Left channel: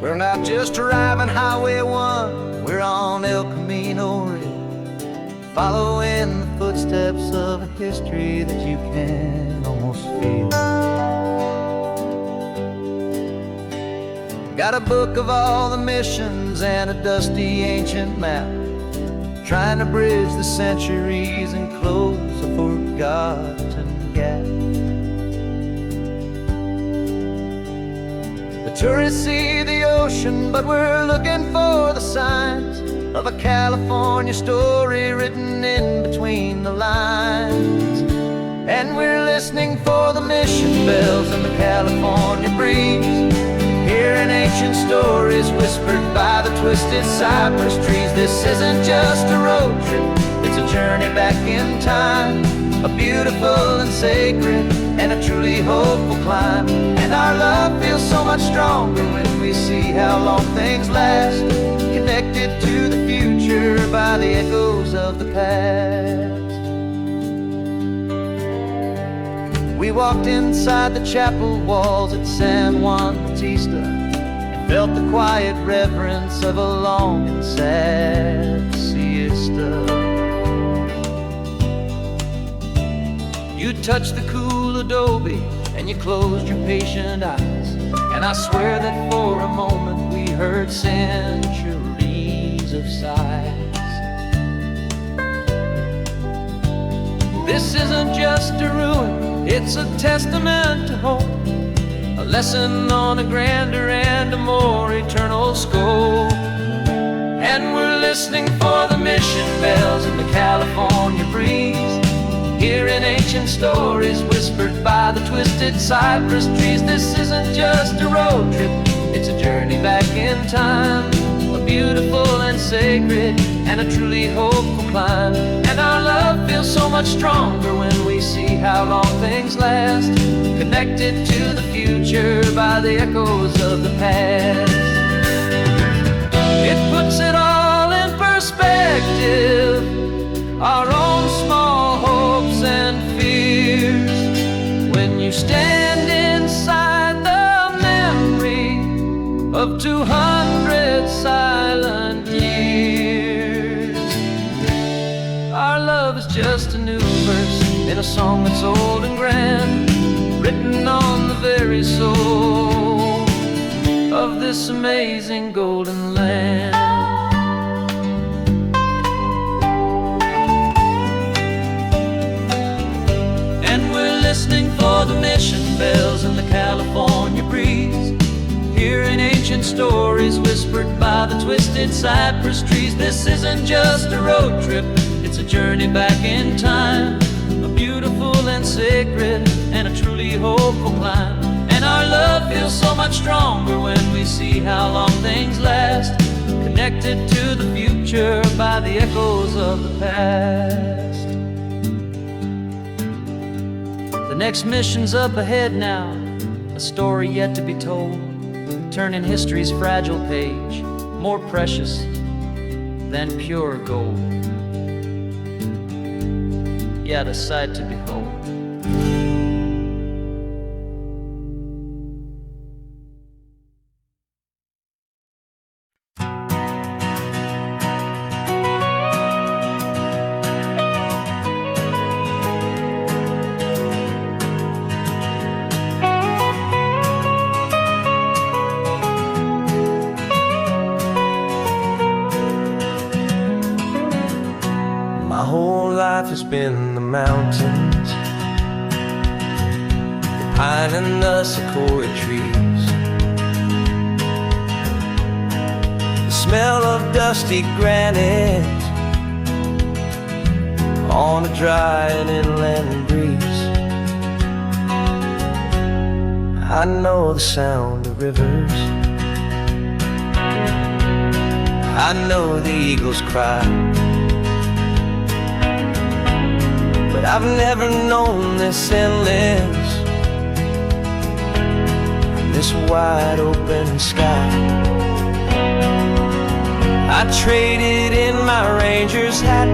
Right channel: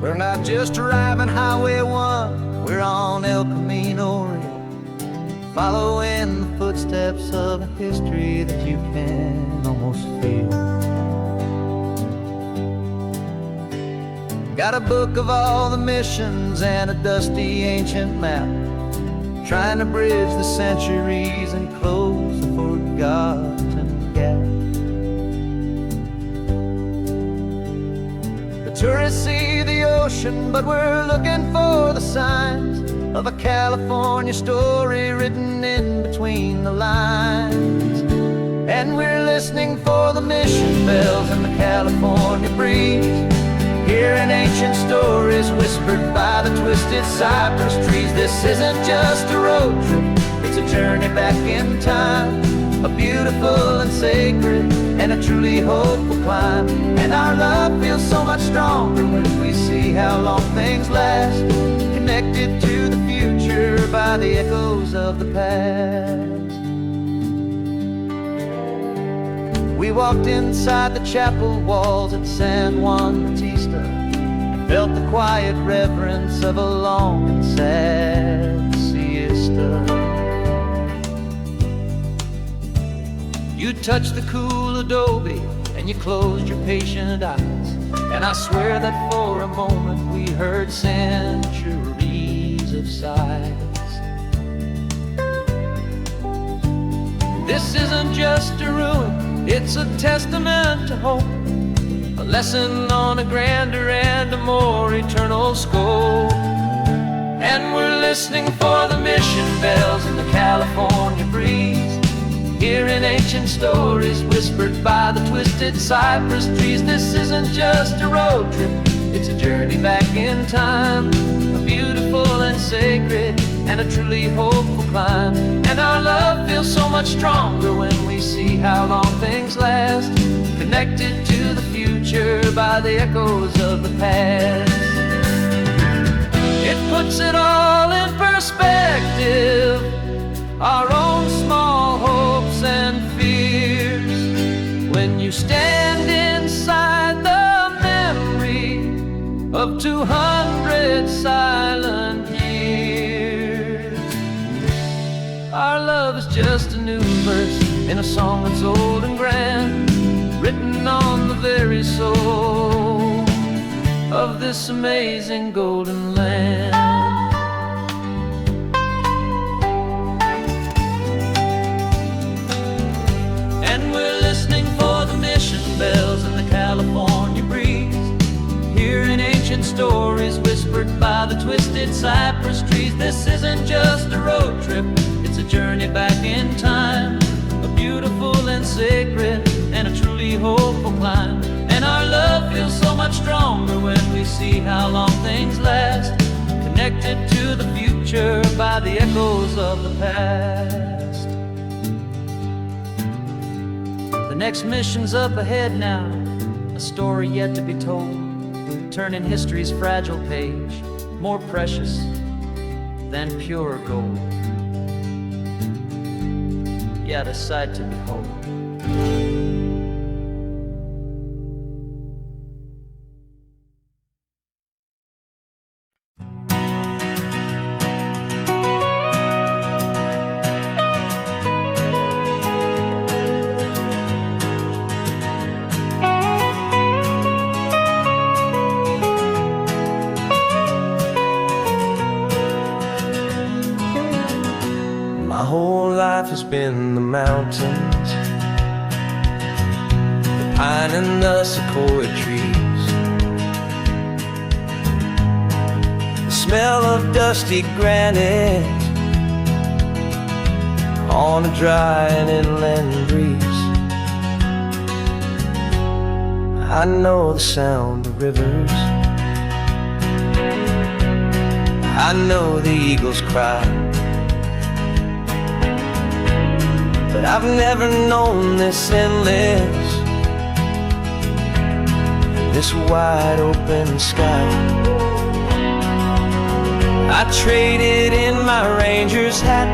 We're not just driving Highway 1, we're on El Camino Real, following the footsteps of a history that you can almost feel. Got a book of all the missions and a dusty ancient map, trying to bridge the centuries and close a forgotten gap. The tourists see the ocean, but we're looking for the signs of a California story written in between the lines. And we're listening for the mission bells in the California breeze, hearing ancient stories whispered by the twisted cypress trees. This isn't just a road trip, it's a journey back in time, a beautiful and sacred and a truly hopeful climb. And our love feels so much stronger when we see how long things last, connected to the future by the echoes of the past. We walked inside the chapel walls at San Juan Bautista and felt the quiet reverence of a long and sad siesta. You touched the cool adobe and you closed your patient eyes, and I swear that for a moment we heard centuries of sighs. This isn't just a ruin, it's a testament to hope, a lesson on a grander and a more eternal scope. And we're listening for the mission bells in the California breeze, hearing ancient stories whispered by the twisted cypress trees. This isn't just a road trip, it's a journey back in time, a beautiful and sacred and a truly hopeful climb. And our love feels so much stronger when we see how long things last, connected to the future by the echoes of the past. It puts it all in perspective, our own small hopes and fears, when you stand inside the memory of 200 silent years. Our love is just a new verse in a song that's old and grand, written on the very soul of this amazing golden land. And we're listening for the mission bells in the California breeze, hearing ancient stories whispered by the twisted cypress trees. This isn't just a road trip, it's a journey back in time, a beautiful and sacred and a truly hopeful climb. And our love feels so much stronger when we see how long things last, connected to the future by the echoes of the past. The next mission's up ahead now, a story yet to be told, turning history's fragile page more precious than pure gold. Yet a sight to behold. My whole life has been the mountains, the pine and the sequoia trees, the smell of dusty granite on a dry and inland breeze. I know the sound of rivers, I know the eagles cry, but I've never known this endless and this wide open sky. I traded in my Ranger's hat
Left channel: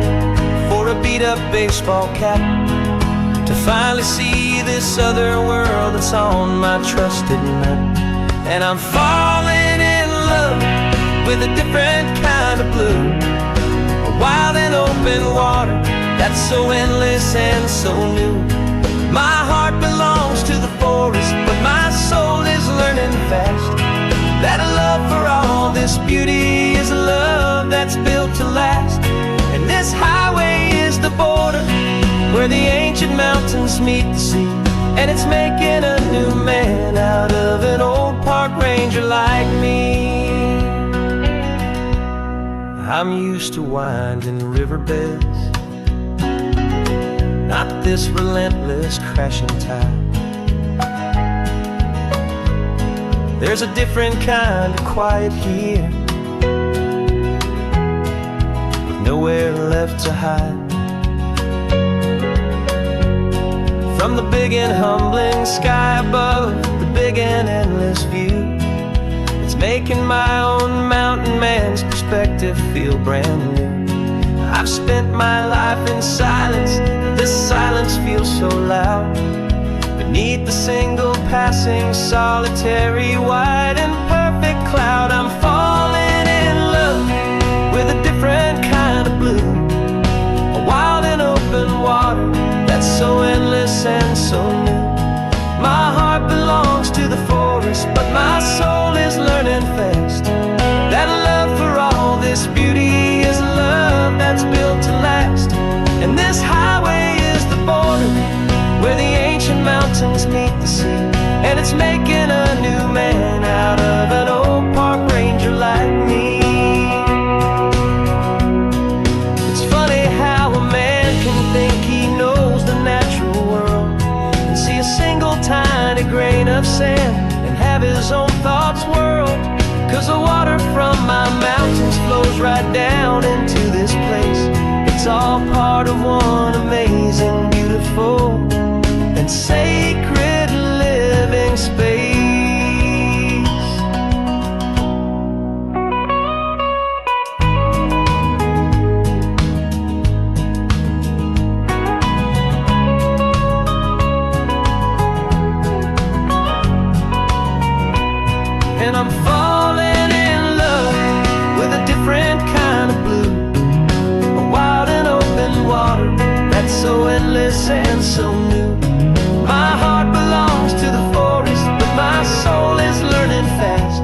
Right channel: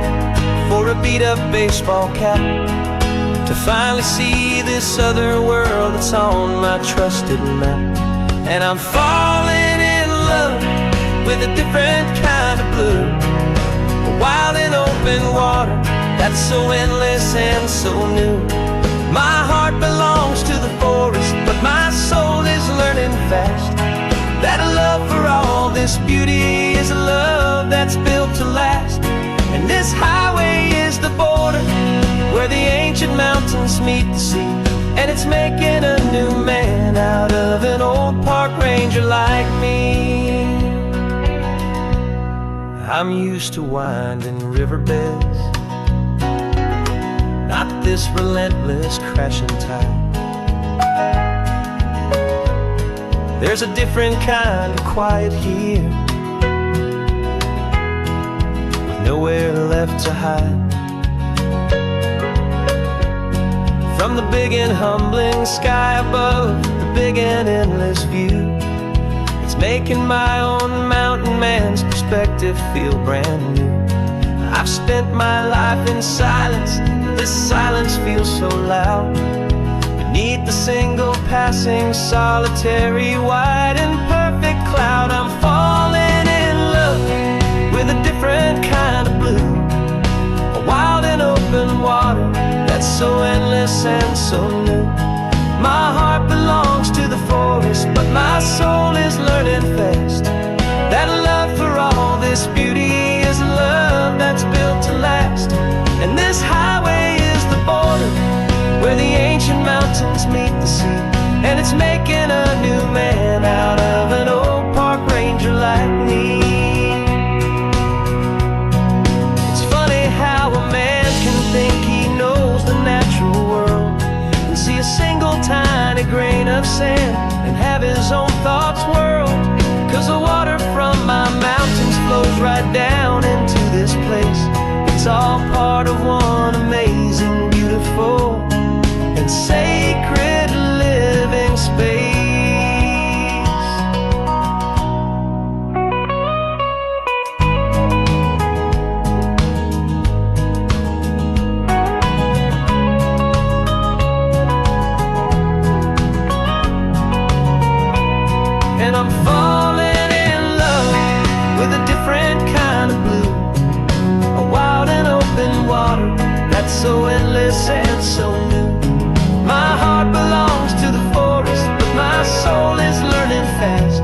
for a beat-up baseball cap to finally see this other world that's on my trusted map. And I'm falling in with a different kind of blue. A wild and open water that's so endless and so new. My heart belongs to the forest, but my soul is learning fast that a love for all this beauty is a love that's built to last. And this highway is the border where the ancient mountains meet the sea, and it's making a new man out of an old park ranger like me. I'm used to winding riverbeds, not this relentless crashing tide. There's a different kind of quiet here, with nowhere left to hide. From the big and humbling sky above, the big and endless view, it's making my own mountain man's perspective feel brand new. I've spent my life in silence, but this silence feels so loud. Beneath the single passing solitary white and perfect cloud, I'm falling in love with a different kind of blue. A wild and open water that's so endless and so new. My heart belongs to the forest, but my soul is learning fast that love for all this beauty is a love that's built to last. And this highway is the border where the ancient mountains meet the sea, and it's making a new man out of an old park ranger like me. It's funny how a man can think he knows the natural world and see a single tiny grain of sand and have his own thoughts whirled. 'Cause the water from my mountains flows right down into this place. It's all part of one amazing, beautiful, and sacred living space. And I'm falling in love with a different kind of blue. A wild and open water that's so endless and so new. My heart belongs to the forest, but my soul is learning fast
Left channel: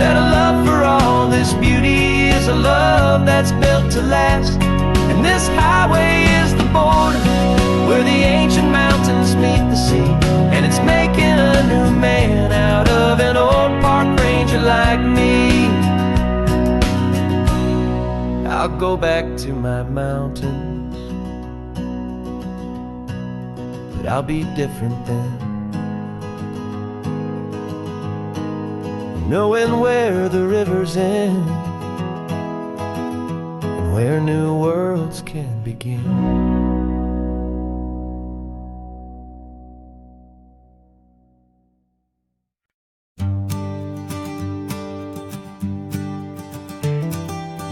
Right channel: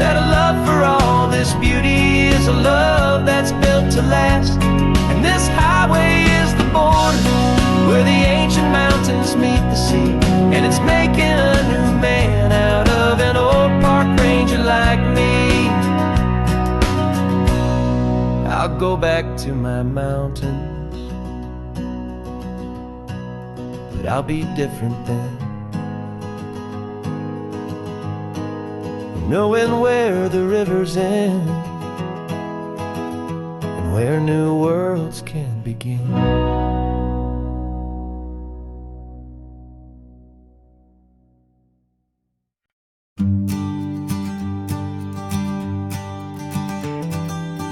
that a love for all this beauty is a love that's built to last. And this highway is the border where the ancient mountains meet the sea, and it's making a new man out of an old park ranger like me. I'll go back to my mountains, but I'll be different then, knowing where the rivers end and where new worlds can begin.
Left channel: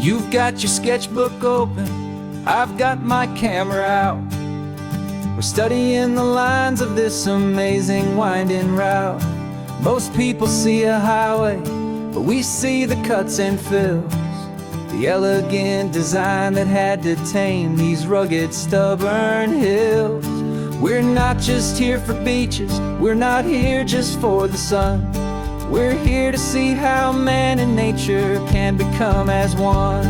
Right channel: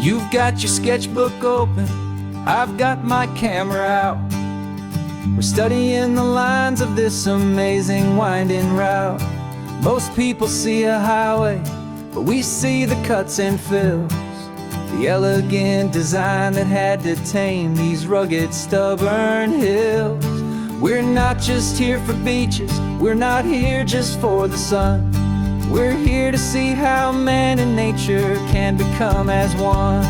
You've got your sketchbook open, I've got my camera out. We're studying the lines of this amazing winding route. Most people see a highway, but we see the cuts and fills, the elegant design that had to tame these rugged, stubborn hills. We're not just here for beaches, we're not here just for the sun. We're here to see how man and nature can become as one.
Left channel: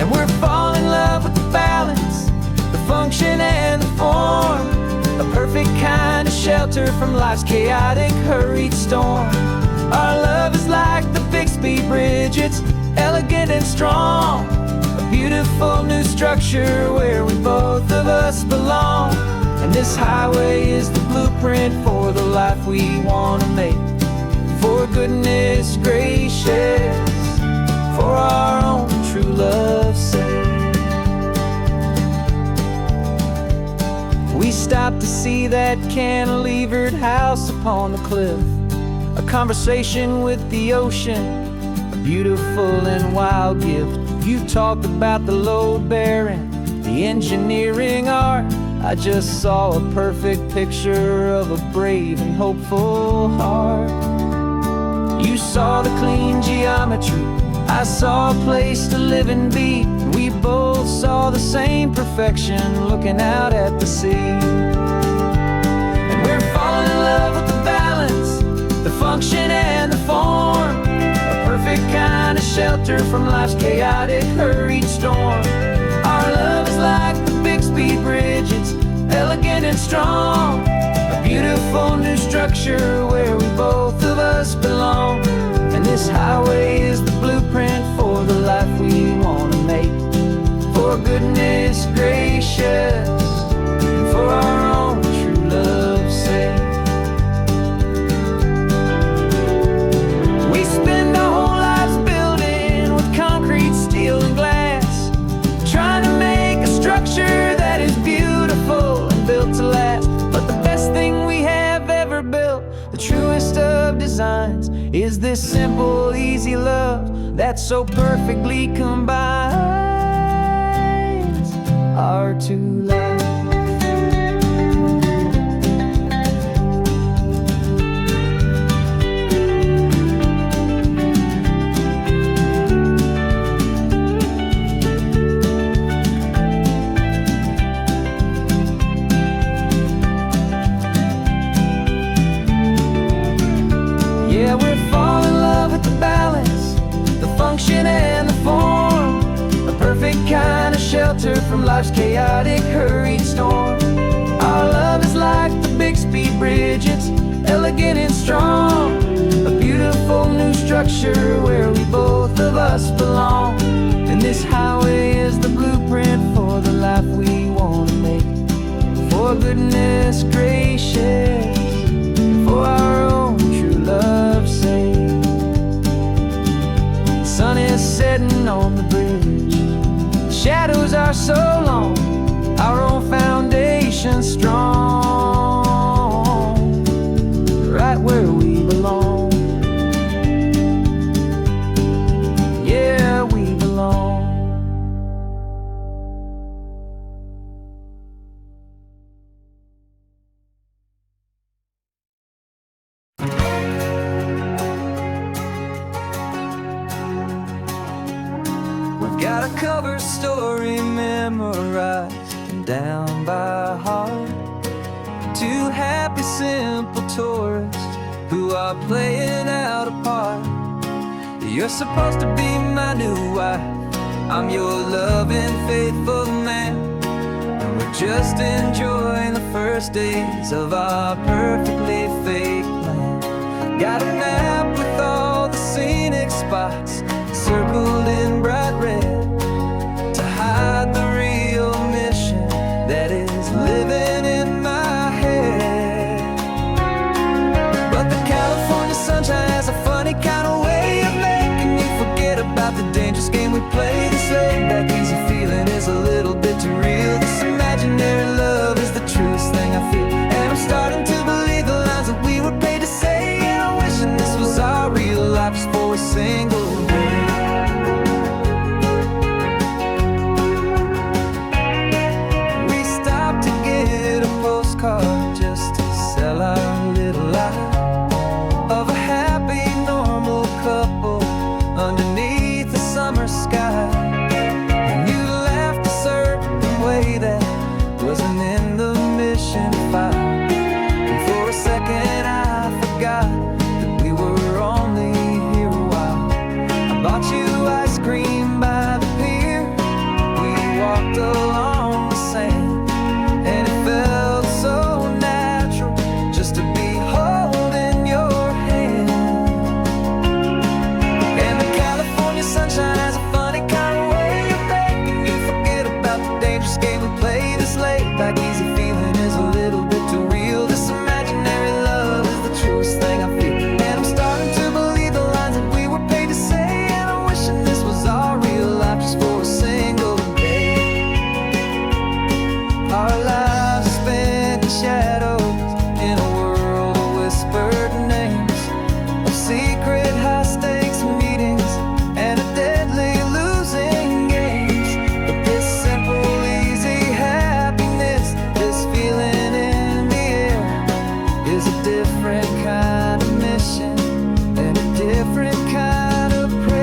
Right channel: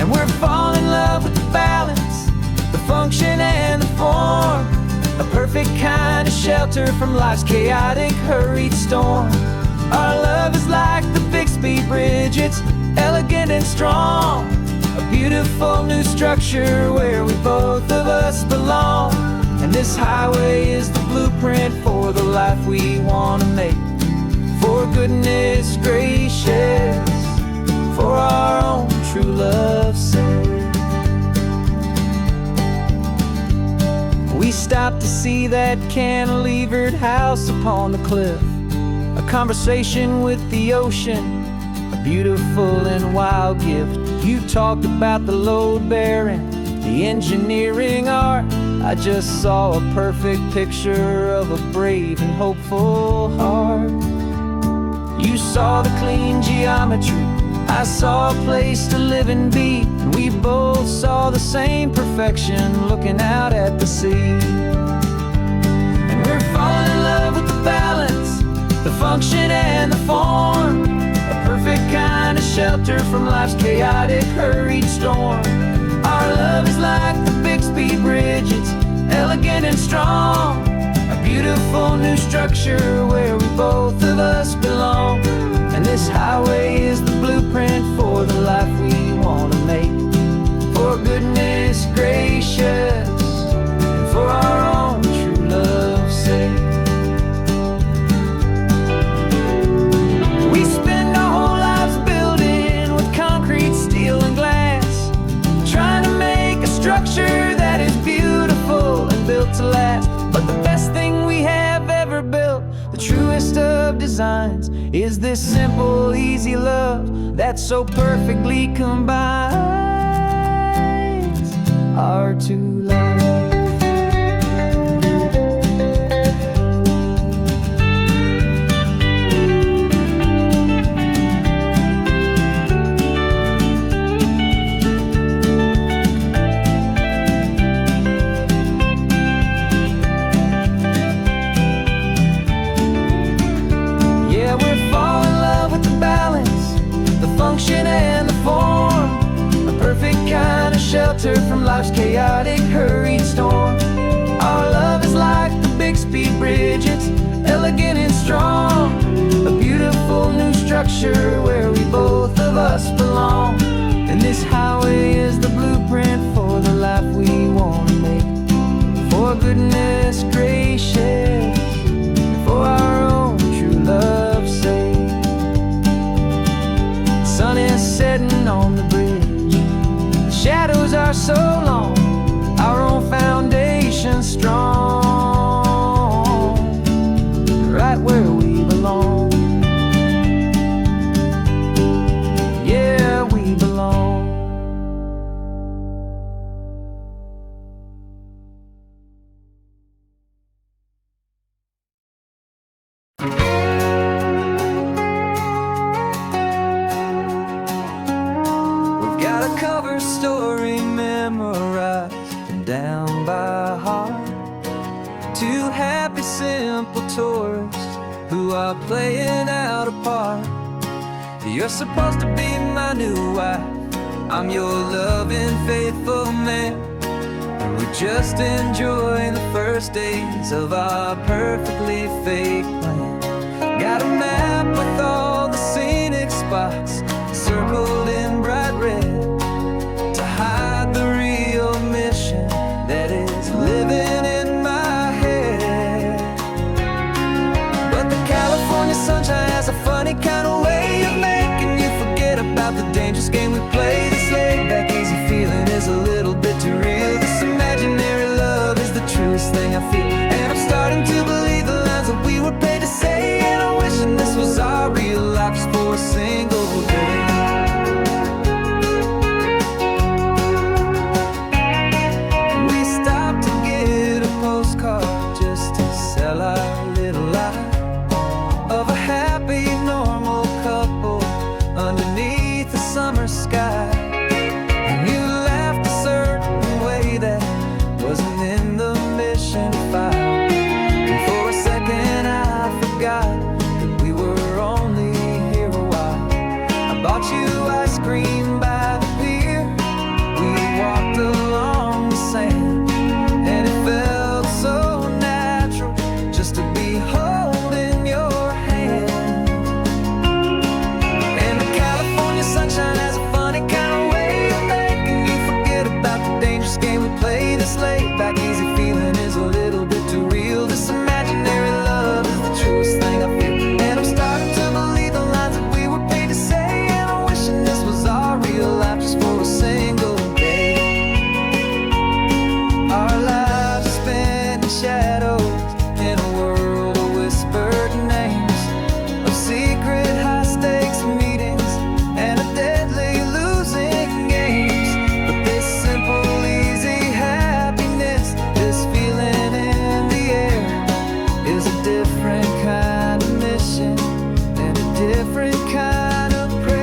And we're falling in love with the balance, the function and the form, a perfect kind of shelter from life's chaotic, hurried storm. Our love is like the Bixby Bridge, it's elegant and strong, a beautiful new structure where we both of us belong. And this highway is the blueprint for the life we want to make. For goodness gracious, for our own true love's sake. We stopped to see that cantilevered house upon the cliff, a conversation with the ocean, a beautiful and wild gift. You talked about the load bearing, the engineering art. I just saw a perfect picture of a brave and hopeful heart. You saw the clean geometry, I saw a place to live and be, and we both saw the same perfection looking out at the sea. And we're falling in love with the balance, the function and the form, a perfect kind of shelter from life's chaotic, hurried storm. Our love is like the Bixby Bridge, it's elegant and strong, a beautiful new structure where we both of us belong. And this highway is the blueprint for the life we want to make, for goodness gracious and for our own true love's sake. We spend our whole lives building with concrete, steel and glass, trying to make a structure that is beautiful and built to last. But the best thing we have ever built, the truest of designs, is this simple, easy love that so perfectly combines our two lives. Yeah, we're falling in love with the balance, the function and the form, a perfect kind of shelter from life's chaotic, hurried storm. Our love is like the Bixby Bridge, it's elegant and strong, a beautiful new structure where we both of us belong. And this highway is the blueprint for the life we want to make, for goodness gracious and for our own true love's sake. The sun is setting on the bridge, the shadows are so long, our own foundation strong, right where we belong. Yeah, we belong. We've got a cover story memorized and down by heart, two happy, simple tourists who are playing out a part. You're supposed to be my new wife, I'm your loving, faithful man, and we're just enjoying the first days of our perfectly fake plan. Got a map with all the scenic spots circled in bright red to hide the real mission that is living in my head. But the California sunshine has a funny kind of way of making you forget about the dangerous game we play. This laid-back, easy feeling is a little bit too real. This imaginary love is the truest thing I feel, and I'm starting to believe the lines that we were paid to say. And I'm wishing this was our real life just for a single day. We stopped to get a postcard just to sell our little lie of a happy, normal couple underneath the summer sky. And you laughed a certain way that wasn't in the mission file, and for a second I forgot that we were only here a while. I bought you ice cream by the pier, we walked along the sand, and it felt so natural just to be holding your hand. And the California sunshine has a funny kind of way of making you forget about the dangerous game we play. This laid-back, easy feeling is a little bit too real. This imaginary love is the truest thing I feel, and I'm starting to believe the lines that we were paid to say. And I'm wishing this was our real life just for a single day. Our lives are spent in shadows in a world of whispered names, of secret high-stakes meetings and a deadly losing games. But this simple, easy happiness, this feeling in the air, is a different kind of mission, and it different kind of praise.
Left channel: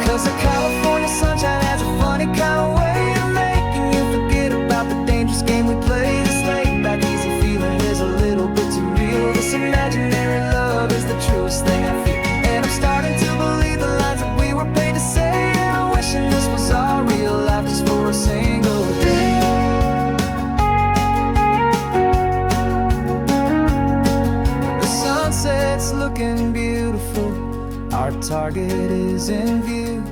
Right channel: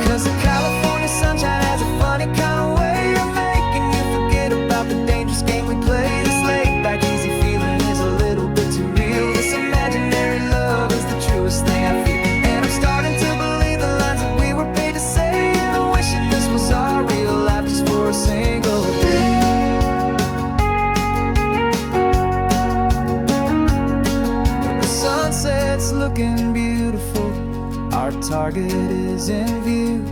'Cause the California sunshine has a funny kind of way of making you forget about the dangerous game we play. This laid back easy feeling is a little bit too real. This imaginary love is the truest thing I feel, and I'm starting to believe the lines that we were paid to say. And I'm wishing this was our real life just for a single day. When the sunset's looking beautiful, our target is in view.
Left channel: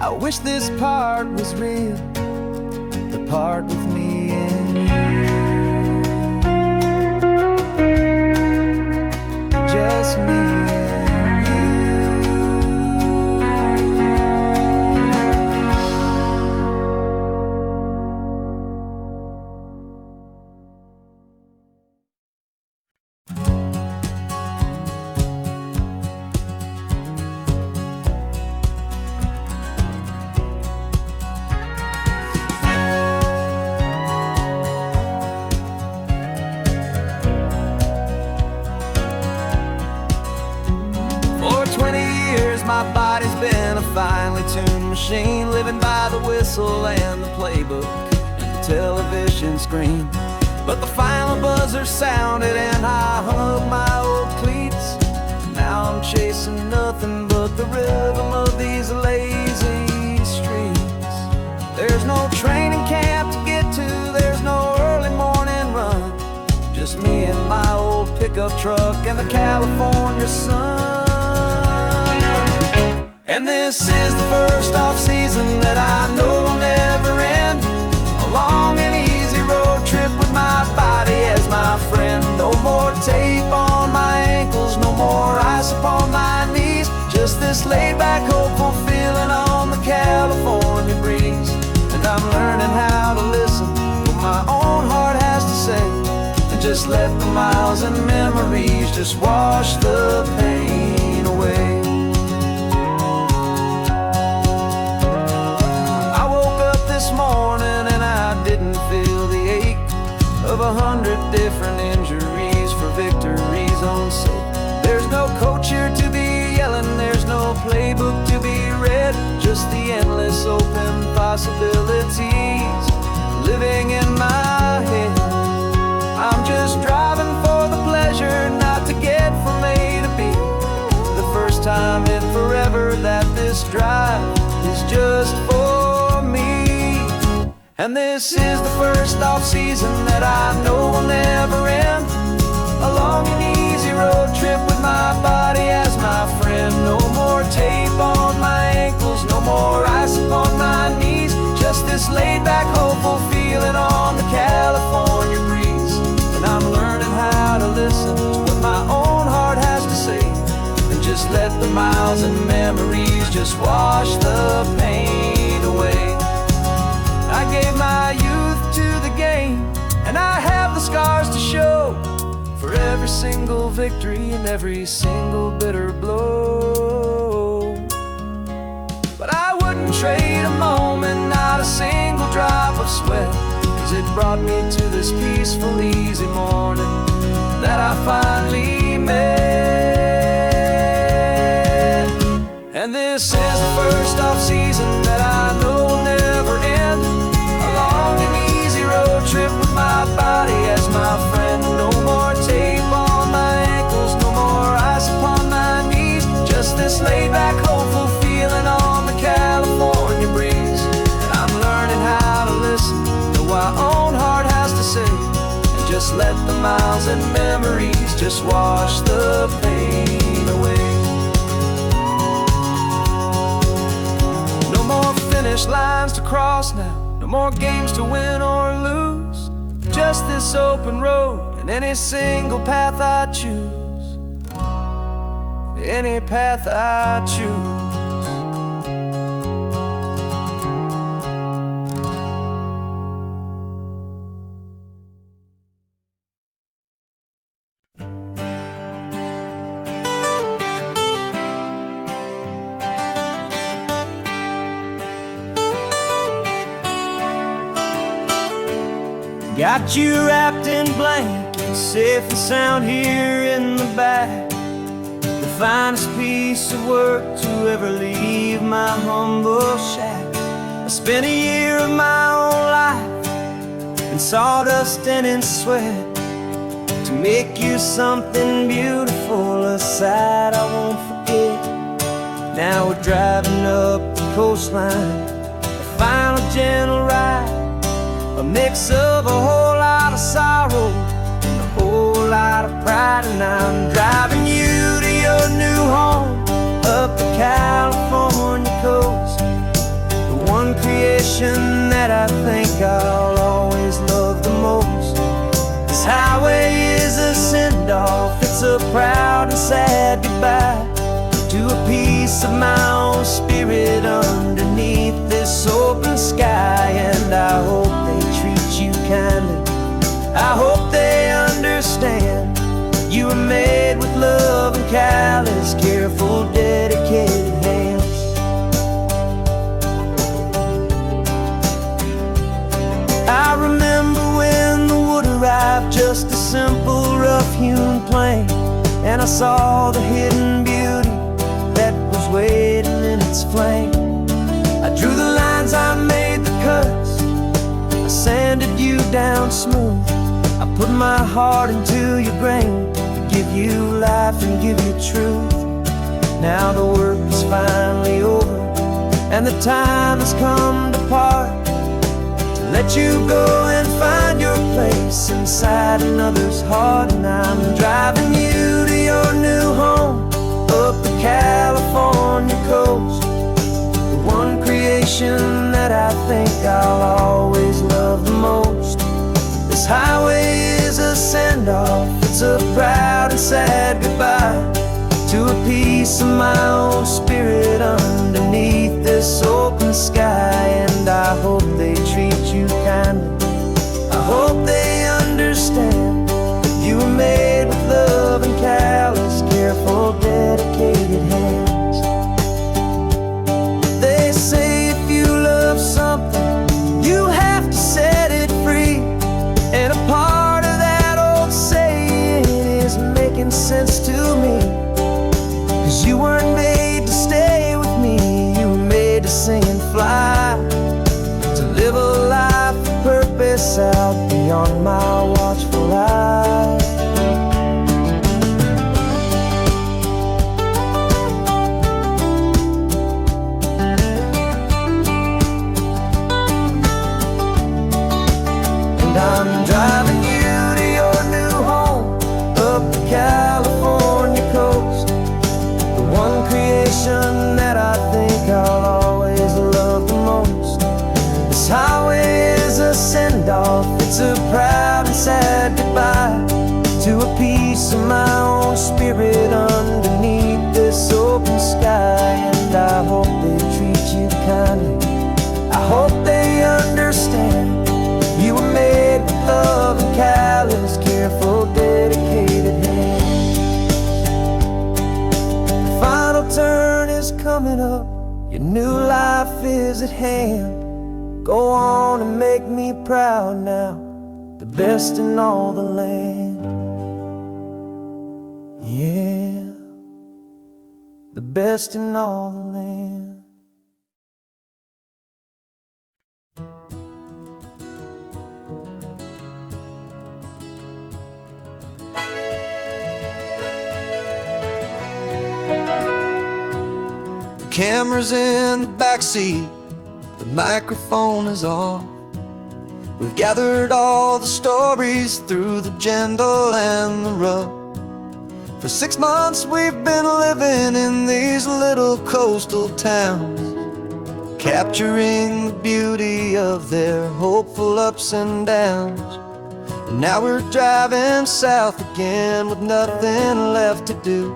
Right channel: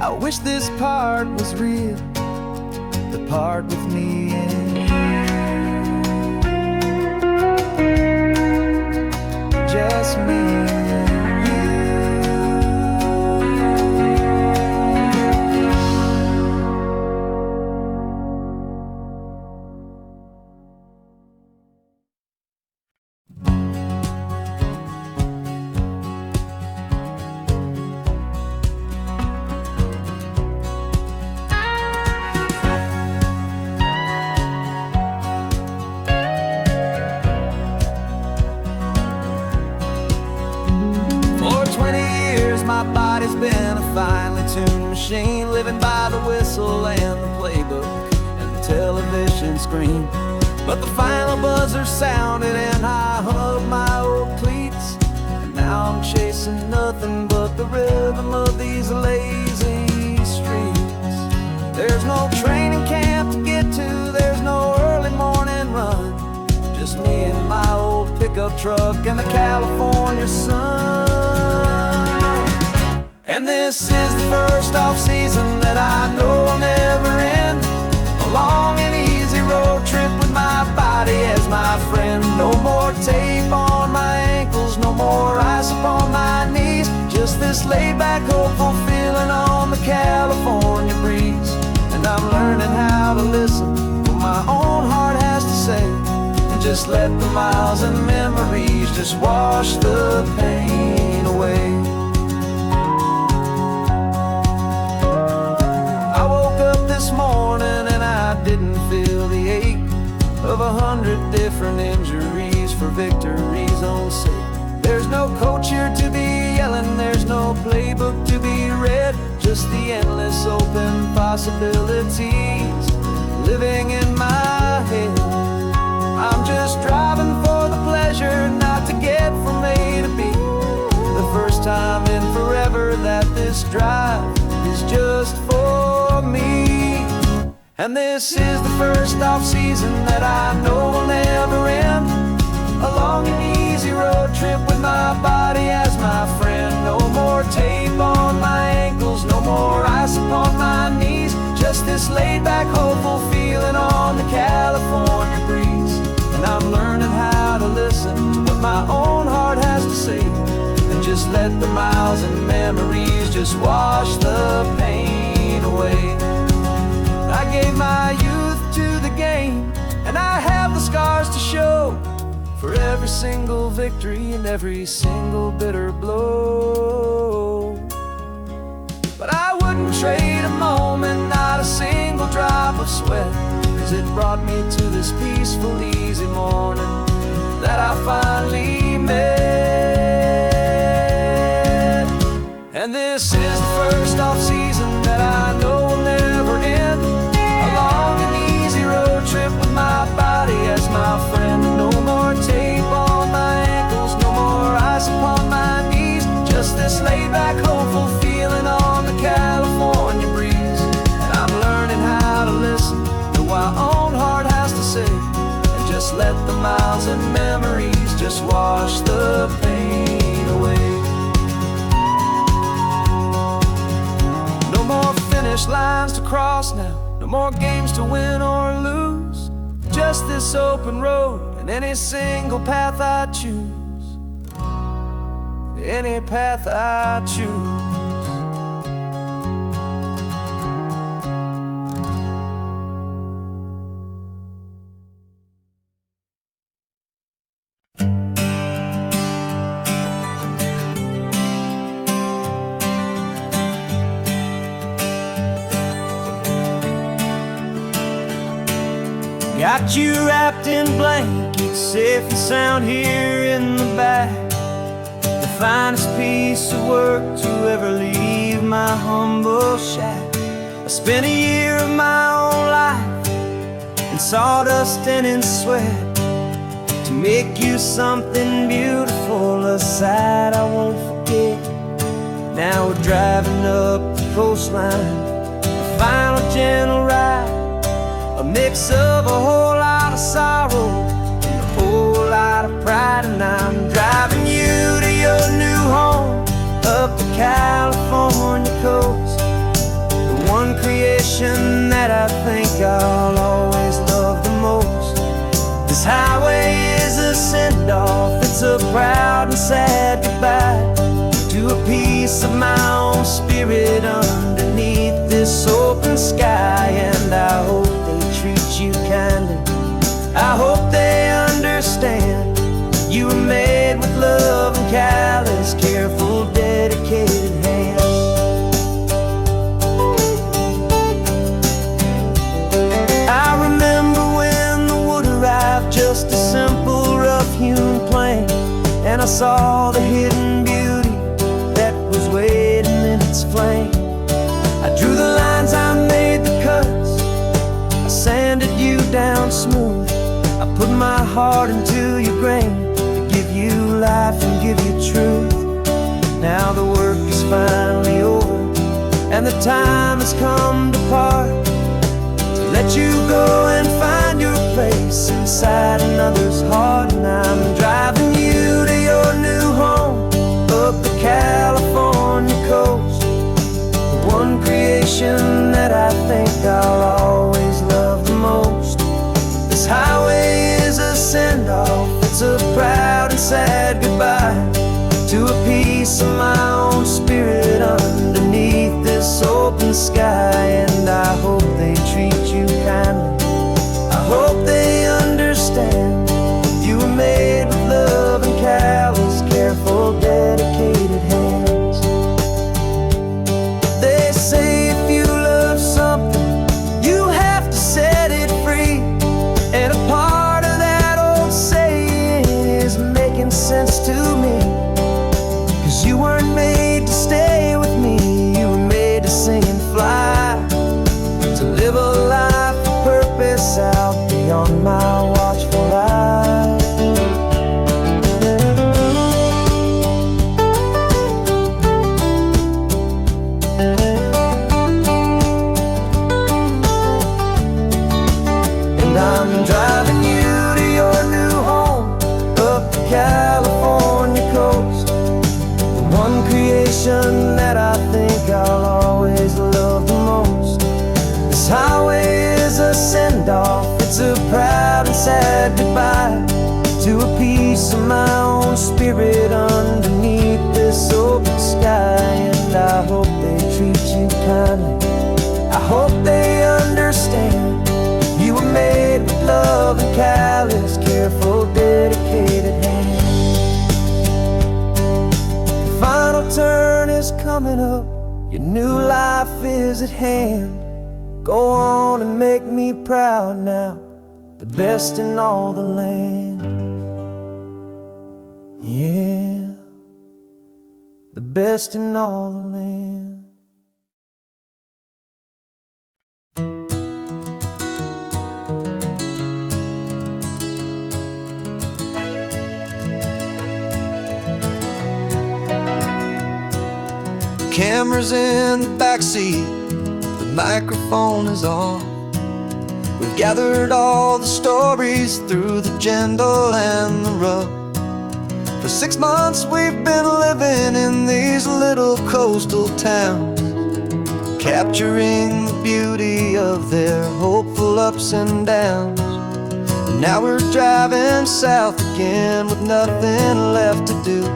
I wish this part was real, the part with me and you. Just me and you. For 20 years my body's been a finely tuned machine, living by the whistle and the playbook and the television screen. But the final buzzer sounded and I hung up my old cleats, and now I'm chasing nothing but the rhythm of these lazy streets. There's no training camp to get to, there's no early morning run, just me and my old pickup truck and the California sun. And this is the first off-season that I know will never end. A long and easy road trip with my body as my friend. No more tape on my ankles, no more ice upon my knees, just this laid-back, hopeful feeling on the California breeze. And I'm learning how to listen to what my own heart has to say, and just let the miles and memories just wash the pain away. This morning and I didn't feel the ache of 100 different injuries for victory's own sake. There's no coach here to be yelling, there's no playbook to be read, just the endless open possibilities living in my head. I'm just driving for the pleasure, not to get from A to B. The first time in forever that this drive is just for me. And this is the first off-season that I know will never end. A long and easy road trip with my body as my friend. No more tape on my ankles, no more ice upon my knees, just this laid-back, hopeful feeling on the California breeze. And I'm learning how to listen to what my own heart has to say, and just let the miles and memories just wash the pain away. I gave my youth to the game, and I have the scars to show for every single victory and every single bitter blow. But I wouldn't trade a moment, not a single drop of sweat, 'cause it brought me to this peaceful, easy morning that I finally met. And this is the first off-season that I know will never end. A long and easy road trip with my body as my friend. No more tape on my ankles, no more ice upon my knees, just this laid-back, hopeful feeling on the California breeze. And I'm learning how to listen to what my own heart has to say, and just let the miles and memories just wash the pain away. No more finish lines to cross now, no more games to win or lose, just this open road and any single path I choose. Any path I choose. Got you wrapped in blankets, safe and sound here in the back. The finest piece of work to ever leave my humble shack. I spent a year of my own life in sawdust and in sweat to make you something beautiful, a sight I won't forget. Now we're driving up the coastline, the final gentle ride, a mix of a whole lot of sorrow and a whole lot of pride. And I'm driving you to your new home up the California coast, the one creation that I think I'll always love the most. This highway is a send-off, it's a proud and sad goodbye to a piece of my own spirit underneath this open sky. And I hope they treat you kindly, I hope they understand you were made with love and callous, careful, dedicated hands. I remember when the wood arrived, just a simple rough-hewn plank, and I saw the hidden beauty that was waiting in its flame. I drew the lines, I made the cuts, I sanded you down smooth. I put my heart into your grain to give you life and give you truth. Now the work is finally over and the time has come to part, to let you go and find your place inside another's heart. And I'm driving you to your new home up the California coast, the one creation that I think I'll always love the most. This highway is a send-off, it's a proud and sad goodbye to a piece of my own spirit underneath this open sky. And I hope they treat you kindly, I hope they understand you were made with love and callous, careful, dedicated hands. They say if you love something, you have to set it free. And a part of that old saying is making sense to me, 'cause you weren't made to stay with me, you were made to sing and fly, to live a life of purpose out beyond my watchful eye. I'm driving you to your new home up the California coast, the one creation that I think I'll always love the most. This highway is a send-off, it's a proud and sad goodbye to a piece of my own spirit underneath this open sky. And I hope they treat you kindly, I hope they understand you were made with love and callous, careful, dedicated hands. The final turn is coming up, your new life is at hand. Go on and make me proud now, the best in all the land. Yeah, the best in all the land. Camera's in the backseat, the microphone is on. We've gathered all the stories through the gentle and the rough. For 6 months we've been living in these little coastal towns, capturing the beauty of their hopeful ups and downs. And now we're driving south again with nothing left to do.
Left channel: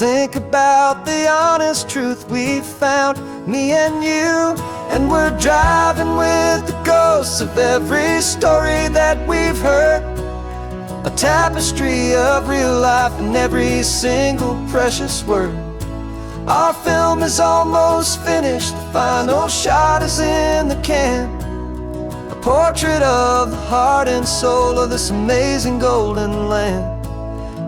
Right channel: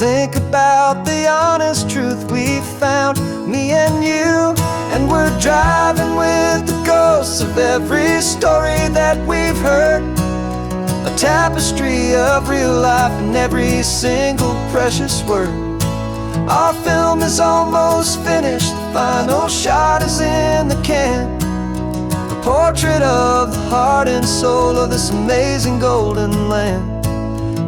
Think about the honest truth we've found, me and you. And we're driving with the ghosts of every story that we've heard, a tapestry of real life in every single precious word. Our film is almost finished, the final shot is in the can, a portrait of the heart and soul of this amazing golden land.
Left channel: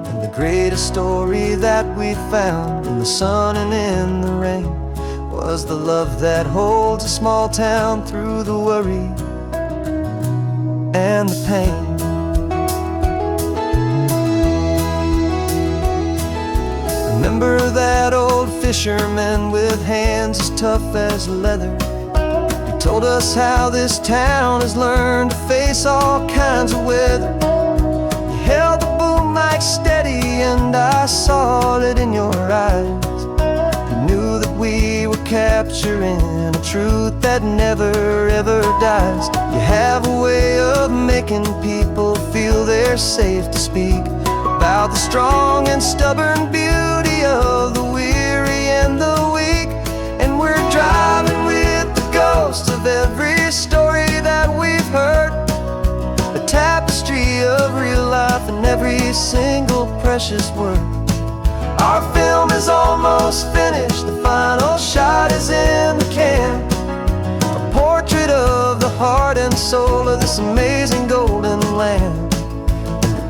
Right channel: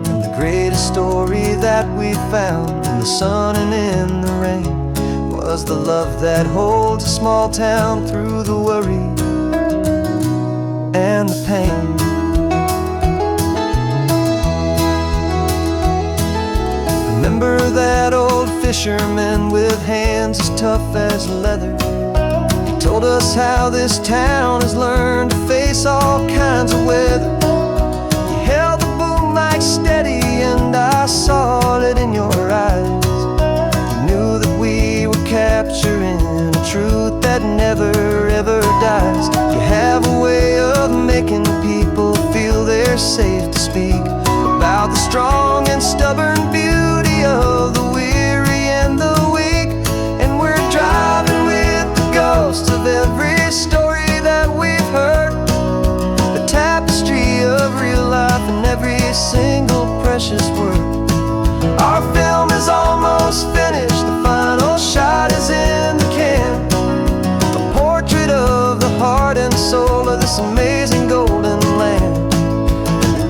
And the greatest story that we found in the sun and in the rain was the love that holds a small town through the worry and the pain. Remember that old fisherman with hands as tough as leather? He told us how this town has learned to face all kinds of weather. You held the boom mic steady and I saw it in your eyes. You knew that we were capturing a truth that never ever dies. You have a way of making people feel they're safe to speak about the strong and stubborn beauty of the weary and the weak. And we're driving with the ghosts of every story that we've heard, a tapestry of real life and every single precious word. Our film is almost finished, the final shot is in the can, a portrait of the heart and soul of this amazing golden land.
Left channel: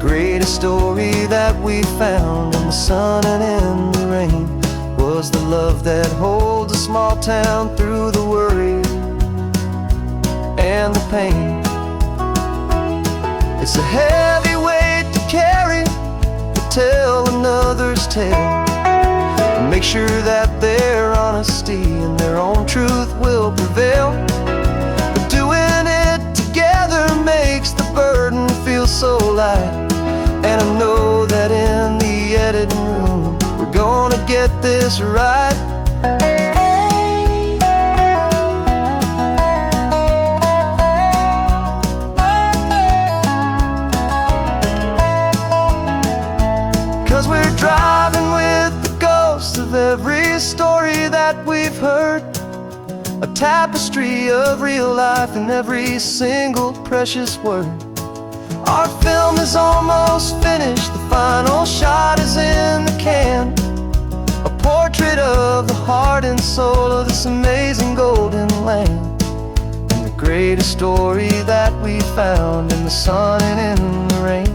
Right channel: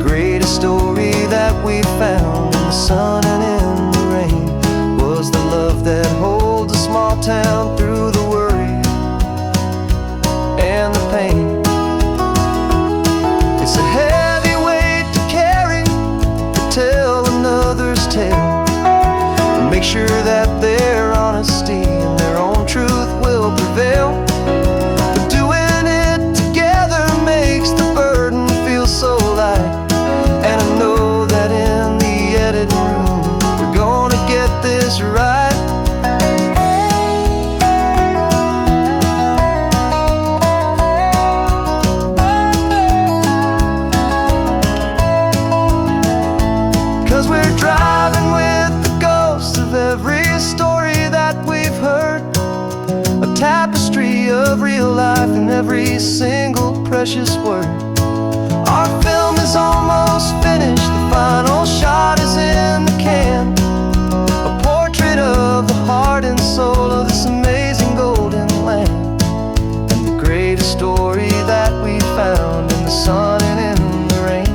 Greatest story that we found in the sun and in the rain was the love that holds a small town through the worry and the pain. It's a heavy weight to carry, to tell another's tale, and make sure that their honesty and their own truth will prevail. But doing it together makes the burden feel so light. And I know that in the editing room we're gonna get this right. 'Cause we're driving with the ghosts of every story that we've heard, a tapestry of real life in every single precious word. Our film is almost finished, the final shot is in the can, a portrait of the heart and soul of this amazing golden land. And the greatest story that we found in the sun and in the rain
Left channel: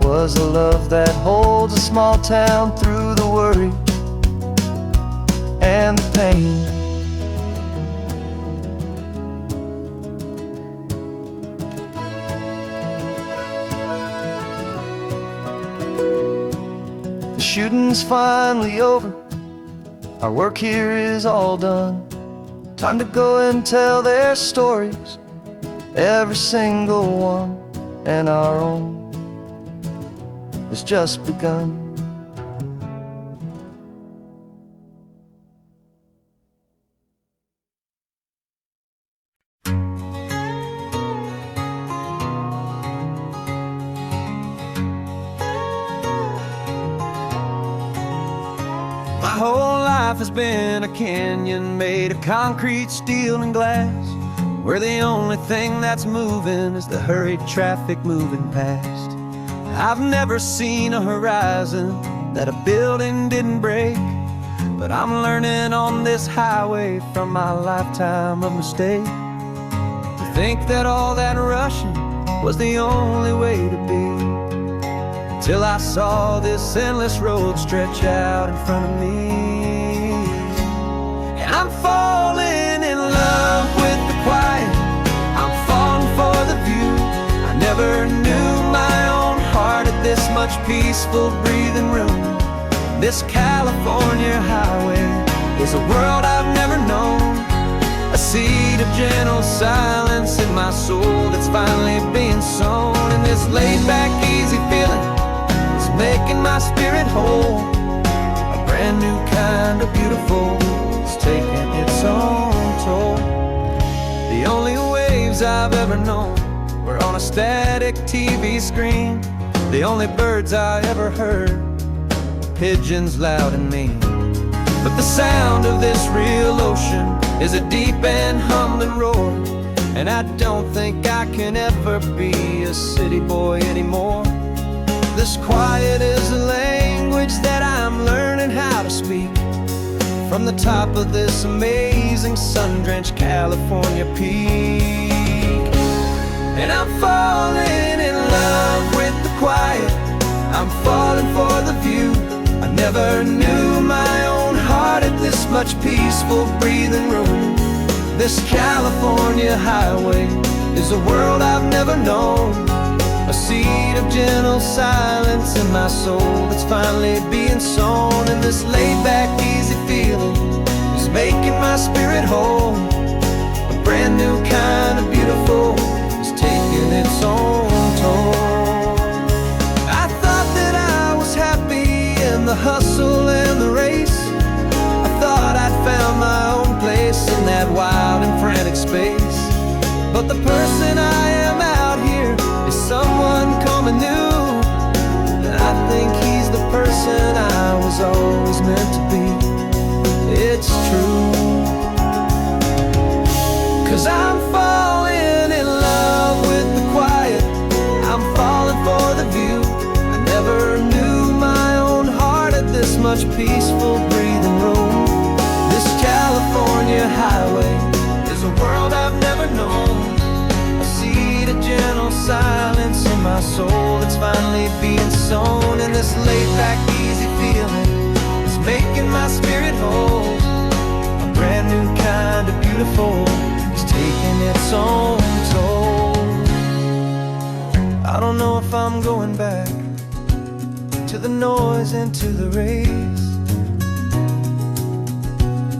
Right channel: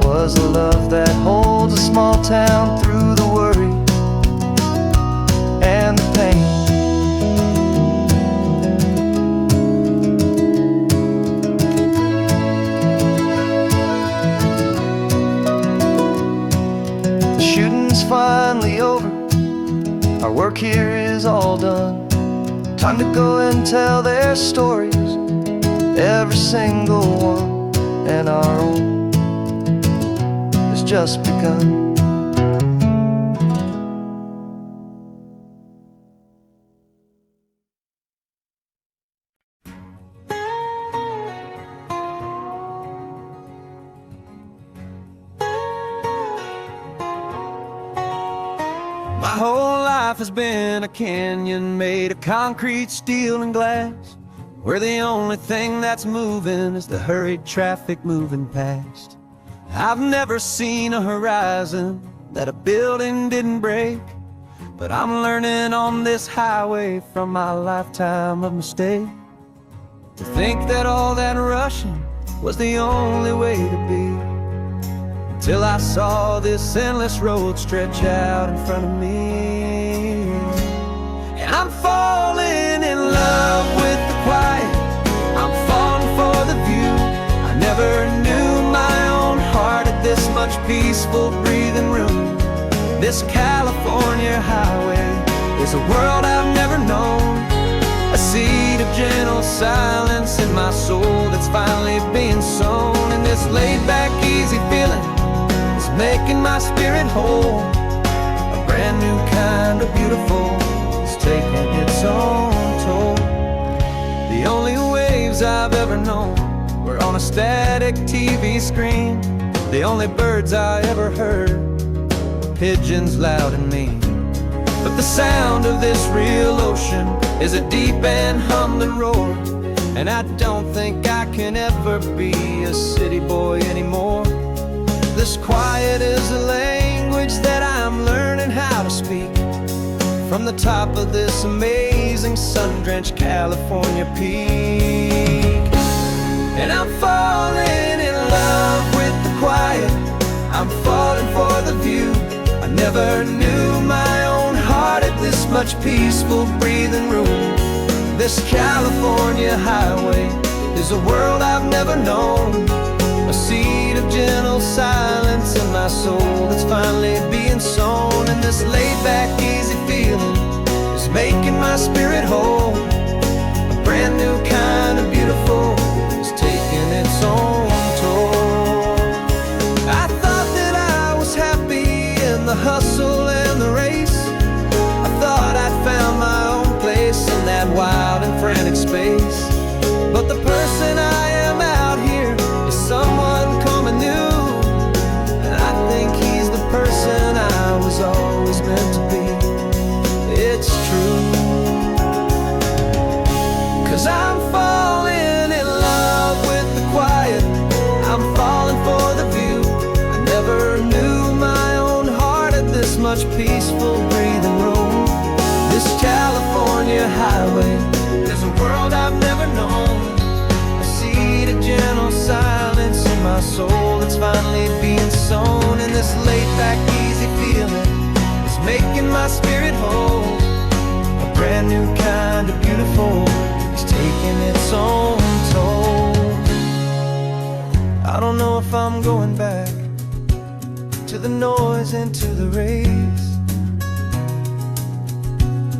was the love that holds a small town through the worry and the pain. Shooting's finally over, our work here is all done. Time to go and tell their stories, every single one, and our own has just begun. My whole life has been a canyon made of concrete, steel, and glass, where the only thing that's moving is the hurried traffic moving past. I've never seen a horizon that a building didn't break, but I'm learning on this highway from my lifetime of mistake to think that all that rushing was the only way to be. Till I saw this endless road stretch out in front of me. And I'm falling in love with the quiet, I'm falling for the view. I never knew my own heart had this much peaceful breathing room. This California highway is a world I've never known, a seed of gentle silence in my soul that's finally being sown. And this laid-back, easy feeling making my spirit whole, a brand new kind of beautiful is taking its own toll. The only waves I've ever known were on a static TV screen. The only birds I ever heard were pigeons loud and mean. But the sound of this real ocean is a deep and humbling roar, and I don't think I can ever be a city boy anymore. This quiet is a language that I'm learning how to speak from the top of this amazing sun-drenched California peak. And I'm falling in love with the quiet, I'm falling for the view. I never knew my own heart had this much peaceful breathing room. This California highway is a world I've never known, a seed of gentle silence in my soul that's finally being sown. And this laid-back, easy feeling is making my spirit whole. A brand new kind of beautiful is taking its own toll. I thought that I was happy in the hustle and the race. I thought I'd found my own place in that wild and frantic space. But the person I am out here is someone coming new, and I think he's the person I was always meant to be. It's true, 'cause I'm falling in love with the quiet, I'm falling for the view. I never knew my own heart had this much peaceful breathing room. This California highway is a world I've never known, a seed of gentle silence in my soul that's finally being sown. And this laid-back, easy feeling is making my spirit whole. A brand new kind of beautiful is taking its own toll. I don't know if I'm going back to the noise and to the race.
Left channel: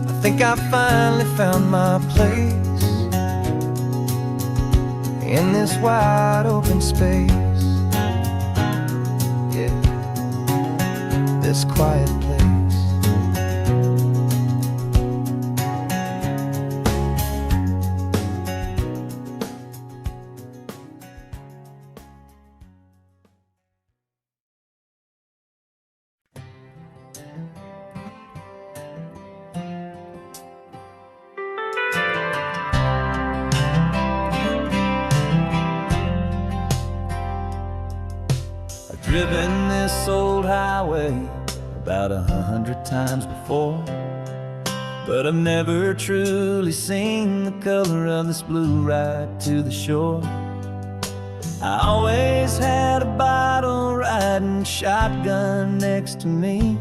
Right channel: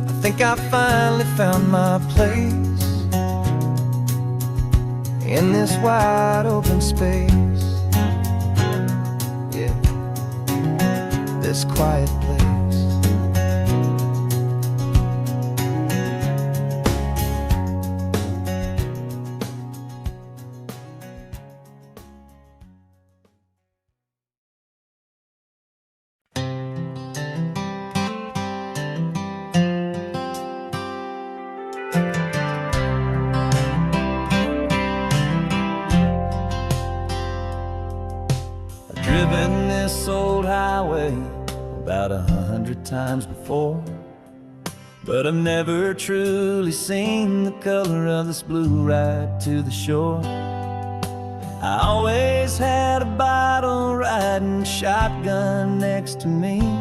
I think I finally found my place in this wide open space, yeah, this quiet place. Driven this old highway about 100 times before, but I've never truly seen the color of this blue right to the shore. I always had a bottle riding shotgun next to me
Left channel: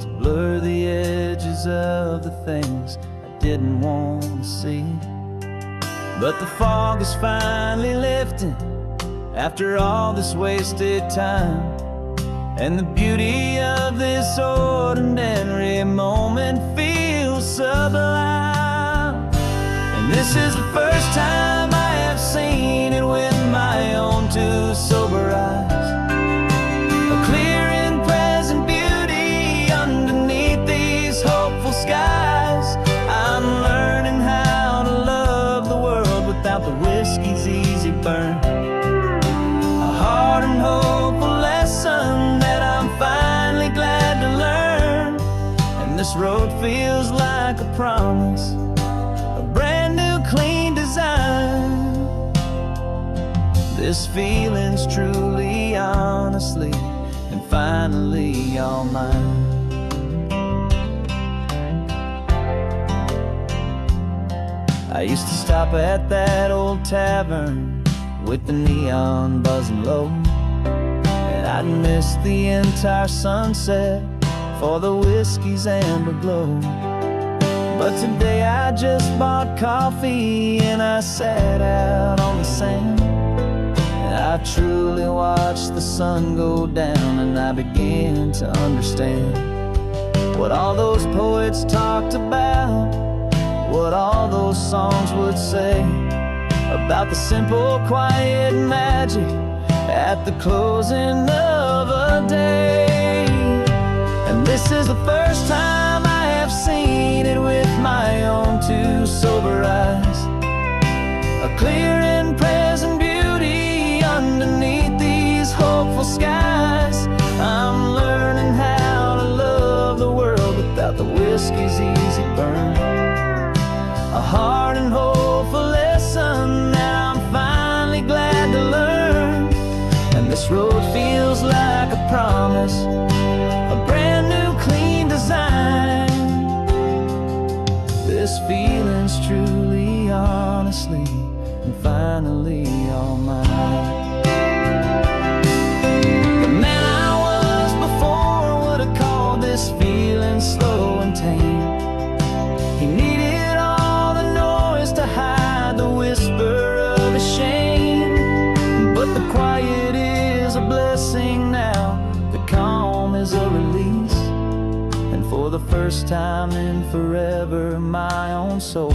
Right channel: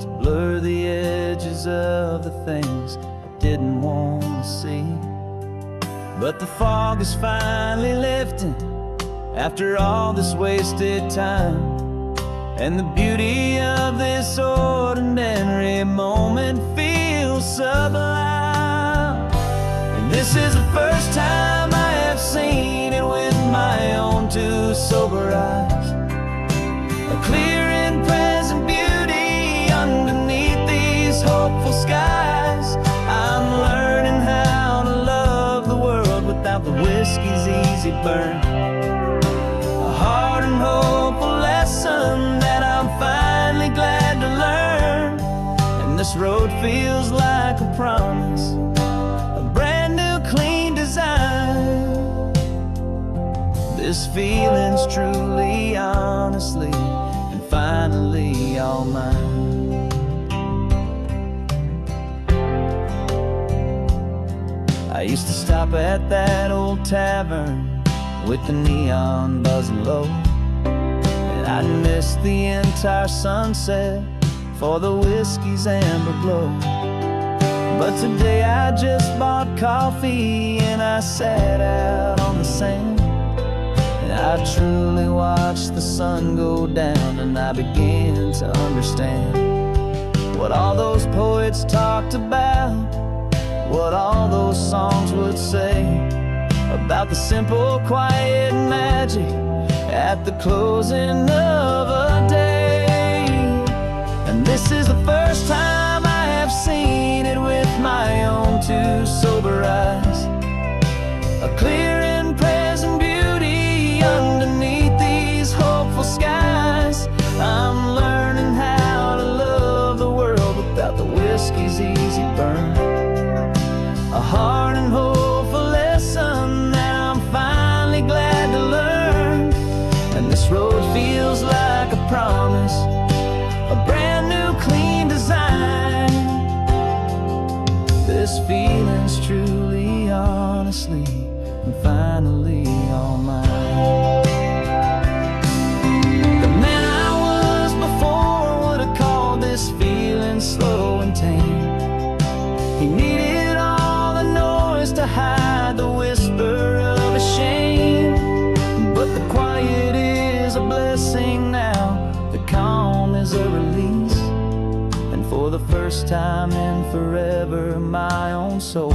to blur the edges of the things I didn't want to see. But the fog is finally lifting after all this wasted time, and the beauty of this ordinary moment feels sublime. And this is the first time I have seen it with my own two sober eyes, a clear and present beauty underneath these hopeful skies. I'm learning how to love the world without the whiskey's easy burn, a hard and hopeful lesson that I'm finally glad to learn. And this road feels like a promise, a brand new clean design. This feeling's truly, honestly, and finally all mine. I used to stop at that old tavern with the neon buzzing low, and I'd miss the entire sunset for the whiskey's amber glow. But today I just bought coffee and I sat out on the sand, and I truly watched the sun go down, and I began to understand what all those poets talked about, what all those songs would say about the simple, quiet magic at the closing of a day. And this is the first time I have seen it with my own two sober eyes, a clear and present beauty underneath these hopeful skies. I'm learning how to love the world without the whiskey's easy burn, a hard and hopeful lesson that I'm finally glad to learn. And this road feels like a promise, a brand new clean design. This feeling's truly, honestly, and finally all mine. The man I was before would have called this feeling slow and tame. He needed all the noise to hide the whisper of his shame. But the quiet is a blessing now, the calm is a release. And for the first time in forever, my own soul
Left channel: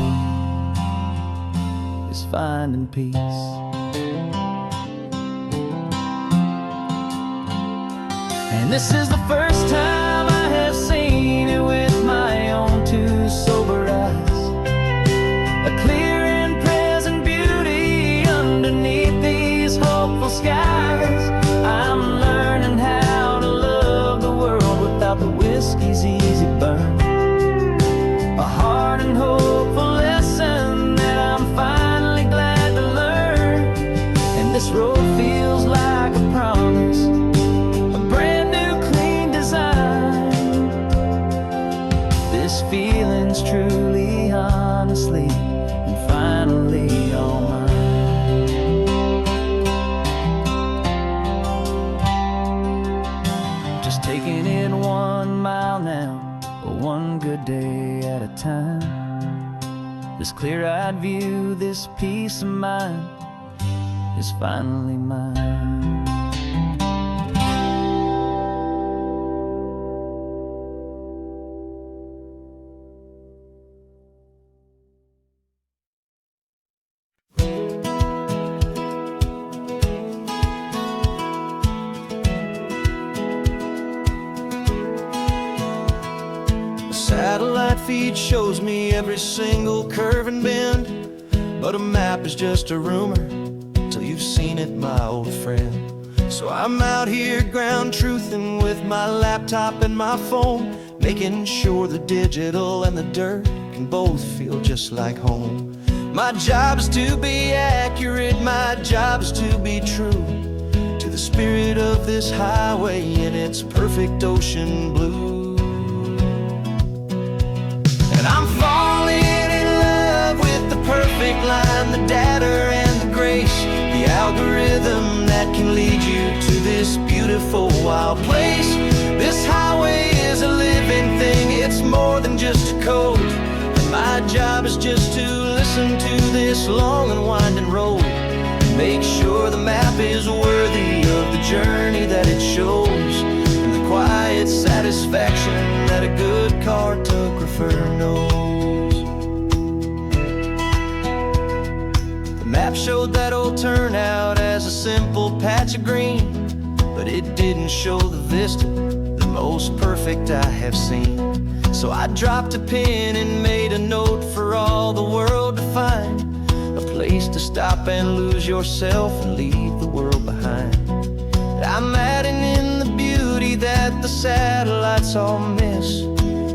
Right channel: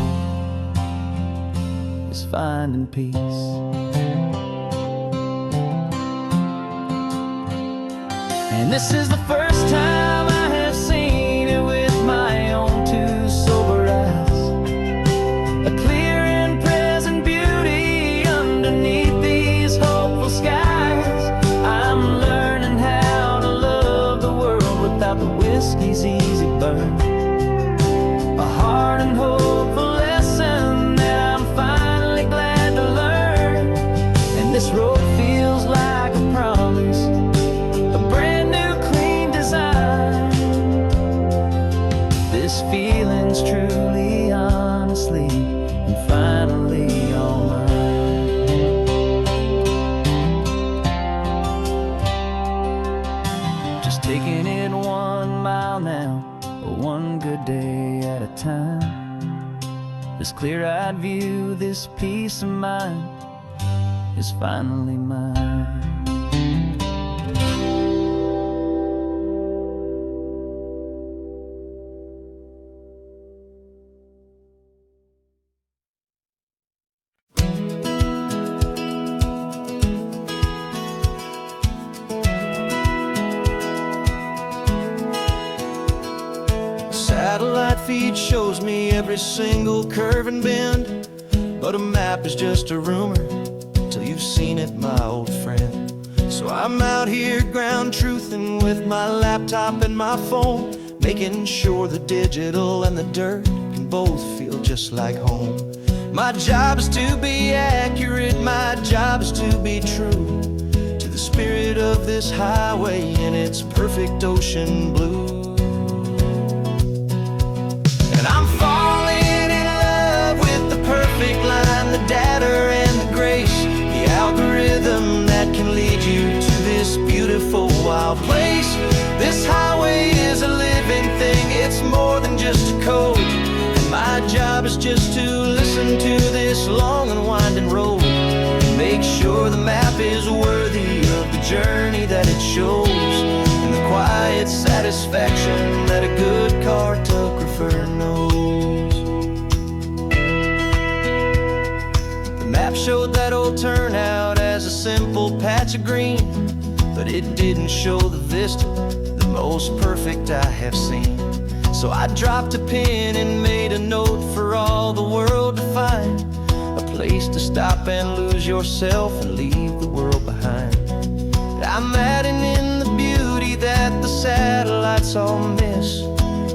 is finding peace. And this is the first time I have seen it with my own two sober eyes. A clear and present beauty underneath these hopeful skies. I'm learning how to love the world without the whiskey's easy burn. A hard and hopeful lesson that I'm finally glad to learn. And this road feels like a promise, a brand new clean design. This feeling's truly, honestly, and finally all mine. Just taking it 1 mile now, one good day at a time. This clear-eyed view, this peace of mind is finally mine. Satellite feed shows me every single curve and bend, but a map is just a rumor till you've seen it, my old friend. So I'm out here ground truthing with my laptop and my phone, making sure the digital and the dirt can both feel just like home. My job is to be accurate, my job is to be true to the spirit of this highway in its perfect ocean blue. And I'm falling in love with the perfect line, the data and the grace, the algorithm that can lead you to this beautiful wild place. This highway is a living thing, it's more than just a code. And my job is just to listen to this long and winding road and make sure the map is worthy of the journey that it shows, and the quiet satisfaction that a good cartographer knows. The map showed that old turnout as a simple patch of green, but it didn't show the vista, the most perfect I have seen. So I dropped a pin and made a note for all the world to find, a place to stop and lose yourself and leave the world behind. I'm adding in the beauty that the satellites all miss,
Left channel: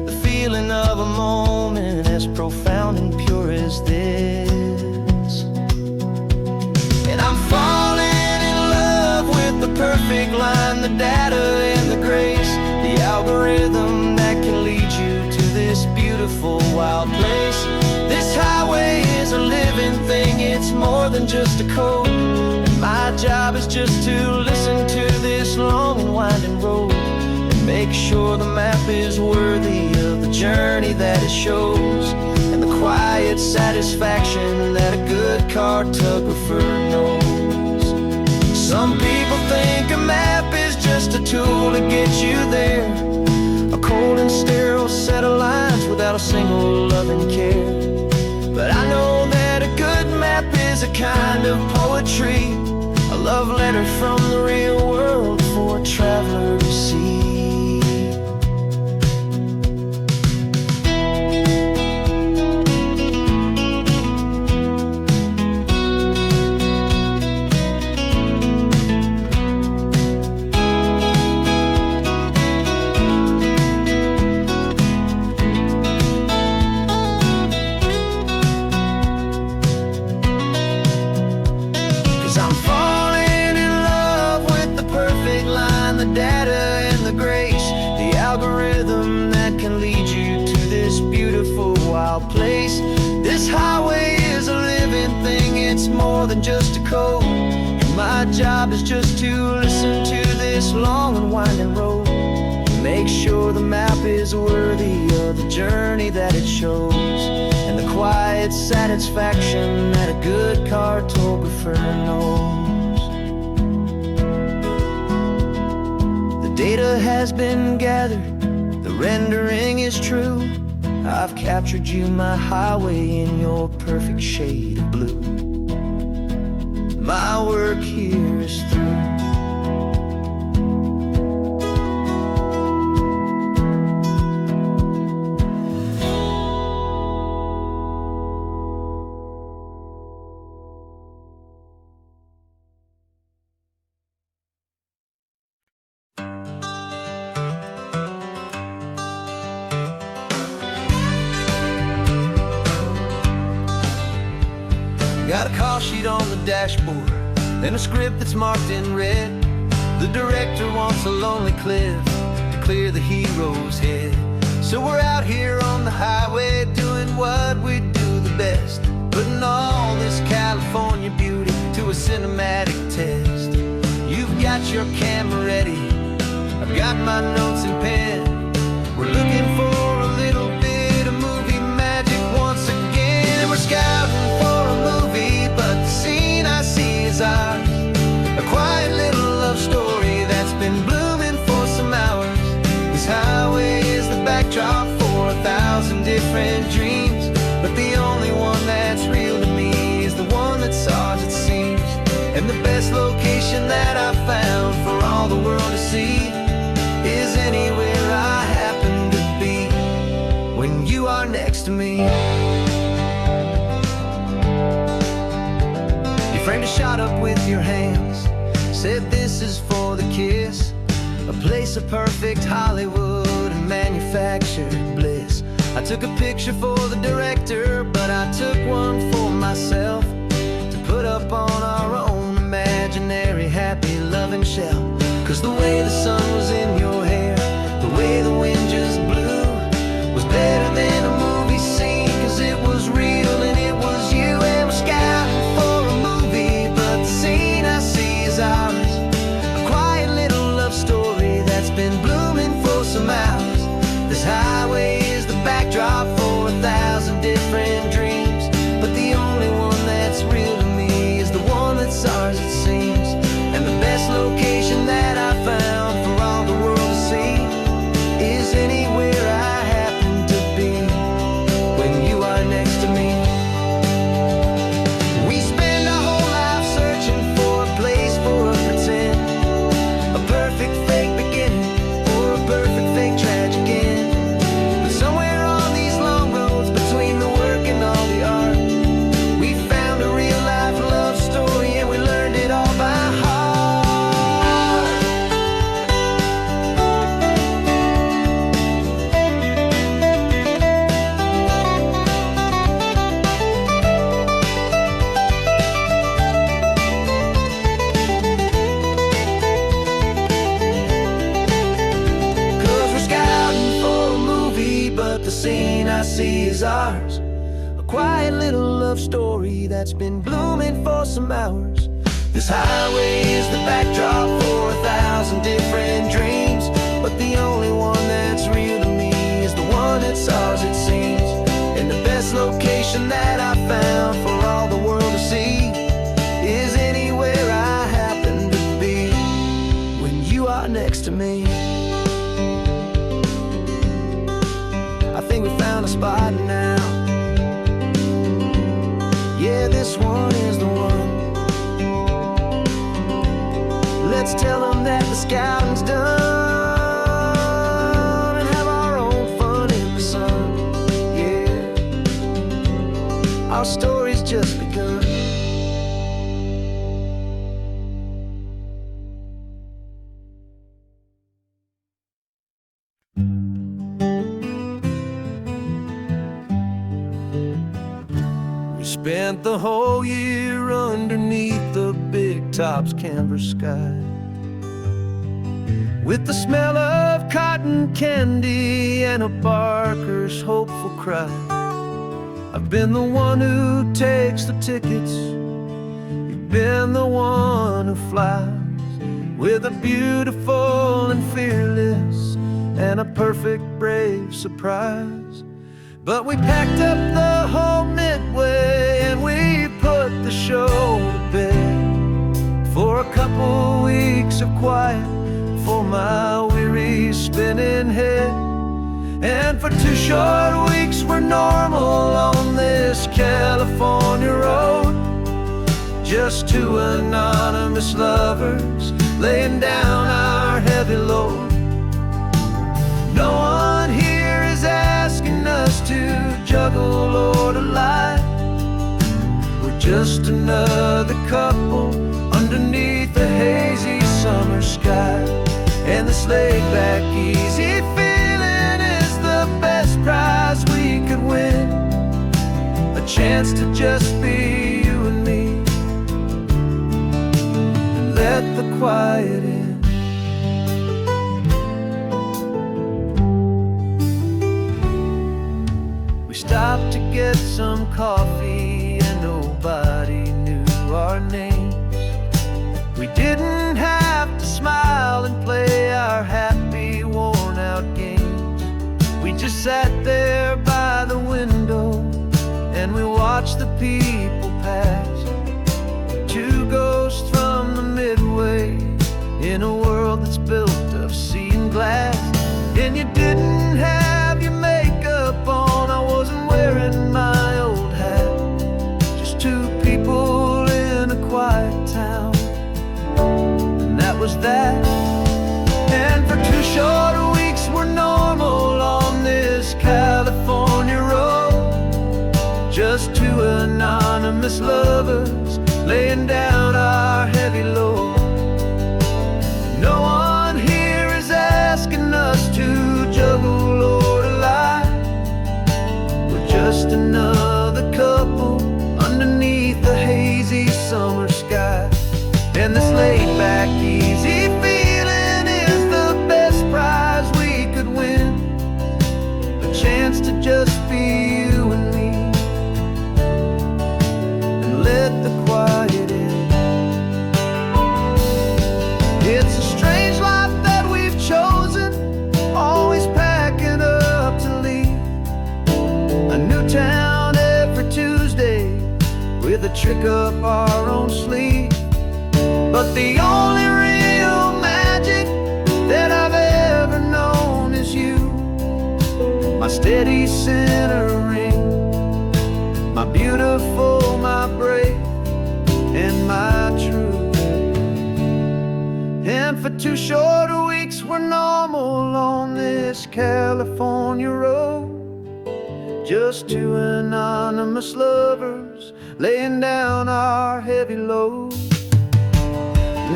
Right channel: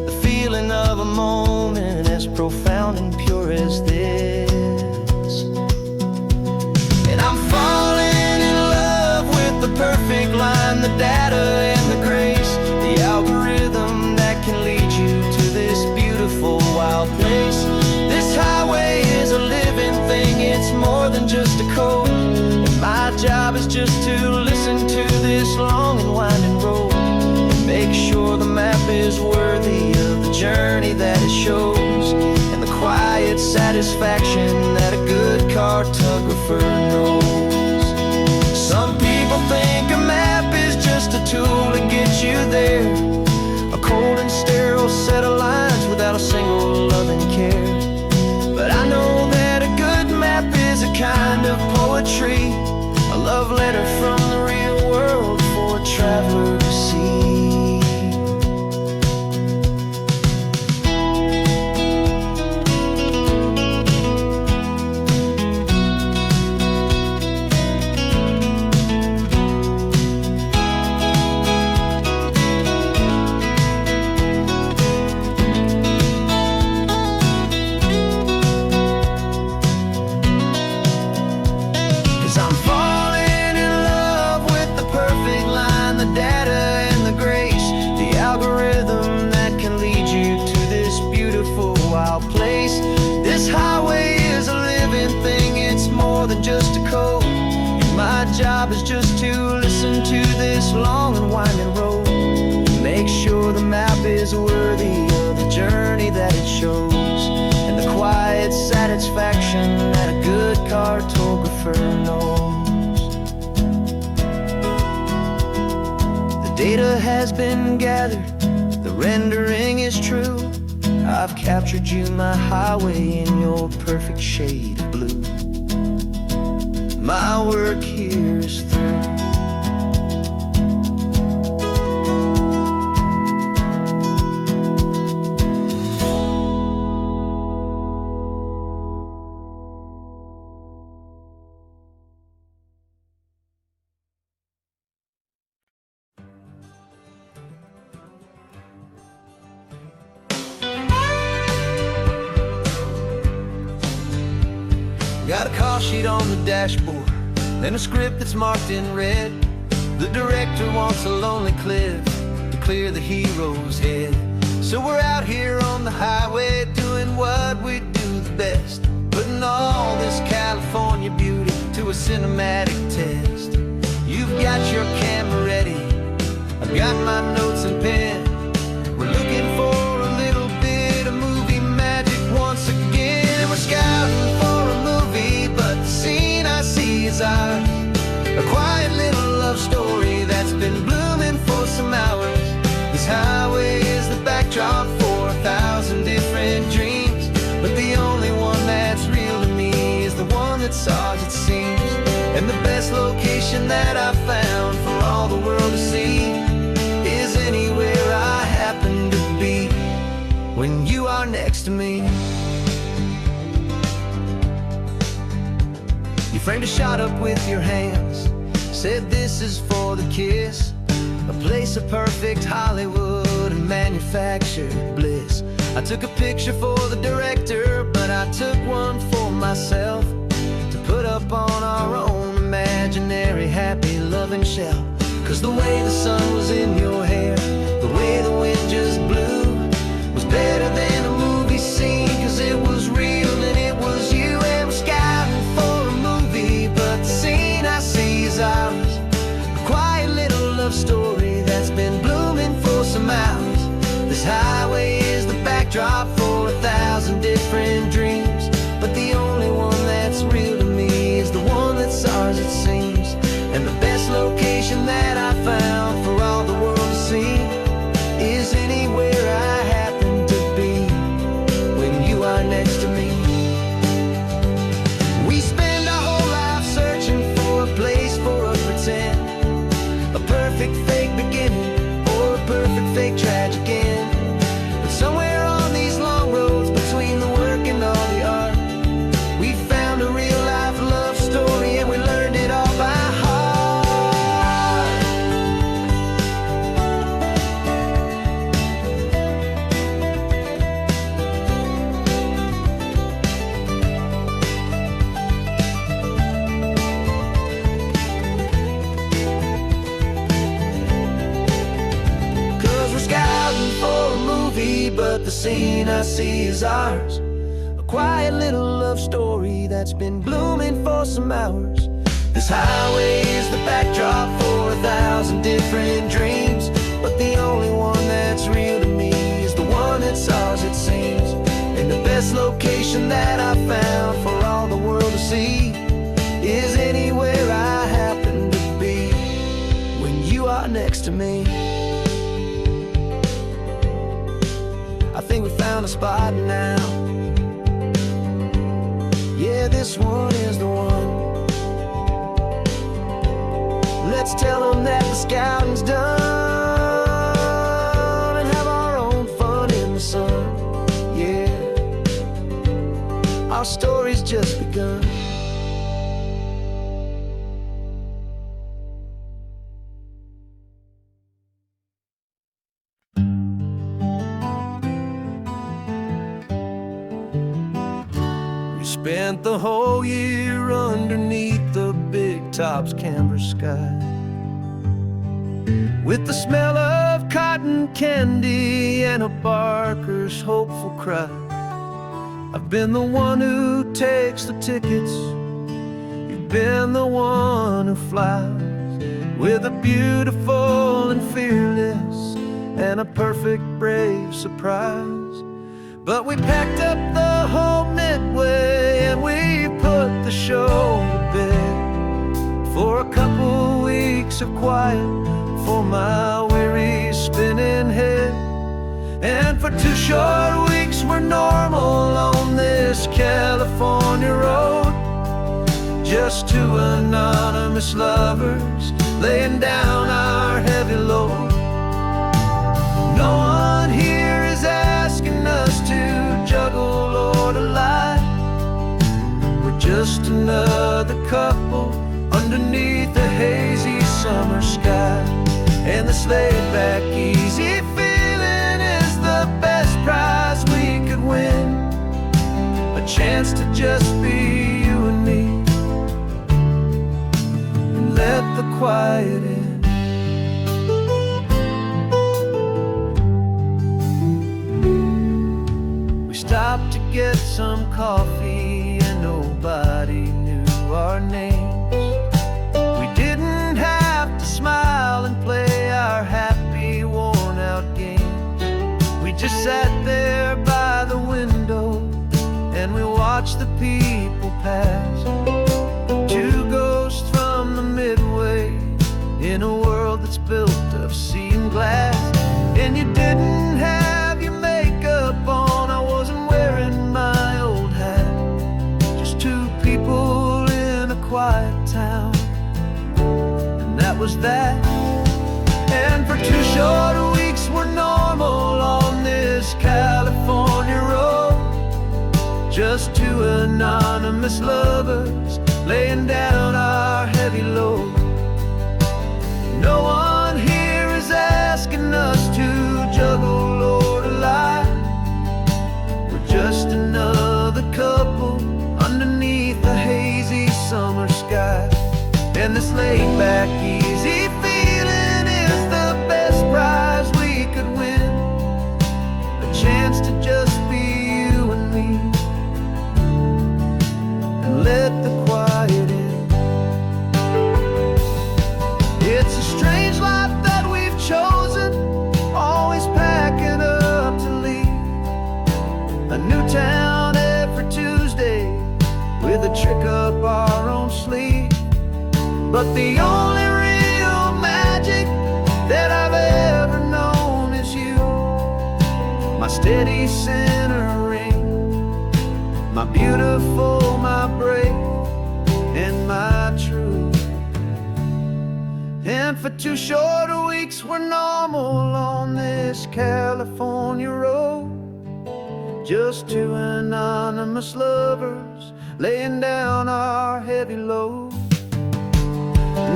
the feeling of a moment as profound and pure as this. And I'm falling in love with the perfect line, the data and the grace, the algorithm that can lead you to this beautiful wild place. This highway is a living thing, it's more than just a code. My job is just to listen to this long and winding road and make sure the map is worthy of the journey that it shows, and the quiet satisfaction that a good cartographer knows. Some people think a map is just a tool to get you there, a cold and sterile set of lines without a single loving care. But I know that a good map is a kind of poetry, a love letter from the real world for a traveler to see. Algorithm that can lead you to this beautiful wild place. This highway is a living thing, it's more than just a code. And my job is just to listen to this long and winding road, make sure the map is worthy of the journey that it shows, and the quiet satisfaction that a good cartographer knows. The data has been gathered, the rendering is true. I've captured you, my highway, in your perfect shade of blue. My work here is through. Got a call sheet on the dashboard and a script that's marked in red. The director wants a lonely cliff to clear the hero's head. So we're out here on the highway doing what we do the best, putting all this California beauty to a cinematic test. You've got your camera ready, I've got my notes and pen. We're looking for a little bit of movie magic once again. And we're scouting for a movie, but the scene I see is ours. A quiet little love story that's been blooming for some hours. This highway is the backdrop for 1,000 different dreams, but the only one that's real to me is the one that's ours, it seems. And the best location that I've found for all the world to see is anywhere I happen to be when you are next to me. You framed a shot up with your hands, said this is for the kiss, a place of perfect Hollywood and manufactured bliss. I took a picture for the director, but I took one for myself to put up on our own imaginary happy loving shelf. Cause the way the sun was in your hair, the way the wind just blew, was better than a movie scene. Cause it was real and it was you. And we're scouting for a movie, but the scene I see is ours. A quiet little love story that's been blooming for some hours. This highway is the backdrop for 1,000 different dreams, but the only one that's real to me is the one that's ours, it seems. And the best location that I found for all the world to see is anywhere I happen to be when you are next to me. We spend our whole life searching for a place for a pretend, a perfect fake beginning or a perfect fake tragic end. But somewhere on these long roads between the work and all the art, we found a real life love story and we learned it all by heart. But the scene I see is ours. A quiet little love story that's been blooming for some hours. This highway is the backdrop for 1,000 different dreams, but the only one that's real to me is the one that's ours, it seems. And the best location that I found for all the world to see is anywhere I happen to be when you are next to me. I think we found a spot now. Yeah, this one is the one. Let's tell them that the scouting's done and have our own fun in the sun. Yeah, our story's just begun. Spent the whole year underneath the big top's canvas sky, with the smell of cotton candy and a barker's hopeful cry. I've been the one who takes the tickets. You've been the one who flies with a beautiful and fearless and a perfect brave surprise. But we packed up the whole Midway and we put the show to bed for a couple weeks of quiet for my weary spinning head. And for 2 short weeks we're normal on this California road, just 2 anonymous lovers laying down our heavy load. No one here is asking us to juggle or to lie. We're just another couple underneath a hazy summer sky. And this laid-back, easy feeling is the best prize we could win. A chance to just be you and me, and let the quiet in. We stopped to get some coffee and nobody knew our names. We didn't have to smile and play our happy, worn-out games. We just sat there by the window and we watched the people pass. 2 ghosts from the Midway in a world that's built of sea and glass. And you didn't have your makeup on, I wasn't wearing my old hat. Just 2 people in a quiet town, and that was that. And for 2 short weeks we're normal on this California road, just 2 anonymous lovers laying down our heavy load. No one here is asking us to juggle or to lie. We're just another couple underneath a hazy summer sky. And this laid-back, easy feeling is the best prize we could win. A chance to just be you and me, and let the quiet in. It's a strange life that we've chosen, always packing up to leave. A new town every Tuesday with a trick up our own sleeve. But the only real magic that I've ever known is you, my steady centering, my beautiful, my brave, and my true. And for 2 short weeks we're normal on this California road, just 2 anonymous lovers laying down our heavy load.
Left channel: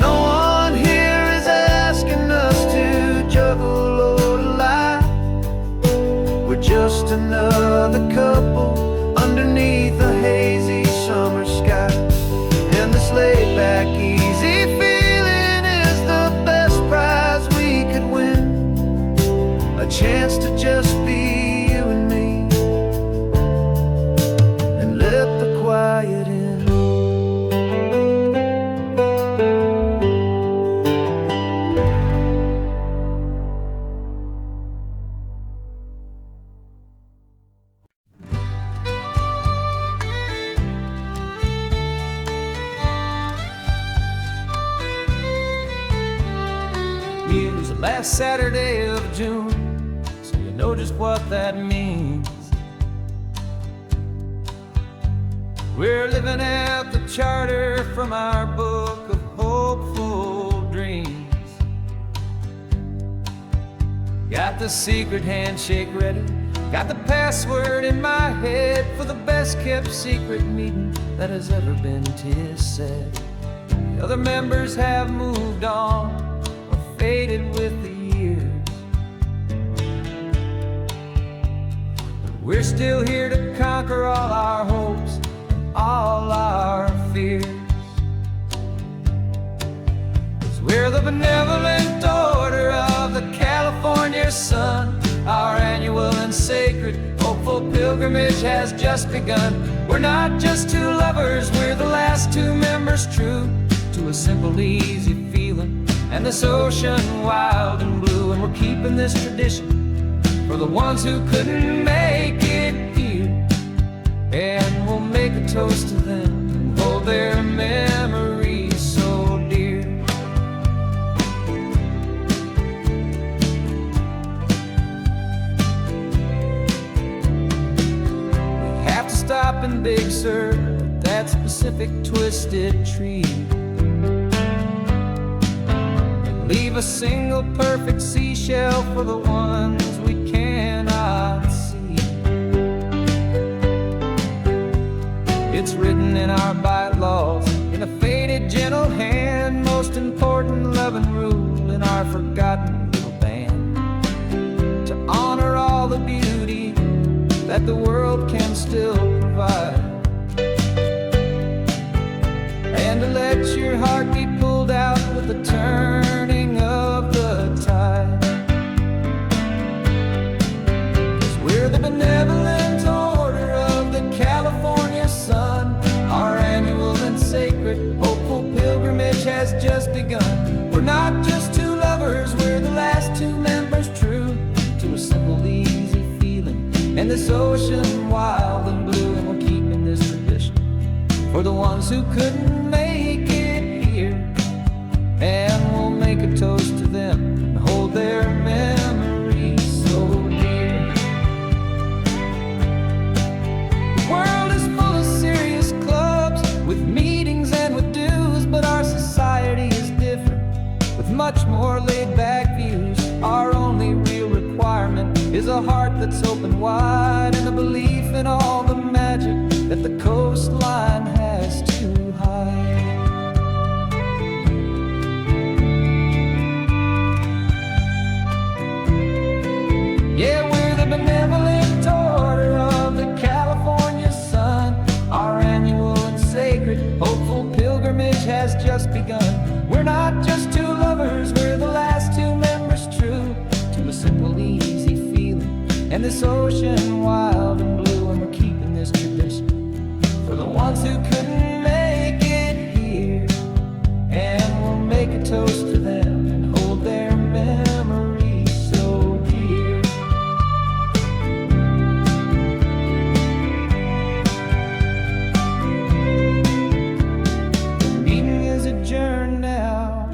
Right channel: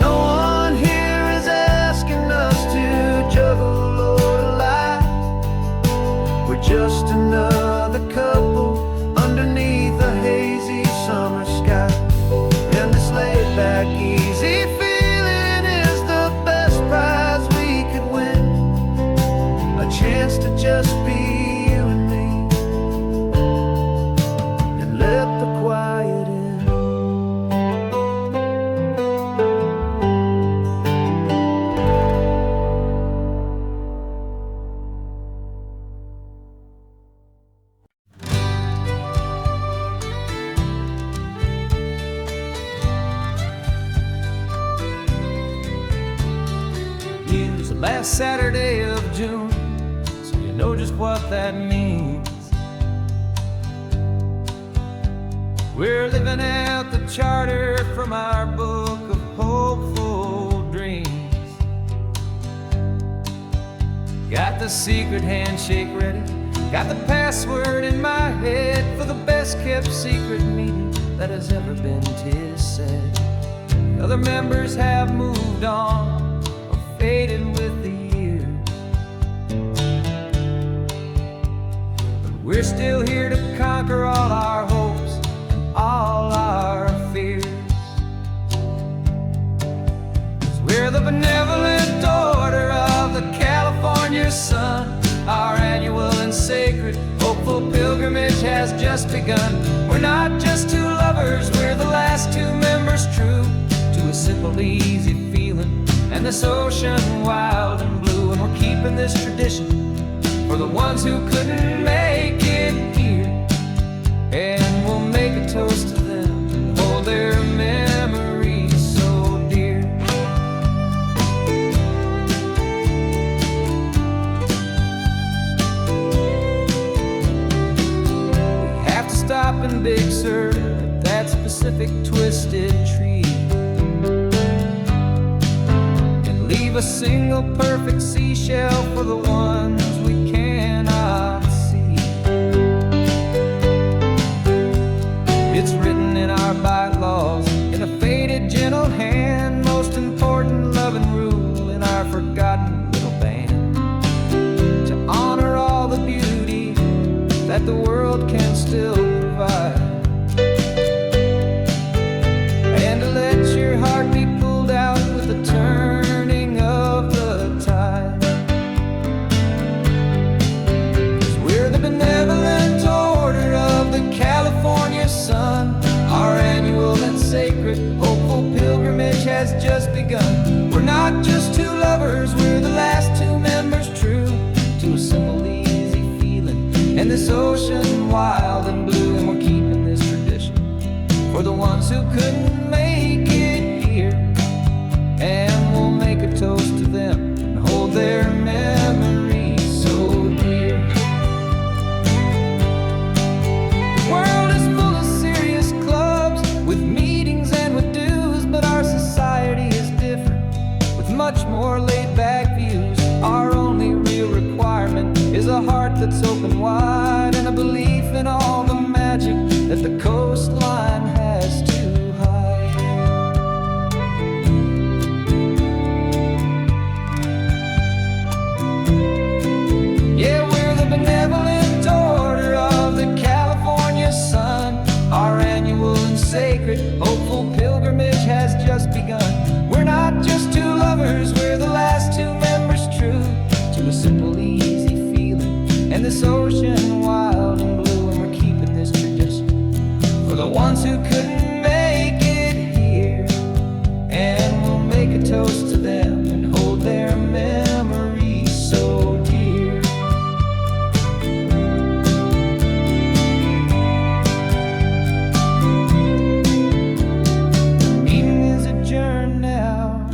No one here is asking us to juggle or to lie. We're just another couple underneath a hazy summer sky. And this laid-back, easy feeling is the best prize we could win. A chance to just be you and me, and let the quiet in. It's the last Saturday of June, so you know just what that means. We're living out the charter from our book of hopeful dreams. Got the secret handshake ready, got the password in my head for the best kept secret meeting that has ever been, 'tis said. The other members have moved on or faded with the years, but we're still here to conquer all our hopes and all our fears. 'Cause we're the benevolent order of the California sun, our annual and sacred hope hopeful pilgrimage has just begun. We're not just two lovers, we're the last two members true to a simple, easy feeling and this ocean wild and blue. And we're keeping this tradition for the ones who couldn't make it here. And we'll make a toast to them and hold their memories so dear. We have to stop in Big Sur at that specific twisted tree and leave a single perfect seashell for the ones we cannot see. It's written in our bylaws, in a faded gentle hand, most important love and rule in our forgotten little band, to honor all the beauty that the world can still provide, and to let your heart be pulled out with the turning of the tide. 'Cause we're the benevolent order of the California sun. Our annual and sacred hopeful pilgrimage has just begun. We're not just two lovers, we're the last two members true to a simple, easy feeling and this ocean wild and blue. And we're keeping this tradition for the ones who couldn't make it here. And we'll make a toast to them and hold their memories so dear. The world is full of serious clubs with meetings and with dues, but our society is different with much more laid-back views. Our only real requirement is a heart that's open wide and a belief in all the magic that the coastline has to hide. Yeah, we're the benevolent order of the California sun. Our annual and sacred hopeful pilgrimage has just begun. We're not just two lovers, we're the last two members true to a simple, easy feeling and this ocean wild and blue. And we're keeping this tradition for the ones who couldn't make it here. And we'll make a toast to them and hold their memories so dear. Adjourn now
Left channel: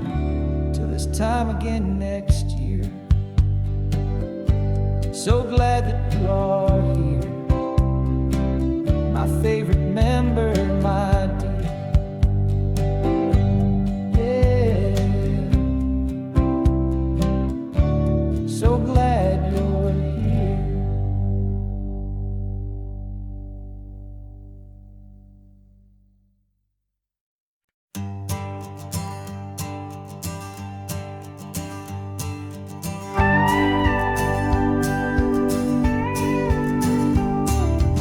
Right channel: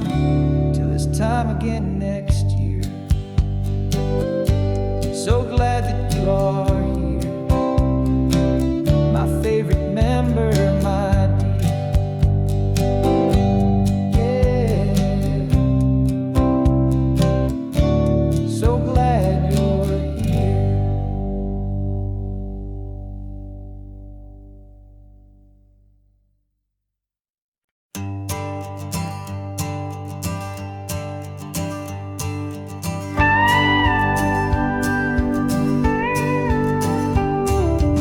till this time again next year. So glad that you are here, my favorite member, my dear. Yeah, so glad you're here.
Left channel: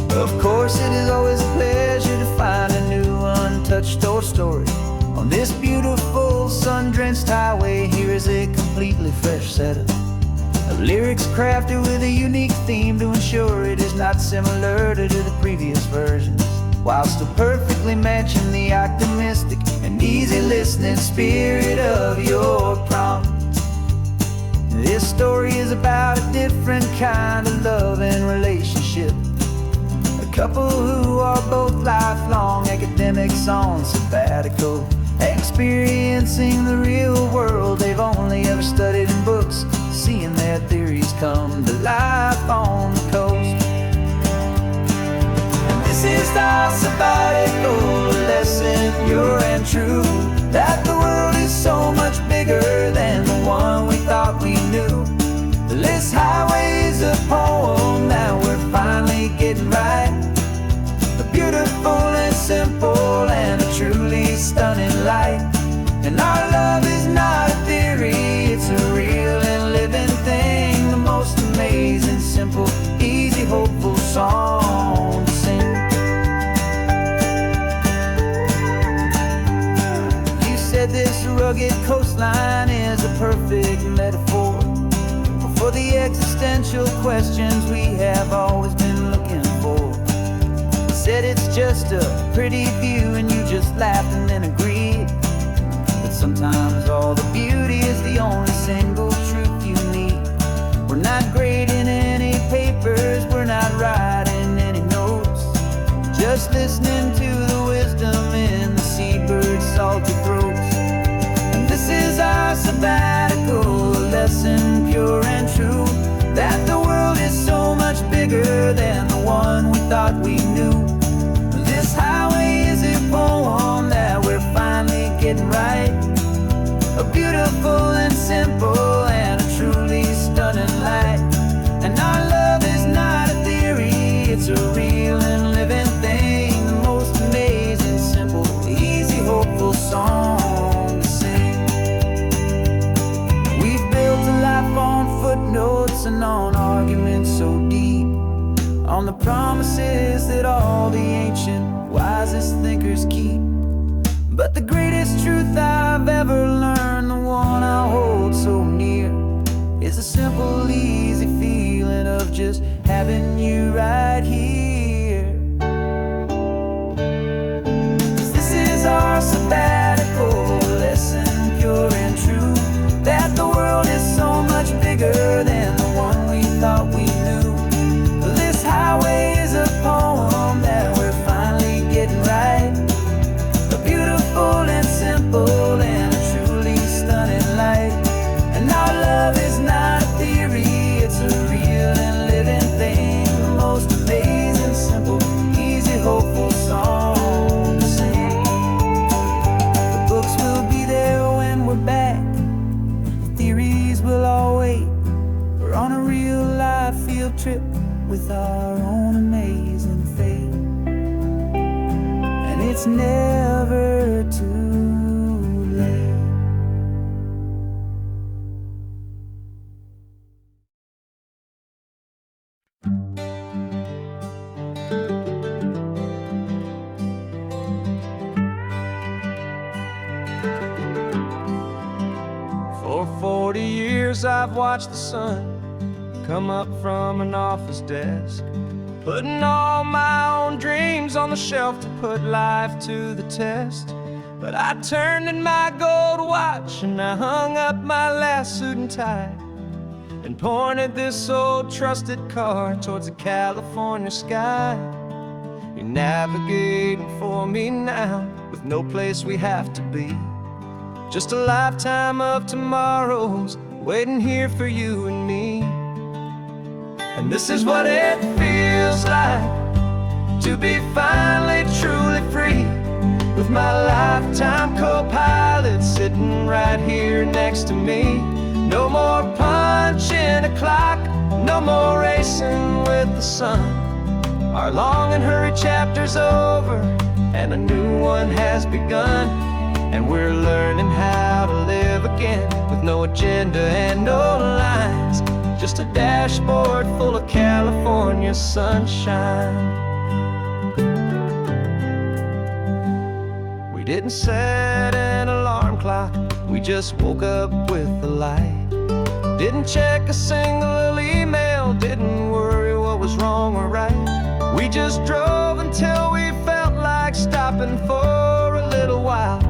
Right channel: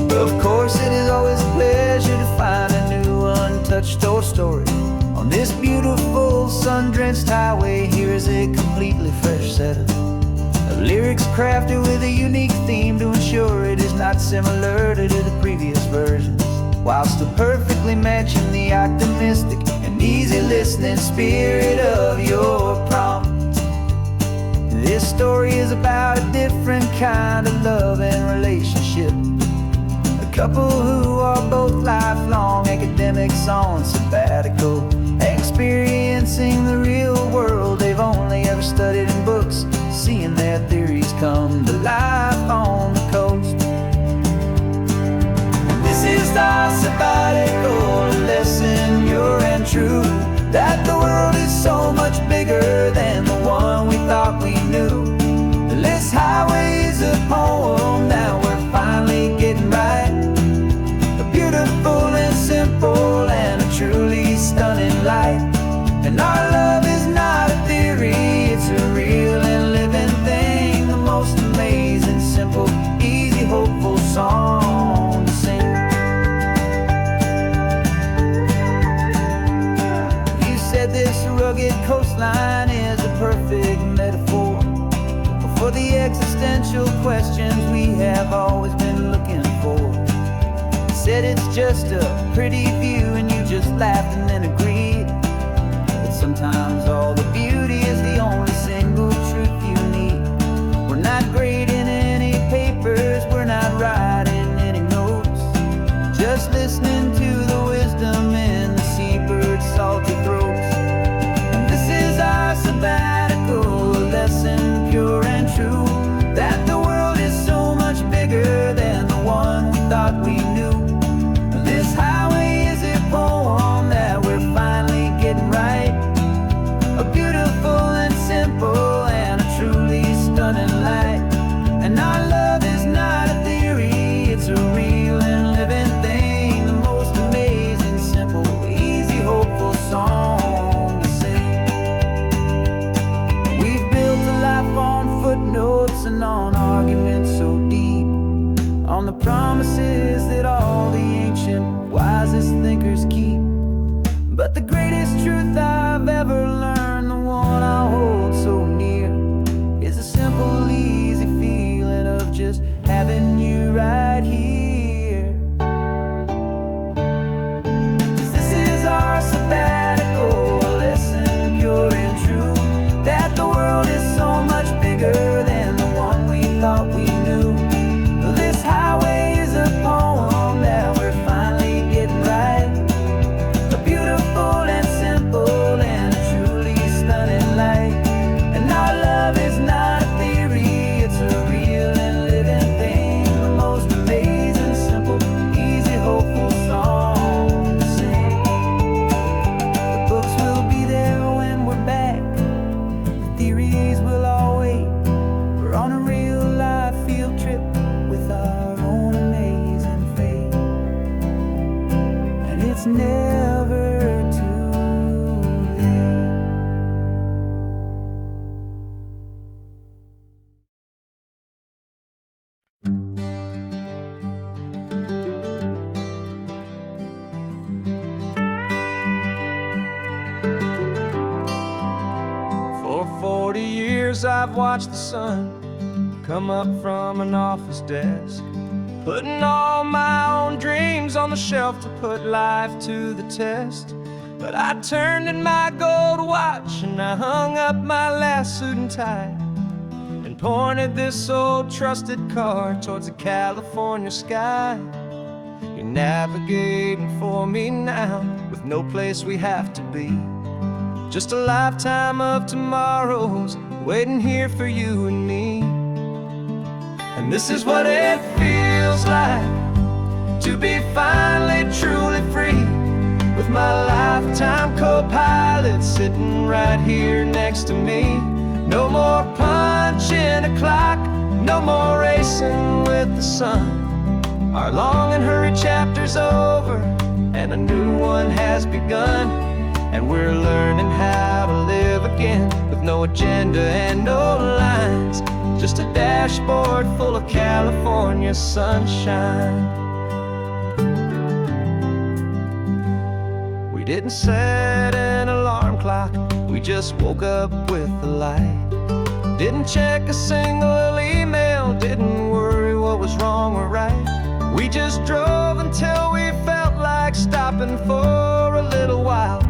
Of course, it is always a pleasure to find a new untouched old story. On this beautiful sun-drenched highway, here is a completely fresh set of lyrics crafted with a unique theme to ensure it is not similar to the previous versions, while still perfectly matching the optimistic and easy listening spirit of your prompt. This story is about a different kind of love and relationship. Couple who are both lifelong academics on sabbatical, experiencing the real world they've only ever studied in books, seeing their theories come to life on the coast. And this is our sabbatical lesson, pure and true, that the world is so much bigger than the one we thought we knew. This highway is a poem, now we're finally getting right. A beautiful and simple and a truly stunning light. And our love is not a theory, it's a real and living thing. The most amazing, simple, easy, hopeful song to sing. You said this rugged coastline is a perfect metaphor for the existential questions we have always been looking for. Said it's just a pretty view and you just laughed and then agreed that sometimes all the beauty is the only single truth you need. We're not grading any papers, we're not writing any notes, just listening to the wisdom in the seabird's salty throats. And this is our sabbatical, a lesson pure and true, that the world is so much bigger than the one we thought we knew. This highway is a poem that we're finally getting right, a beautiful and simple and a truly stunning light. And our love is not a theory, it's a real and living thing, the most amazing, simple, easy, hopeful song to sing. We've built a life on footnotes and on arguments so deep, on the promises that all the ancient, wisest thinkers keep. But the greatest truth I've ever learned, the one I hold so near, is a simple, easy feeling of just having you right here. 'Cause this is our sabbatical, lesson pure and true, that the world is so much bigger than the one we thought we knew. This highway is a poem that we're finally getting right, a beautiful and simple and a truly stunning light. And our love is not a theory, it's a real and living thing, the most amazing, simple, easy, hopeful song to sing. The books will be there when we're back, the theories will all wait. We're on a real life field trip with our own amazing fate, and it's never too late. For 40 years I've watched the sun come up from an office desk, putting all my own dreams on the shelf to put life to the test. But I turned in my gold watch and I hung up my last suit and tie, and pointed this old trusted car towards the California sky. You're navigating for me now, with no place we have to be, just a lifetime of tomorrows waiting here for you and me. And this is what it feels like to be finally truly free, with my lifetime co-pilot sitting right here next to me. No more punching a clock, no more racing with the sun. Our long and hurried chapter's over and a new one has begun, and we're learning how to live again with no agenda and no lines, just a dashboard full of California sunshine. We didn't set an alarm clock, we just woke up with the light. Didn't check a single email, didn't worry what was wrong or right. We just drove until we felt like stopping for a little while.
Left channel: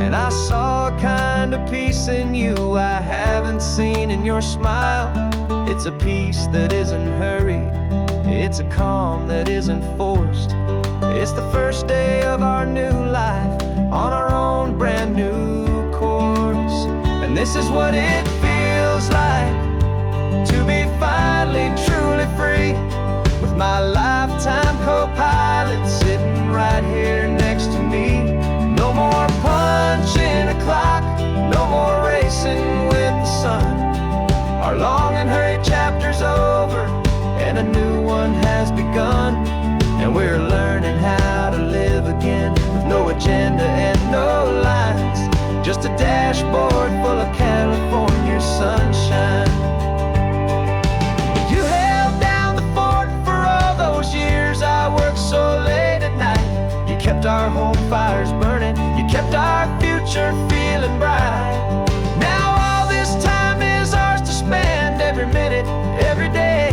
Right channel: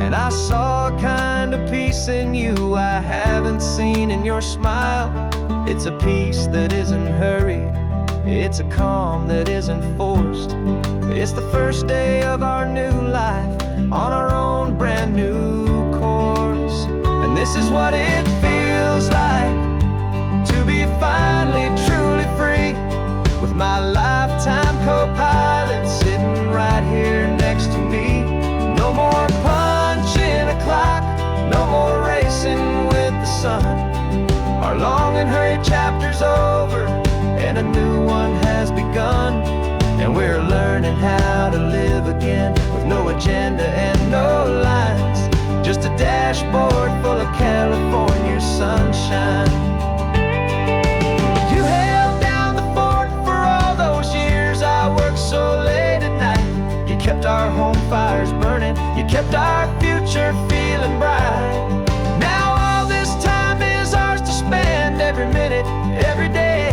And I saw a kind of peace in you I haven't seen in your smile. It's a peace that isn't hurried, it's a calm that isn't forced. It's the first day of our new life on our own brand new course. And this is what it feels like to be finally truly free, with my lifetime co-pilot sitting right here next to me. No more punching a clock, no more racing with the sun. Our long and hurried chapter's over and a new one has begun, and we're learning how to live again with no agenda and no lines, just a dashboard full of California sunshine. You held down the fort for all those years I worked so late at night. You kept our home fires burning, you kept our future feeling bright. Now all this time is ours to spend, every minute, every day.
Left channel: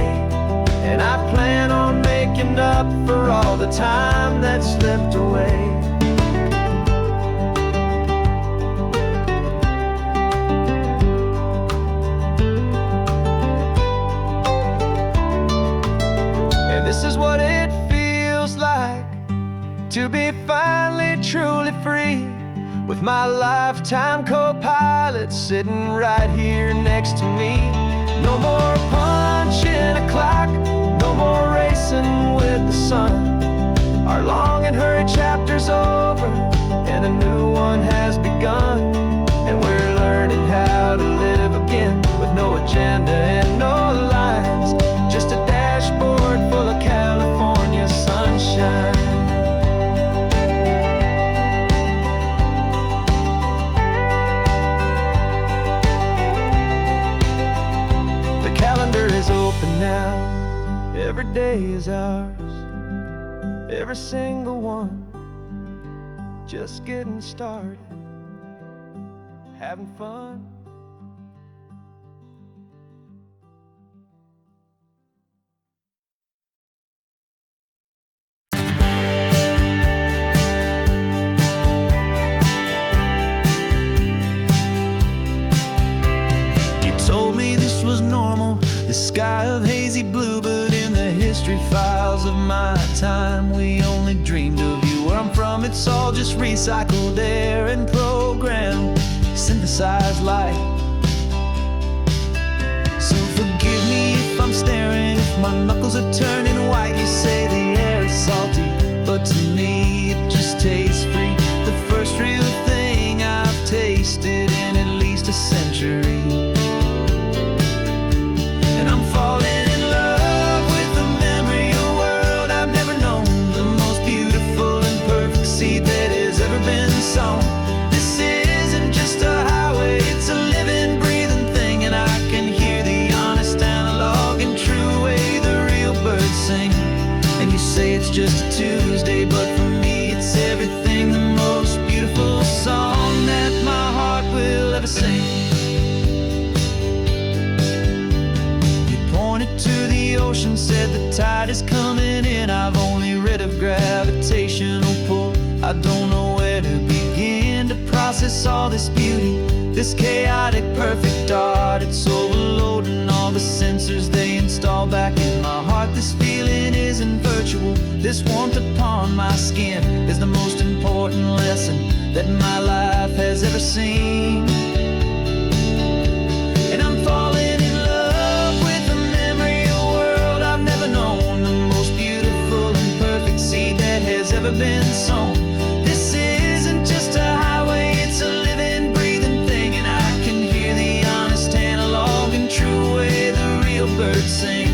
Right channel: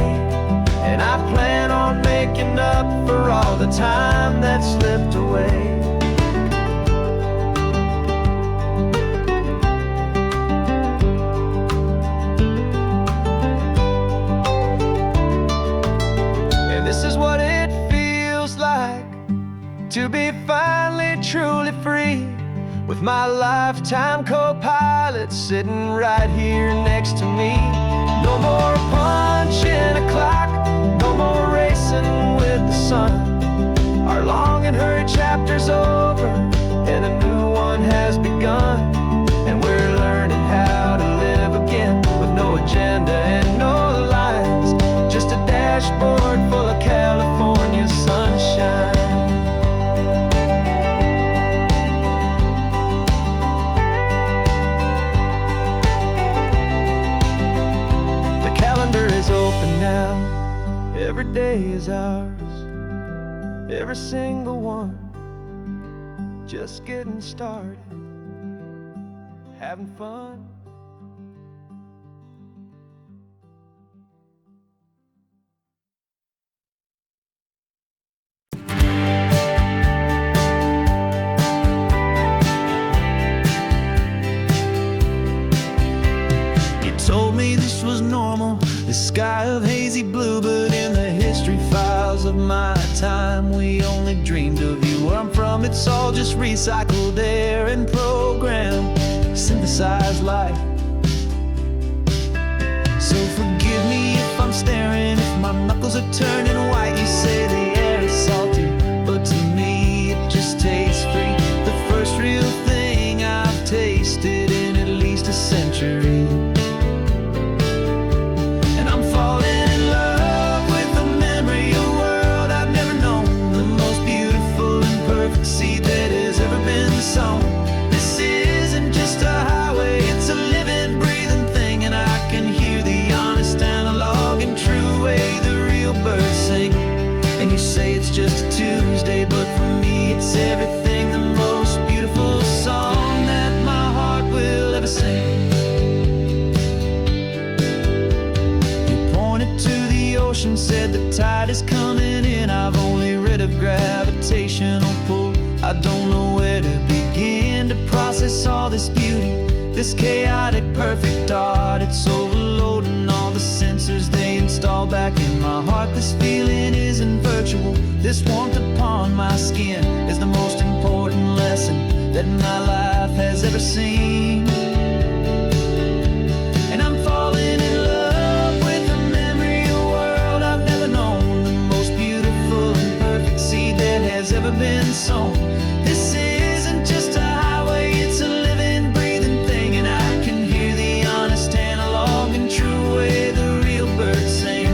And I plan on making up for all the time that slipped away. And this is what it feels like to be finally truly free, with my lifetime co-pilot sitting right here next to me. No more punching a clock, no more racing with the sun. Our long and hurried chapter's over, and a new one has begun. And we're learning how to live again, with no agenda and no lines, just a dashboard full of California sunshine. Is open now, every day is ours, every single one, just getting started, having fun. Told me this was normal, this sky of hazy blue, but in the history files of my time, we only dreamed of you. Where I'm from, it's all just recycled air and programmed, synthesized light. So forgive me if I'm staring, if my knuckles are turning white. You say the air is salty, but to me it just tastes free. The first real thing I've tasted in at least a century. And I'm falling in love with the memory of a world I've never known, the most beautiful and perfect seed that has ever been sown. This isn't just a highway, it's a living, breathing thing, and I can hear the honest, analog, and true way the real birds sing. And you say it's just a Tuesday, but for me it's everything, the most beautiful song that my heart will ever sing. Pointed to the ocean, said the tide is coming in. I've only read of gravitational pull, I don't know where to begin to process all this beauty, this chaotic perfect art. It's overloading all the sensors they install back in my heart. This feeling isn't virtual, this warmth upon my skin is the most important lesson that my life has ever seen. And I'm falling in love with a memory of a world I've never known, the most beautiful and perfect seed that has ever been sown. This isn't just a highway, it's a living, breathing thing, and I can hear the honest, analog, and true way the real birds sing.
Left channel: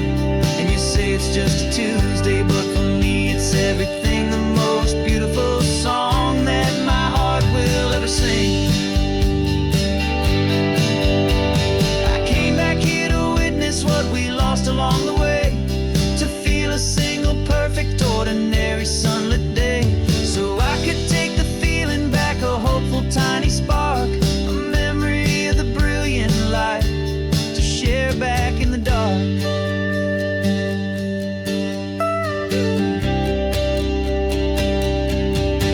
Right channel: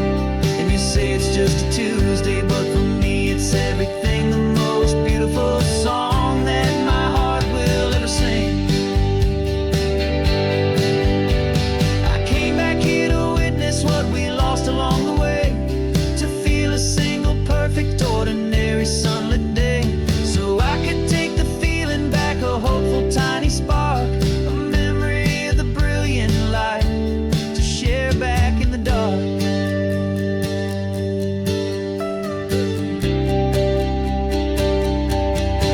And you say it's just a Tuesday, but for me it's everything, the most beautiful song that my heart will ever sing. I came back here to witness what we lost along the way, to feel a single perfect ordinary sunlit day, so I could take the feeling back, a hopeful tiny spark, a memory of the brilliant light to share back in the dark.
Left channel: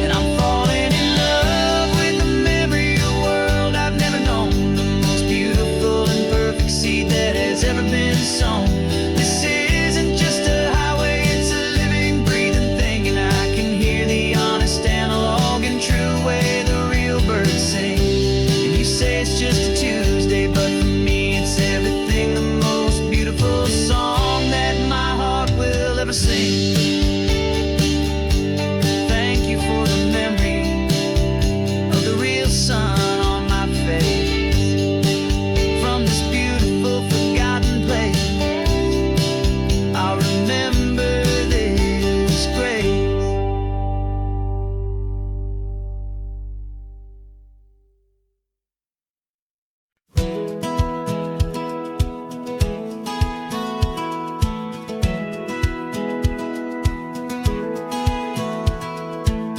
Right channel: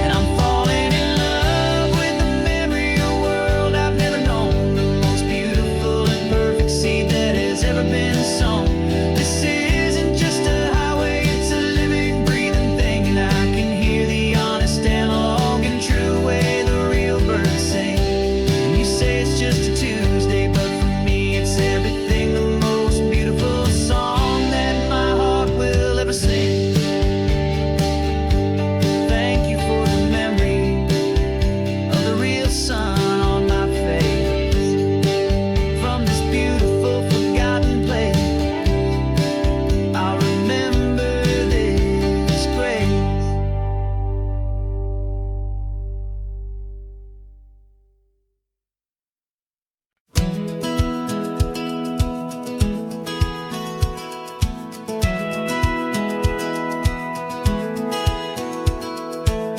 And I'm falling in love with the memory of a world I've never known, the most beautiful and perfect seed that has ever been sown. This isn't just a highway, it's a living, breathing thing, and I can hear the honest, analog, and true way the real birds sing. And you say it's just a Tuesday, but for me it's everything, the most beautiful song that my heart will ever sing. Thank you for the memory of the real sun on my face, from this beautiful forgotten place. I'll remember this grace.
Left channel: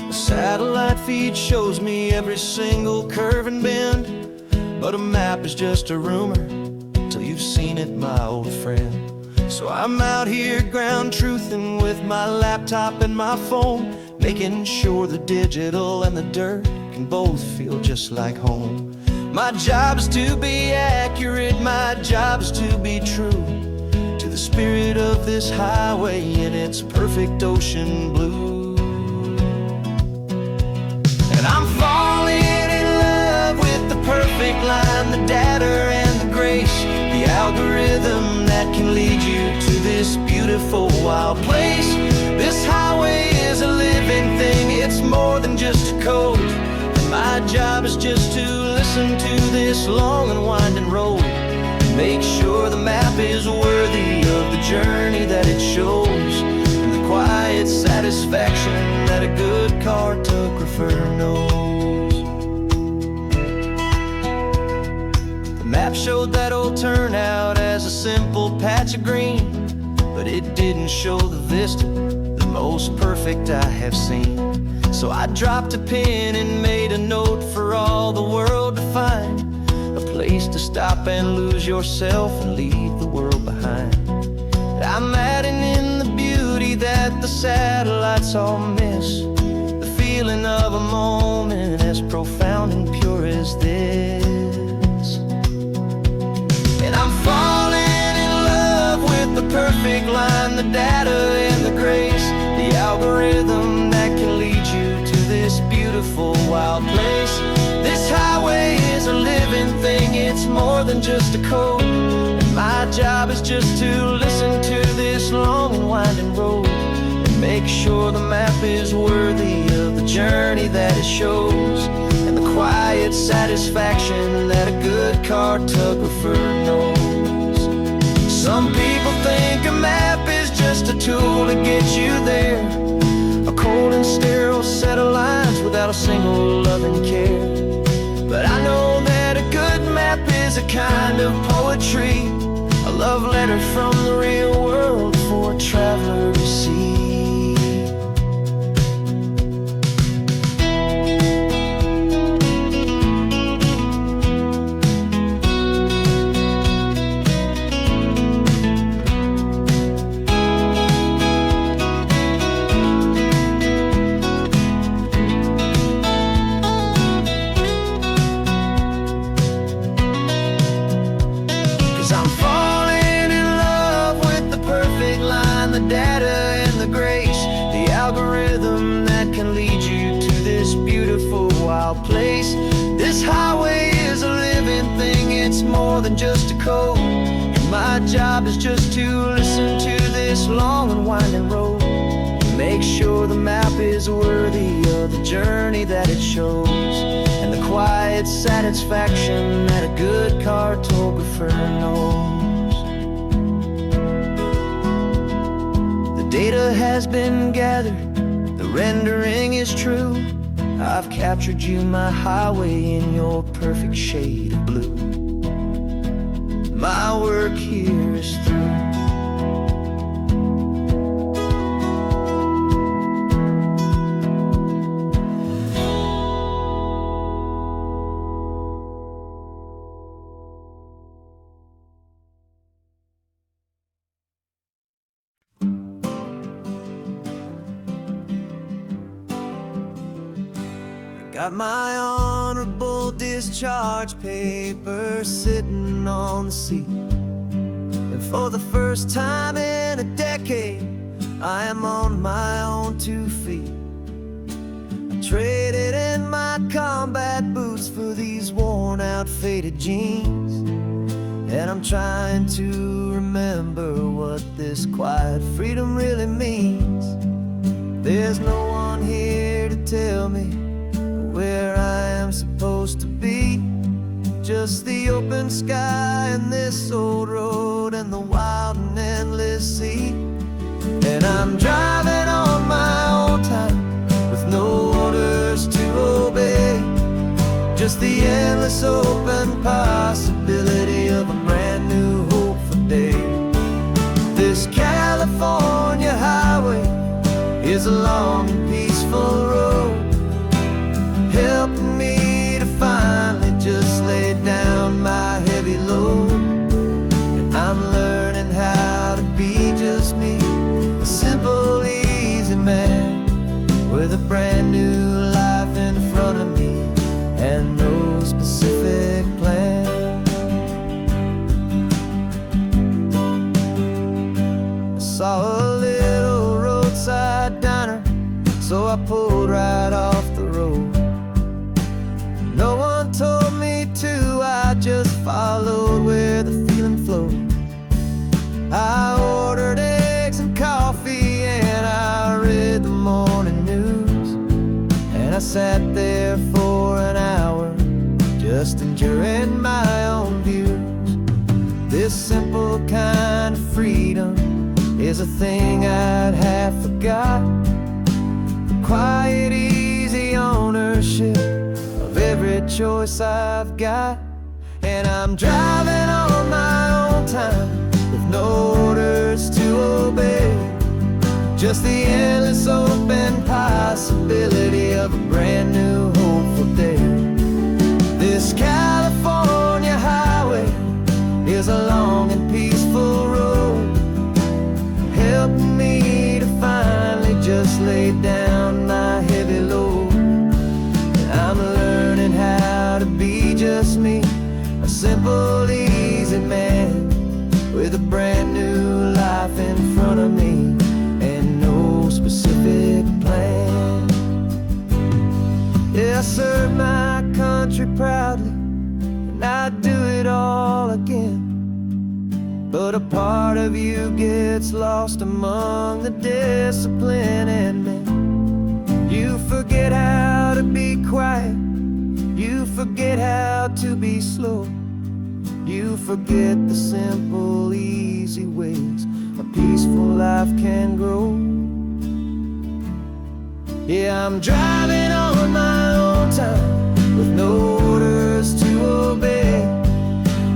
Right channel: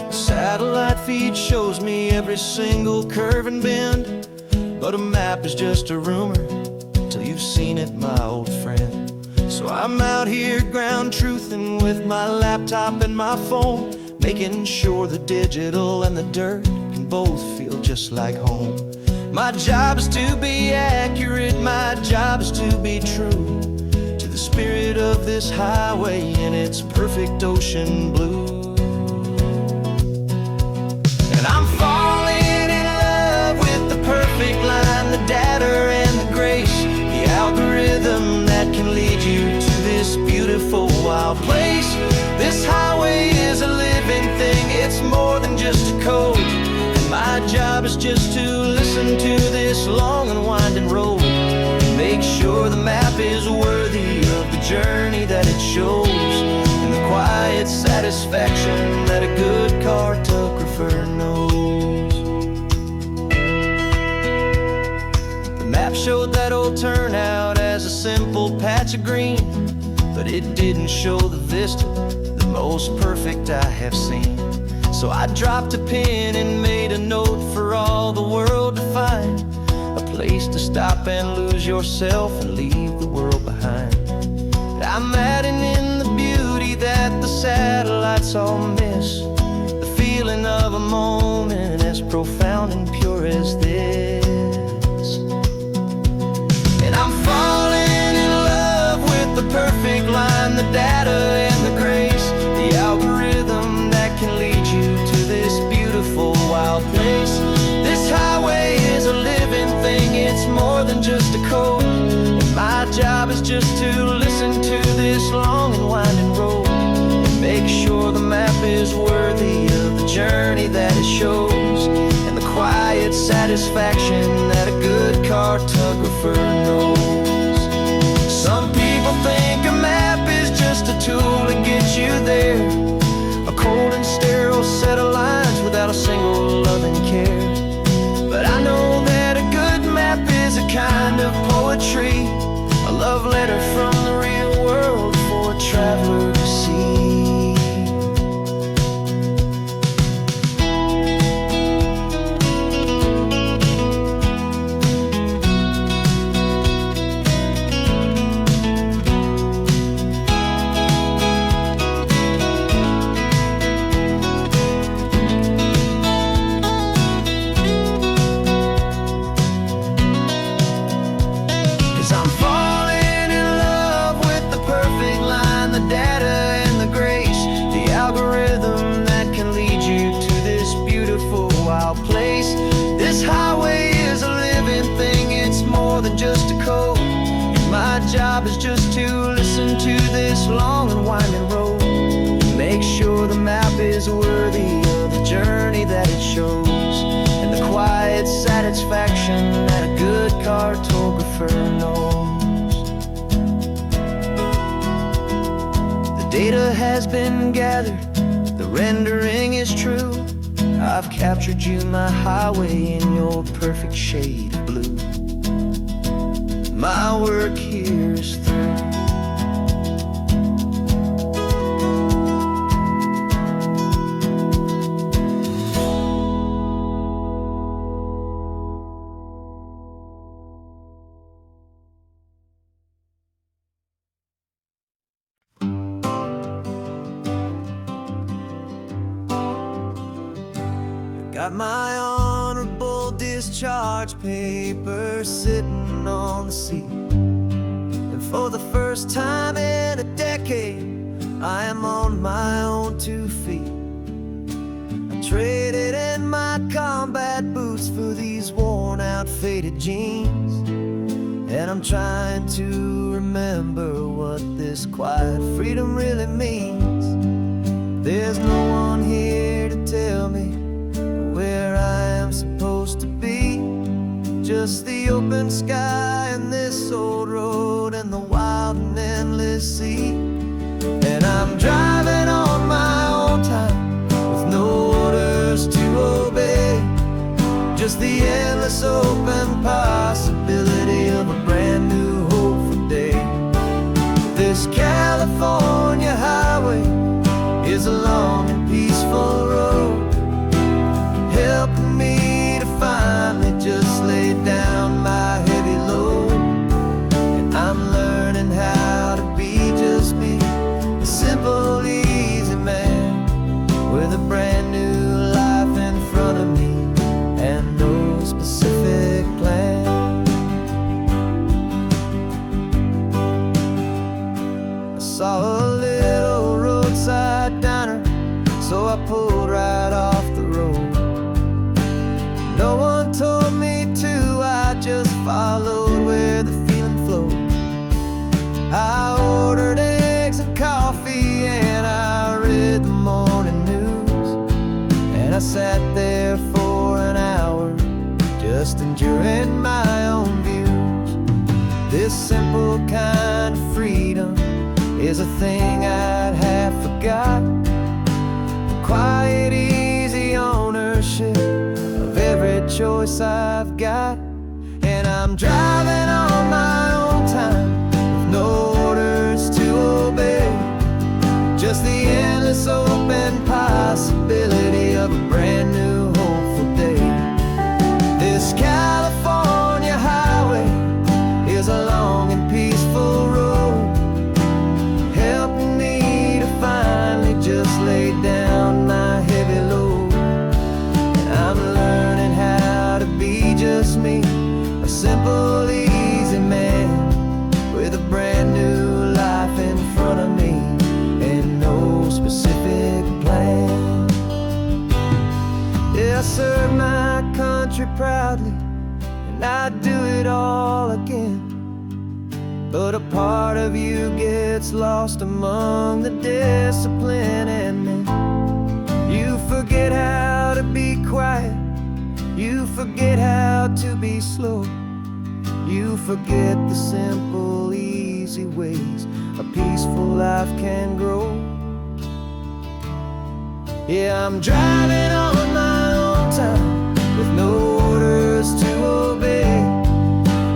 A satellite feed shows me every single curve and bend, but a map is just a rumor, till you've seen it, my old friend. So I'm out here ground truthing with my laptop and my phone, making sure the digital and the dirt can both feel just like home. My job is to be accurate, my job is to be true to the spirit of this highway in its perfect ocean blue. And I'm falling in love with the perfect line, the data and the grace, the algorithm that can lead you to this beautiful wild place. This highway is a living thing, it's more than just a code. And my job is just to listen to this long and winding road and make sure the map is worthy of the journey that it shows, and the quiet satisfaction that a good cartographer knows. The map showed that old turnout as a simple patch of green, but it didn't show the vista, the most perfect I have seen. So I dropped a pin and made a note for all the world to find, a place to stop and lose yourself and leave the world behind. I'm adding in the beauty that the satellites all miss, the feeling of a moment as profound and pure as this. And I'm falling in love with the perfect line, the data and the grace, the algorithm that can lead you to this beautiful wild place. This highway is a living thing, it's more than just a code. And my job is just to listen to this long and winding road and make sure the map is worthy of the journey that it shows, and the quiet satisfaction that a good cartographer knows. Some people think a map is just a tool to get you there, a cold and sterile set of lines without a single loving care. But I know that a good map is a kind of poetry, a love letter from the real world for a traveler to see. 'Cause I'm falling in love with the perfect line, the data and the grace, the algorithm that can lead you to this beautiful wild place. This highway is a living thing, it's more than just a code. And my job is just to listen to this long and winding road and make sure the map is worthy of the journey that it shows, and the quiet satisfaction that a good cartographer knows. The data has been gathered, the rendering is true. I've captured you, my highway, in your perfect shade of blue. My work here is through. Got my honorable discharge paper sitting on the seat, and for the first time in a decade, I am on my own 2 feet. I traded in my combat boots for these worn out faded jeans, and I'm trying to remember what this quiet freedom really means. There's no one here to tell me where I am supposed to be, just the open sky and this old road and the wild and endless sea. And I'm driving on my own time with no orders to obey, just the endless open possibility of a brand new hopeful day. This California highway is a long and peaceful road, helping me to finally just lay down my heavy load. simple, easy man with a brand new life in front of me and no specific plan. I saw a little roadside diner, so I pulled right off the road. No one told me to, I just followed where the feeling flowed. I ordered eggs and coffee and I read the morning news. And I sat there for an hour, just enjoying my own views. This simple kind of freedom is a thing I'd have forgot. The quiet, easy ownership of every choice I've got. And I'm driving on my own time with no orders to obey, just the endless open possibility of a brand new hopeful day. This California highway is a long and peaceful road, helping me to finally just lay down my heavy load. And I'm learning how to be just me, a simple, easy man with a brand new life in front of me and no specific plan. Yeah, I serve my country proudly and I'd do it all again. But a part of you gets lost among the discipline, and then you forget how to be quiet, you forget how to be slow, you forget the simple, easy ways a peaceful life can grow. Yeah, I'm driving on my own time with no orders to obey,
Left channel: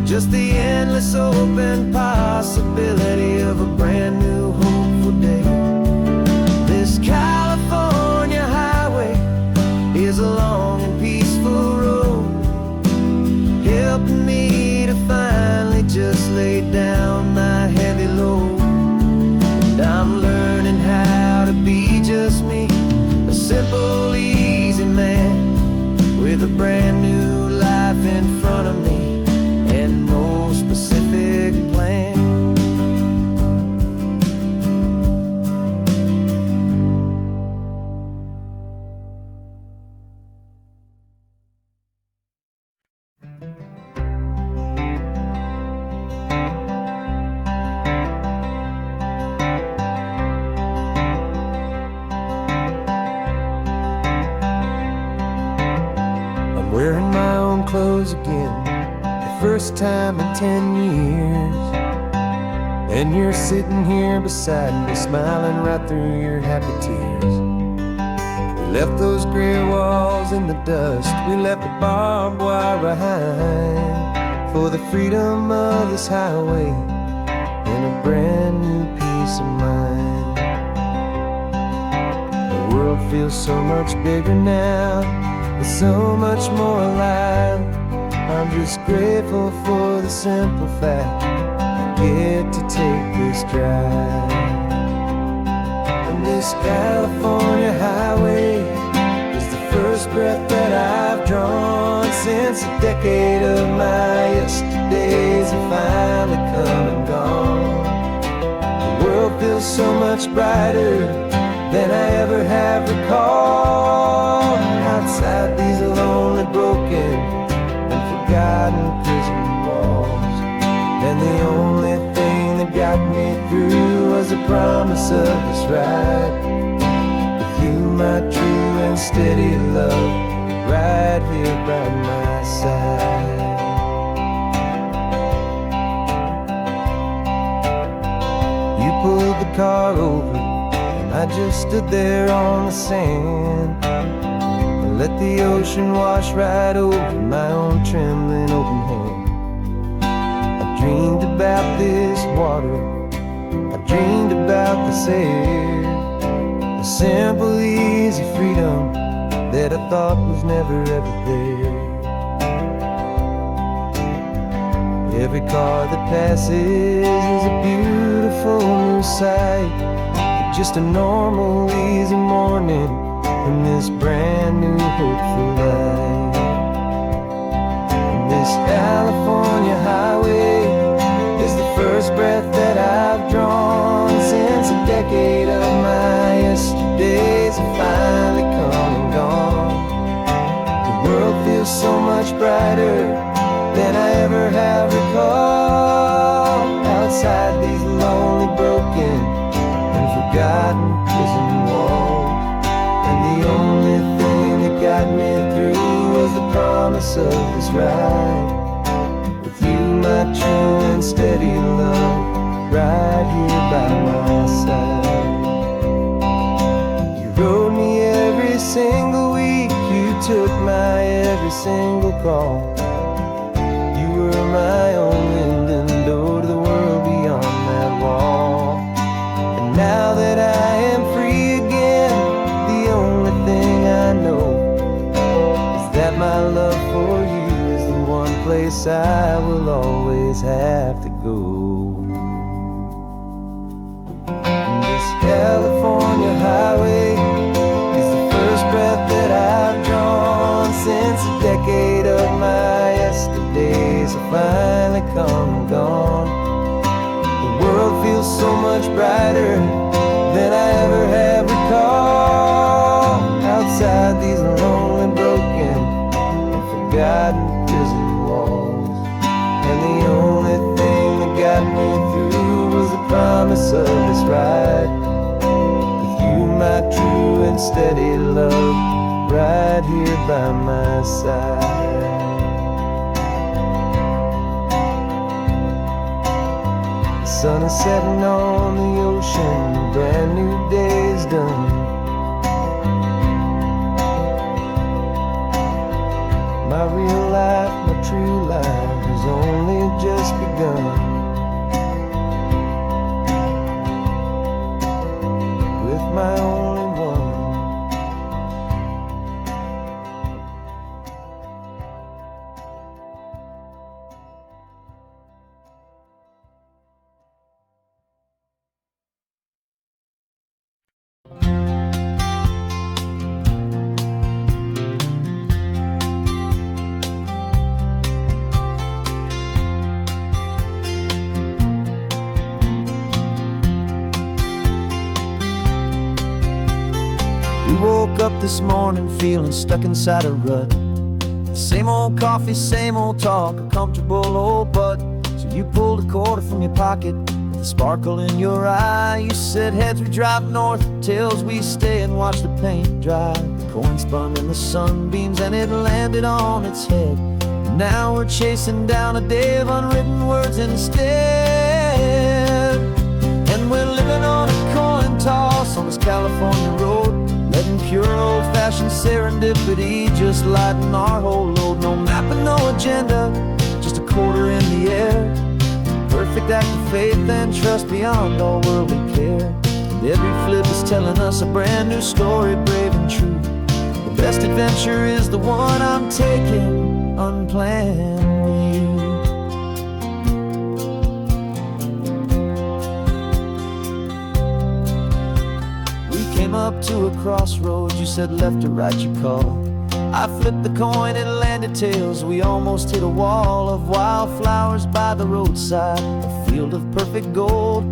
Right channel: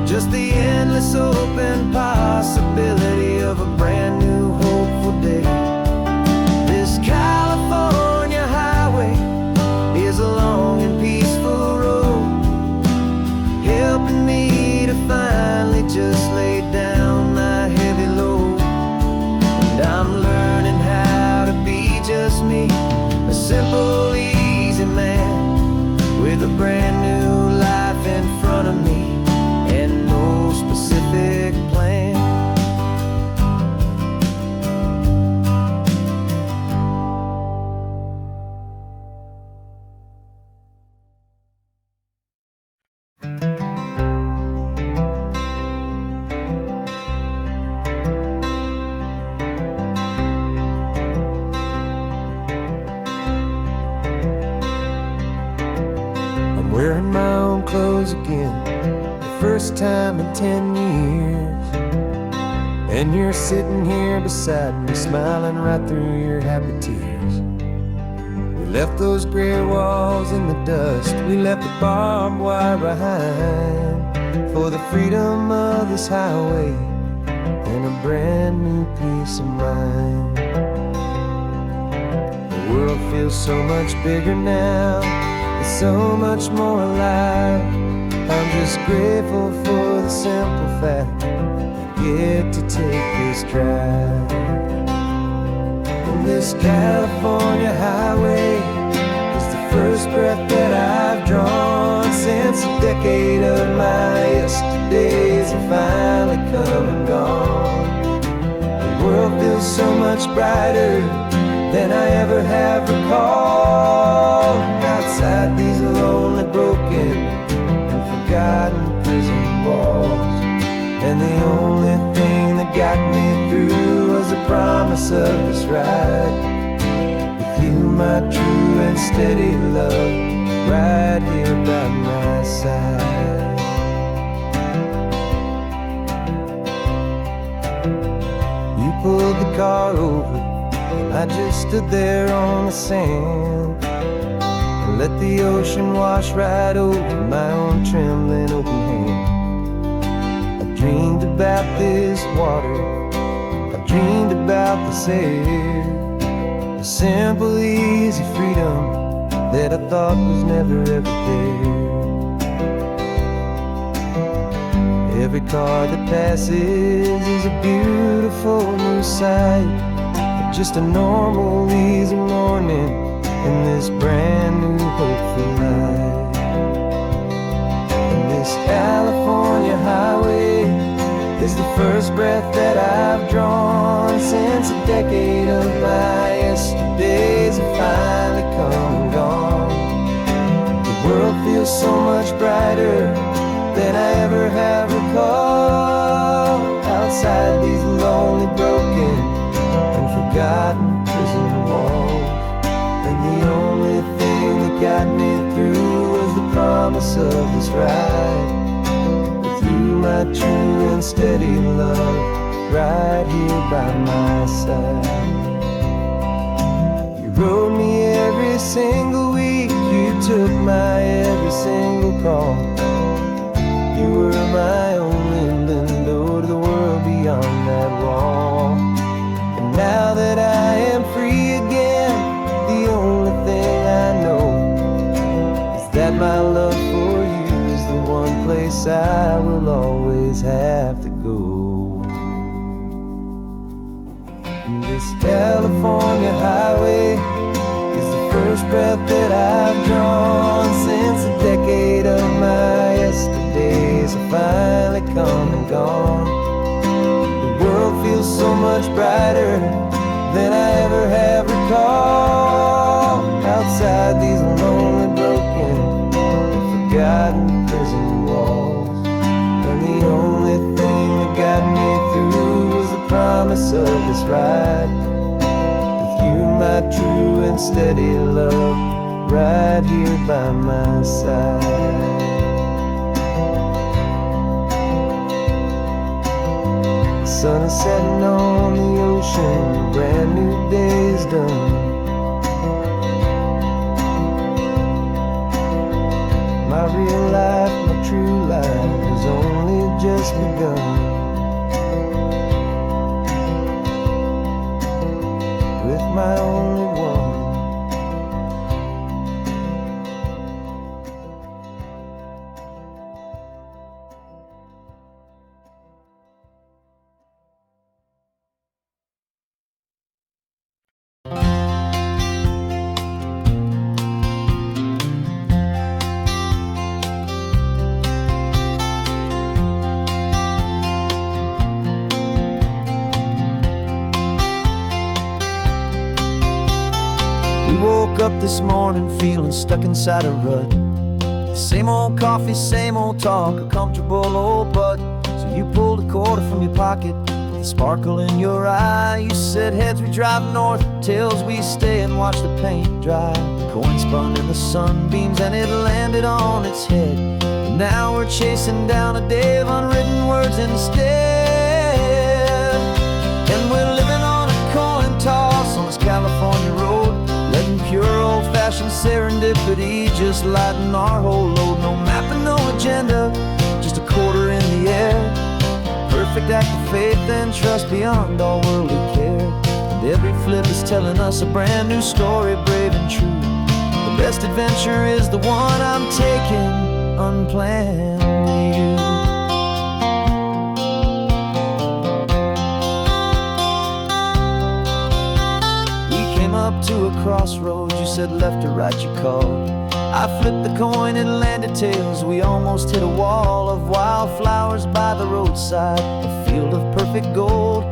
just the endless open possibility of a brand new hopeful day. This California highway is a long and peaceful road, helping me to finally just lay down my heavy load. And I'm learning how to be just me, a simple, easy man with a brand new life in front of me and no specific plan. I'm wearing my own clothes again, first time in 10 years. And you're sitting here beside me, smiling right through your happy tears. We left those gray walls in the dust, we left the barbed wire behind, for the freedom of this highway and a brand new peace of mind. The world feels so much bigger now, it's so much more alive. I'm just grateful for the simple fact I get to take this drive. And this California highway is the first breath that I've drawn since a decade of my yesterdays have finally come and gone. The world feels so much brighter than I ever have recalled. Outside these lonely, broken forgotten prison walls, and the only thing that got me through was the promise of this ride with you, my true and steady love, right here by my side. You pulled the car over and I just stood there on the sand and let the ocean wash right over my own trembling open hand. I dreamed about this water, I dreamed about this air, the simple, easy freedom that I thought was never ever there. Every car that passes is a beautiful new sight, a just a normal, easy morning in this brand new, hopeful life. And this California highway is the first breath that I've drawn since a decade of my yesterdays have finally come and gone. The world feels so much brighter than I ever have recalled. Outside these lonely, broken, and forgotten prison walls. And the only thing that got me through was the promise of this ride. With you, my true and steady love, right here by my side. You rode me every single week, you took my every single call. You were my only window to the world beyond that wall. And now that I am free again, the only thing I know is that my love for you is the one place I will always have to go. And this California highway is the first breath that I've drawn since a decade of my yesterdays have finally come and gone. The world feels so much brighter than I ever have recalled. Outside these lonely, broken, and forgotten prison walls. And the only thing that got me through was the promise of this ride. With you, my true and steady love, right here by my side. The sun is setting on the ocean, a brand new day is done. My real life, my true life has only just begun. With my only one. We woke up this morning feeling stuck inside a rut. The same old coffee, same old talk, a comfortable old butt. So you pulled a quarter from your pocket with a sparkle in your eye. You said, heads we drive north, tails we stay and watch the paint dry. The coin spun in the sunbeams and it landed on its head. And now we're chasing down a day of unwritten words instead. And we're living on a coin toss on this California road, letting pure old-fashioned serendipity just lighten our whole load. No map and no agenda, just a quarter in the air. Perfect act of faith and trust beyond all worldly care. And every flip is telling us a brand new story, brave and true. The best adventure is the one I'm taking, unplanned with you. Came up to a crossroads, you said left or right you called. I flipped the coin, it landed tails. We almost hit a wall of wildflowers by the roadside, a field of perfect gold,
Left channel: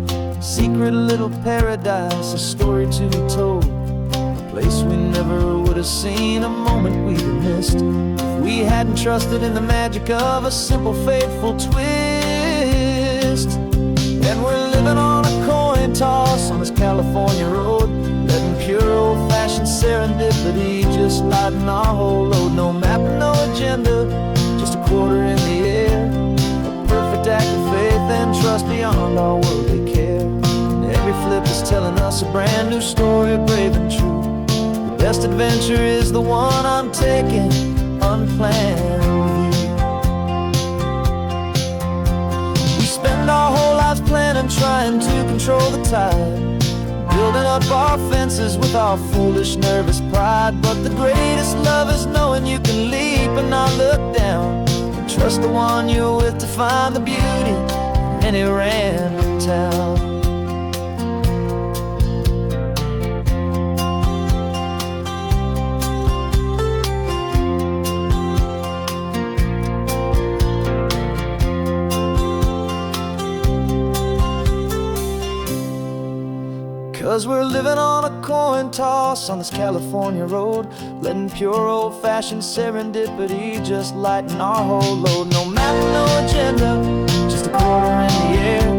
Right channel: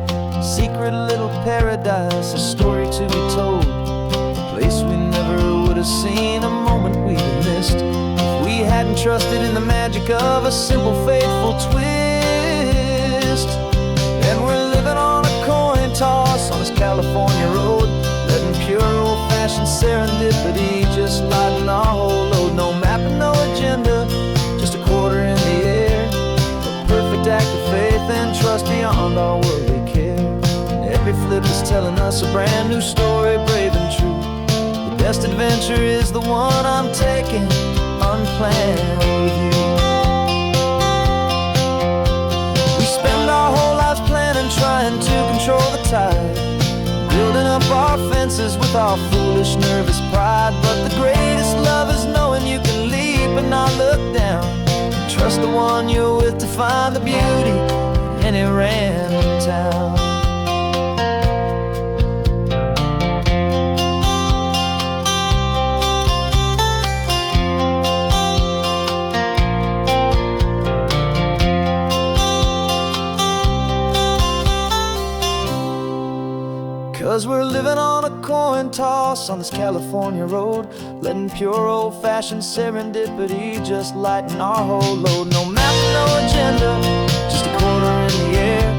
secret little paradise, a story to be told. A place we never would have seen, a moment we'd have missed if we hadn't trusted in the magic of a simple, faithful twist. And we're living on a coin toss on this California road, letting pure old-fashioned serendipity just lighten our whole load. No map and no agenda, just a quarter in the air. A perfect act of faith and trust beyond our worldly care. And every flip is telling us a brand new story, brave and true. The best adventure is the one I'm taking, unplanned with you. We spend our whole lives planning, trying to control the tide, building up our fences with our foolish, nervous pride. But the greatest love is knowing you can leap and not look down, and trust the one you're with to find the beauty in any random town. 'Cause we're living on a coin toss on this California road, letting pure old-fashioned serendipity just lighten our whole load. No map, no agenda, just a quarter in the air,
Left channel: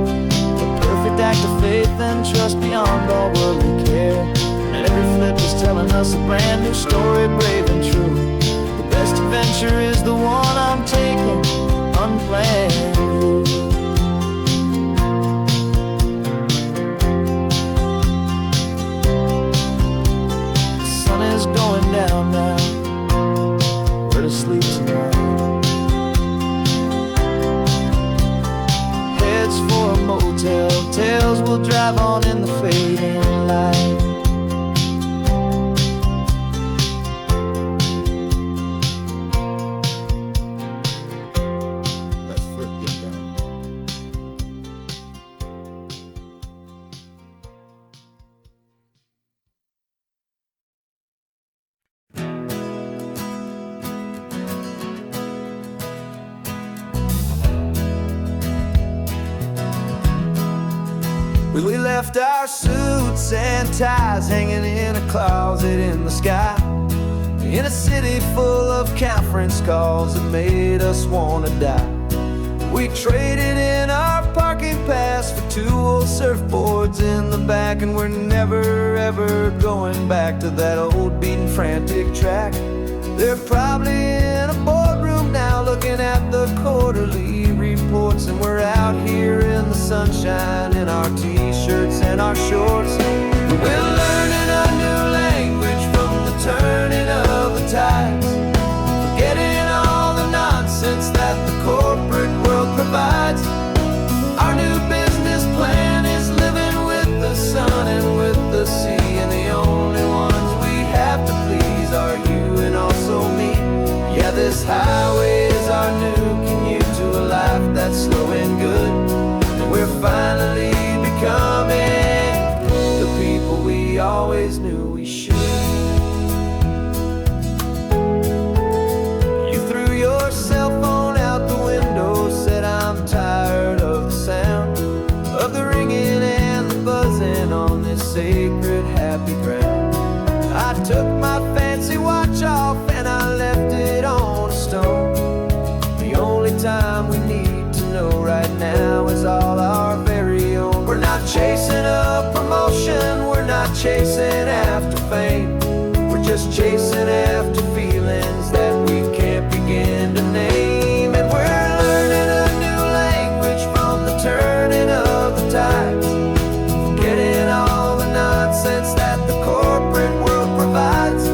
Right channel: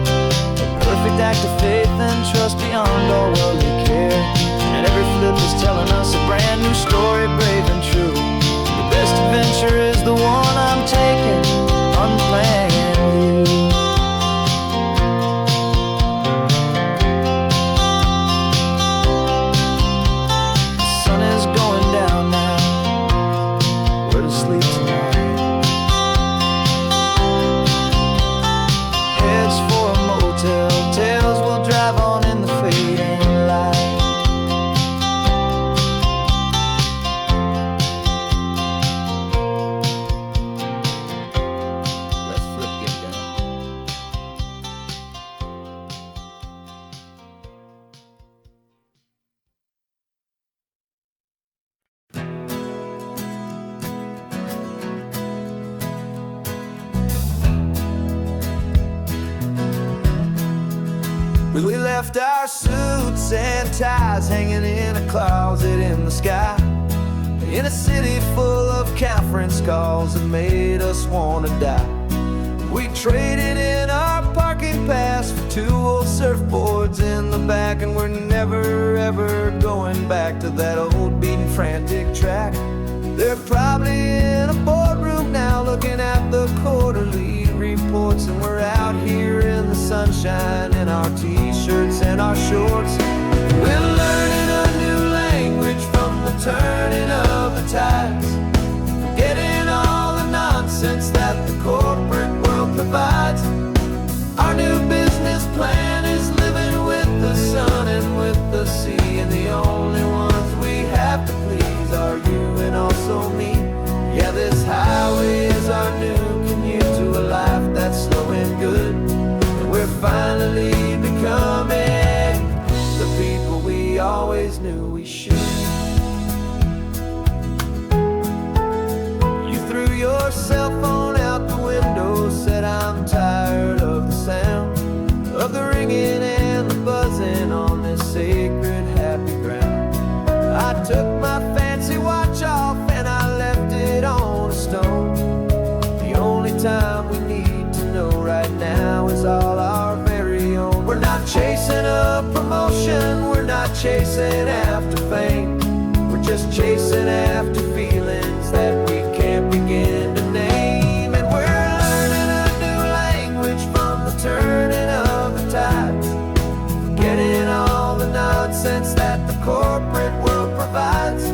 a perfect act of faith and trust beyond all worldly care. And every flip is telling us a brand new story, brave and true. The best adventure is the one I'm taking, unplanned with you. The sun is going down now, where to sleep tonight? Heads for a motel, tails will drive on in the fading light. We left our suits and ties hanging in a closet in the sky, in a city full of conference calls that made us wanna die. We traded in our parking pass for 2 old surfboards in the back, and we're never ever going back to that old beaten frantic track. They're probably in a boardroom now looking at the quarterly reports, and we're out here in the sunshine in our t-shirts and our shorts. We're learning a new language from the turning of the tides, forgetting all the nonsense that the corporate world provides. Our new business plan is living with the sun and with the sea, and the only ones we have to please are you and also me. Yeah, this highway is our new commute to a life that's slow and good, and we're finally becoming the people we always knew we should. You threw your cell phone out the window, said I'm tired of the sound of the ringing and the buzzing on this sacred happy ground. I took my fancy watch off and I left it on a stone. The only time we need to know right now is all our very own. We're not chasing a promotion, we're not chasing after fame, we're just chasing after feelings that we can't begin to name. And we're learning a new language from the turning of the tides, forgetting all the nonsense that the corporate world provides.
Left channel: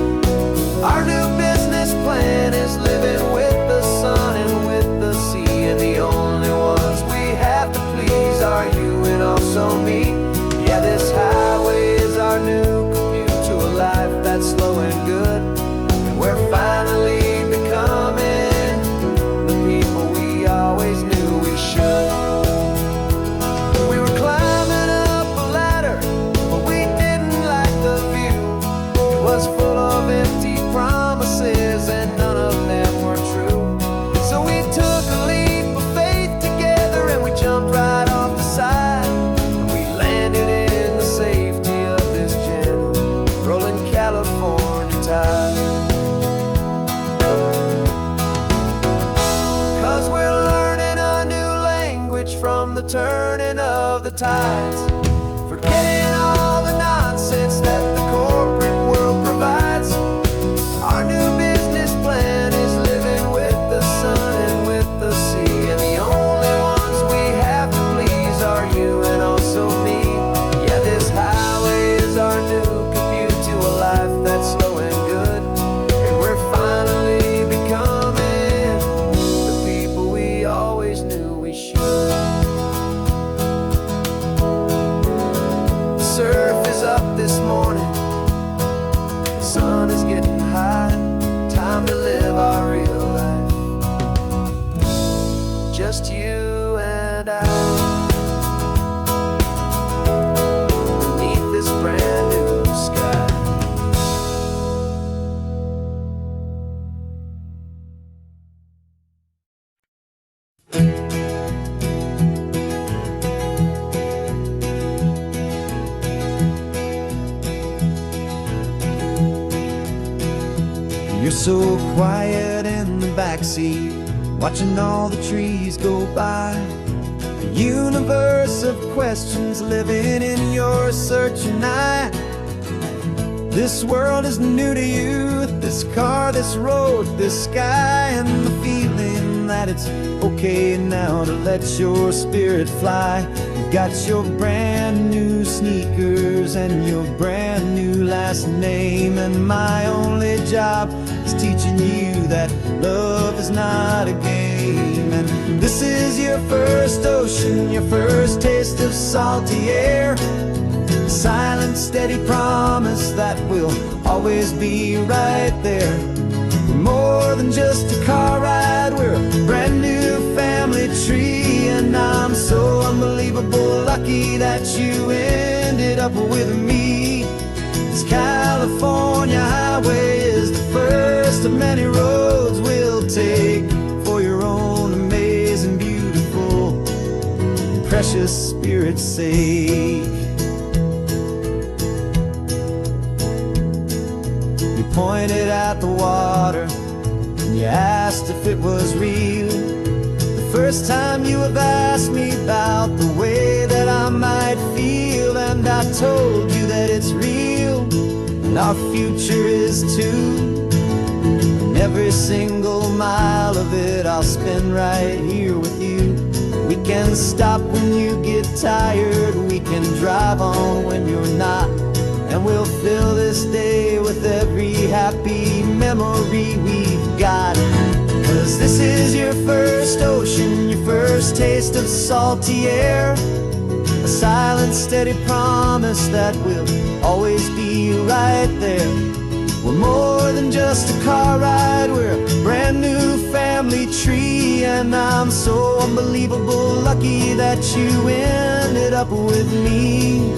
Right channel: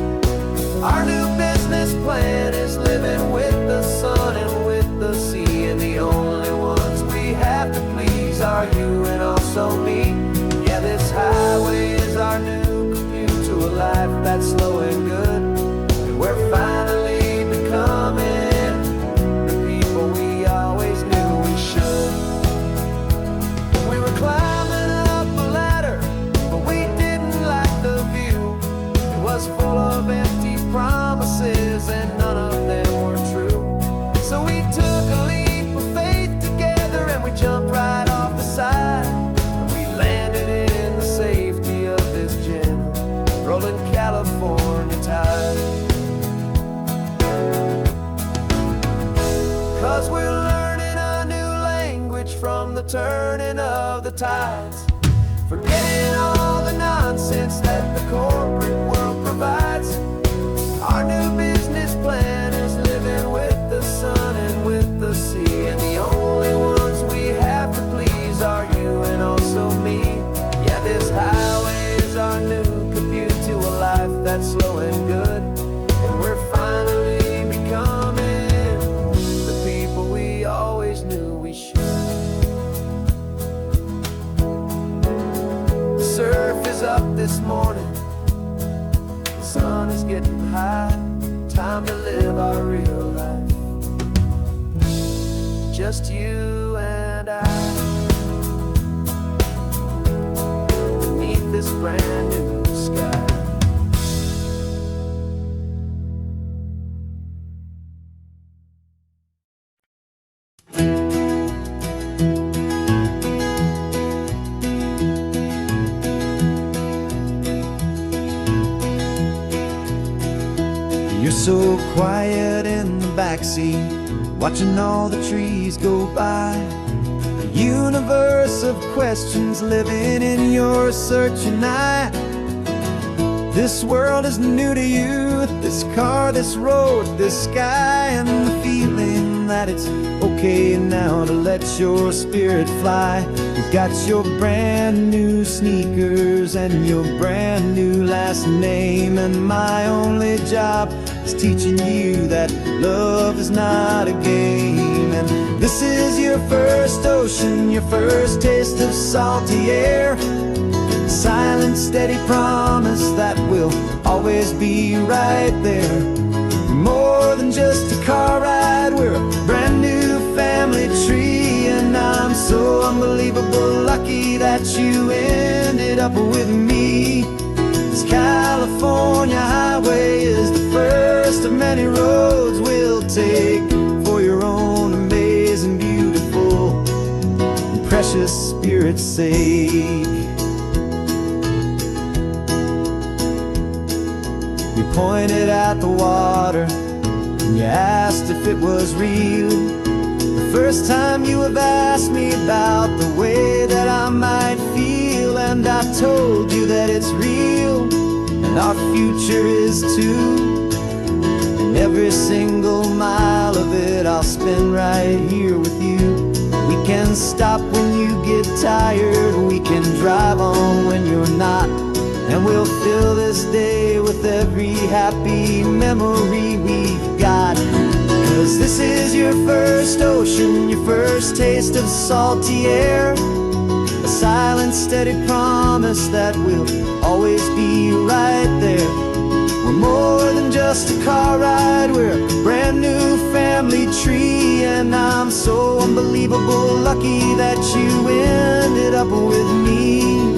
Our new business plan is living with the sun and with the sea, and the only ones we have to please are you and also me. Yeah, this highway is our new commute to a life that's slow and good, and we're finally becoming the people we always knew we should. We were climbing up a ladder, but we didn't like the view. It was full of empty promises and none of them were true. So we took a leap of faith together and we jumped right off the side, and we landed in the safety of this gentle rolling California tide. 'Cause we're learning a new language from the turning of the tides, forgetting all the nonsense that the corporate world provides. Our new business plan is living with the sun and with the sea, and the only ones we have to please are you and also me. Yeah, this highway is our new commute to a life that's slow and good, and we're finally becoming the people we always knew we should. The surf is up this morning, the sun is getting high, time to live our real life, just you and I, beneath this brand new sky. You're so quiet in the backseat, watching all the trees go by. A universe of questions living in your searching eye. This world is new to you, this car, this road, this sky, and the feeling that it's okay now to let your spirit fly. You've got your brand new sneakers and your brand new last name, and my only job is teaching you that love is not a game. And this is your first ocean, your first taste of salty air. Silent, steady promise that we'll always be right there. We're more than just a car ride, we're a brand new family tree. And I'm so unbelievable lucky that you ended up with me. This California highway is the first of many roads we'll take for your own amazing, beautiful, and precious spirit's sake. You pointed at the water and you asked if it was real. The first time you have asked me about the way that I might feel, and I told you that it's real and our future is too. And every single mile of it I'll spend right here with you. We can stop when you get tired, we can drive on when you're not, and we'll fill this day with every happy memory we've got. 'Cause this is your first ocean, your first taste of salty air. A silent, steady promise that we'll always be right there. We're more than just a car ride, we're a brand new family tree. And I'm so unbelievable lucky that you ended up with me.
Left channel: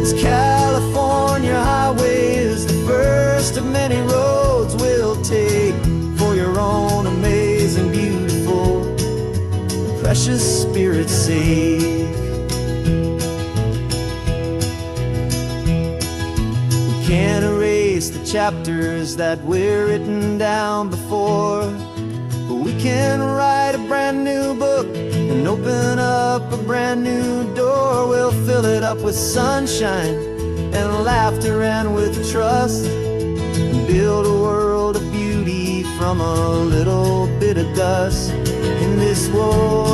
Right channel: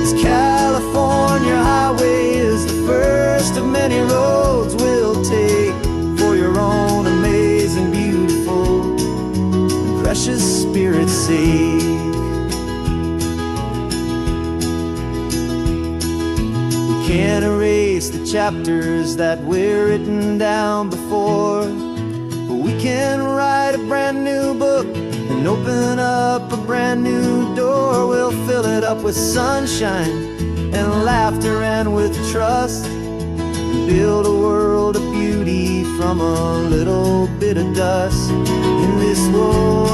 This California highway is the first of many roads we'll take for your own amazing, beautiful, and precious spirit's sake. We can't erase the chapters that we're written down before, but we can write a brand new book and open up a brand new door. We'll fill it up with sunshine and laughter and with trust, and build a world of beauty from a little bit of dust. In this world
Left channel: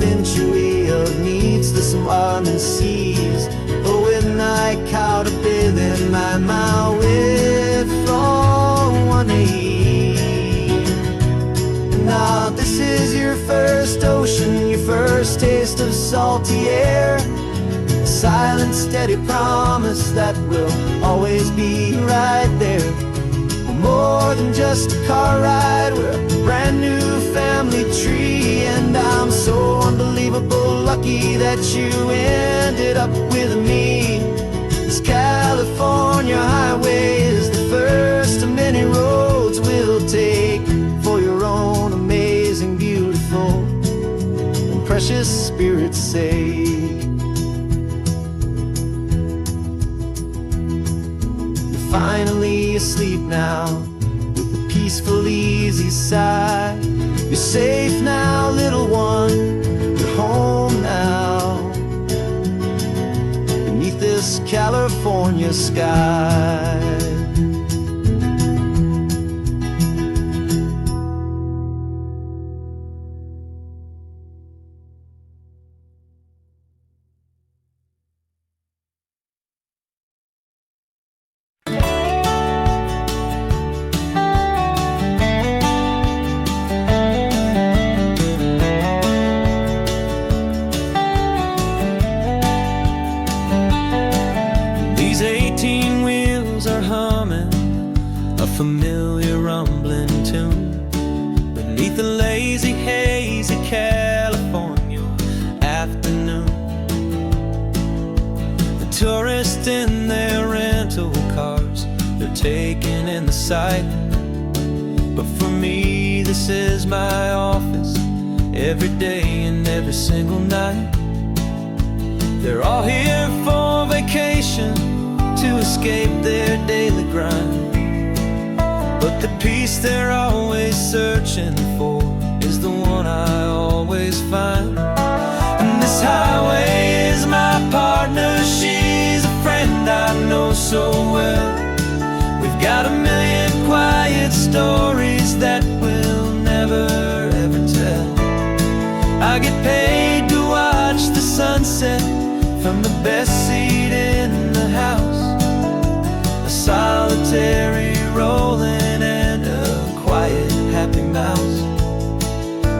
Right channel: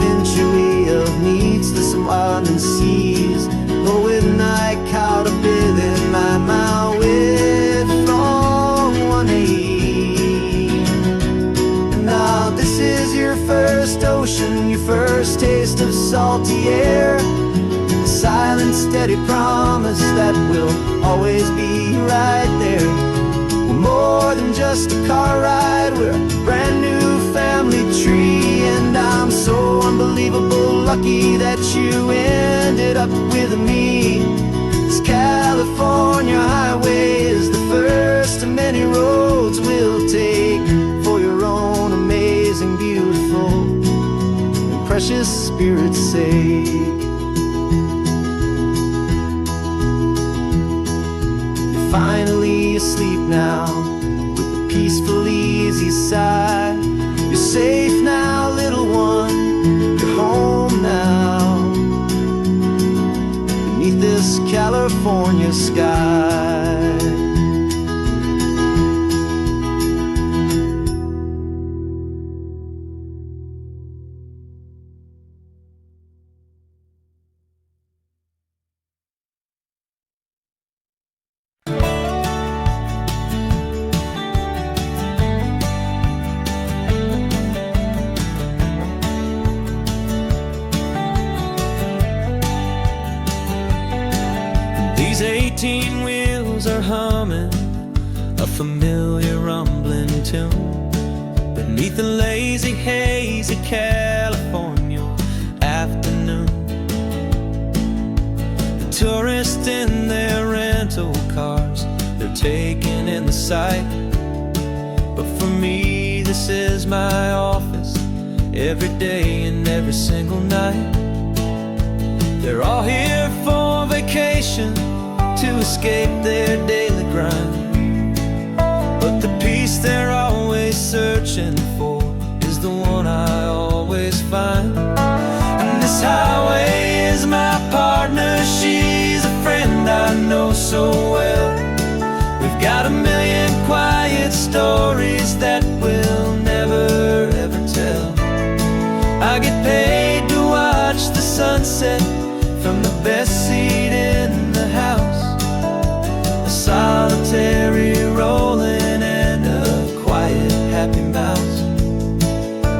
century of needs to some and seas, but with night caught a bit in my way from one aim. And now this is your first ocean, your first taste of salty air. A silent, steady promise that we'll always be right there. We're more than just a car ride, we're a brand new family tree. And I'm so unbelievable lucky that you ended up with me. This California highway is the first of many roads we'll take for your own amazing, beautiful, and precious spirit's sake. You're finally asleep now with a peaceful, easy sigh. You're safe now, little one, you're home now, beneath this California sky. These 18 wheels are humming a familiar rumbling tune beneath the lazy haze of California afternoon. The tourists in their rental cars, they're taking in the sight. But for me, this is my office every day and every single night. They're all here for vacation to escape their daily grind, but the place they're always searching for is the one I always find. And this highway is my partner, she's a friend I know so well. We've got a million quiet stories that we'll never ever tell. I get paid to watch the sunset from the best seat in the house. A solitary rolling and a quiet happy mouse.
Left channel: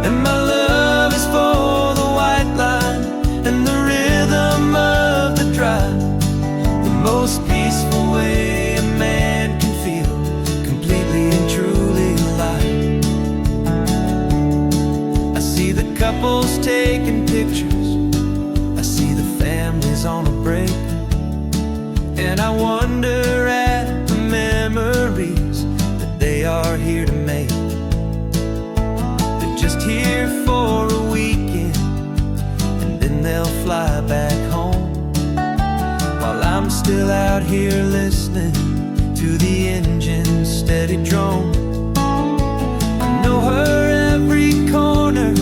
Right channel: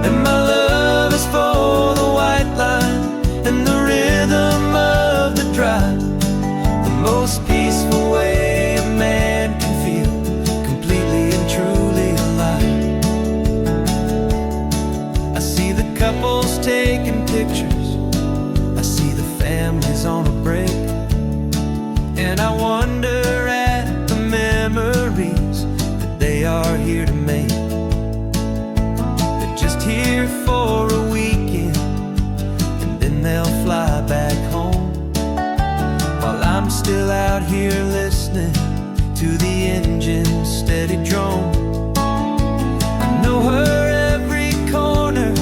And my love is for the white line and the rhythm of the drive. The most peaceful way a man can feel completely and truly alive. I see the couples taking pictures, I see the families on a break, and I wonder at the memories that they are here to make. They're just here for a weekend and then they'll fly back home, while I'm still out here listening to the engine's steady drone. I know her every corner,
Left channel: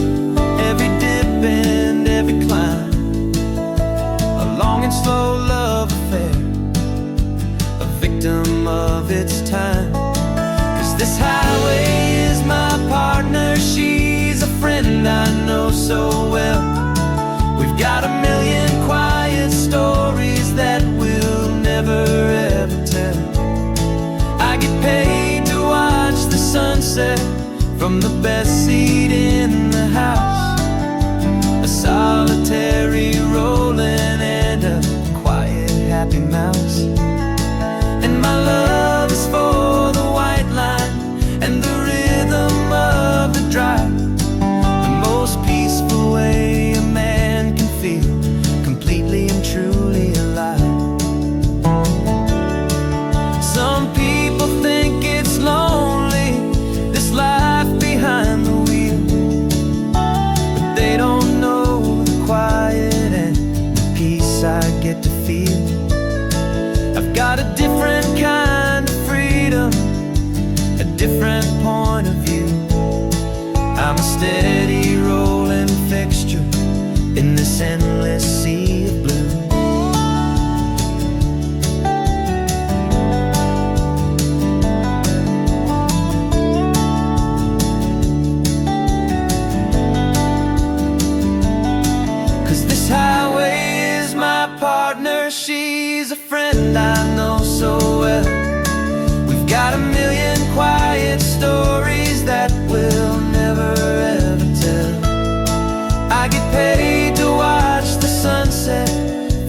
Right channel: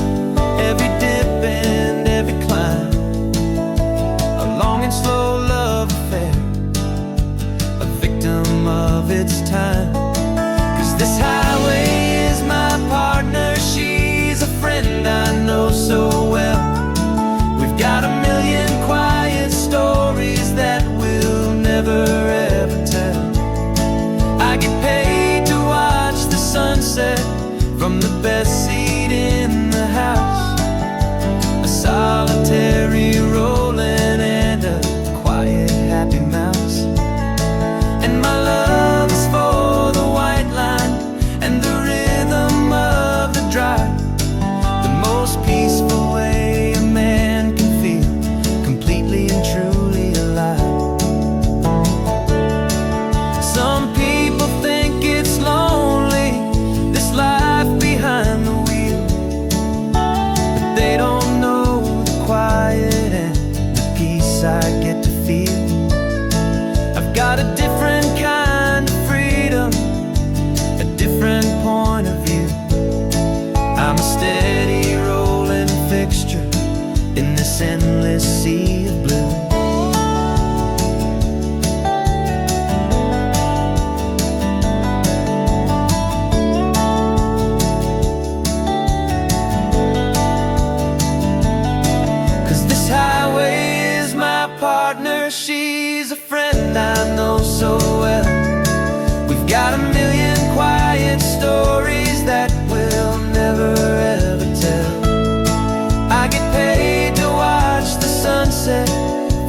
every dip and every climb. A long and slow love affair, a victim of its time. 'Cause this highway is my partner, she's a friend I know so well. We've got a million quiet stories that we'll never ever tell. I get paid to watch the sunset from the best seat in the house. A solitary rolling and a quiet happy mouse. And my love is for the white line and the rhythm of the drive. The most peaceful way a man can feel completely and truly alive. Some people think it's lonely, this life behind the wheel, but they don't know the quiet and the peace I get to feel. I've got a different kind of freedom, a different point of view. I'm a steady rolling fixture in this endless sea of blue. 'Cause this highway is my partner, she's a friend I know so well. We've got a million quiet stories that we'll never ever tell. I get paid to watch the sunset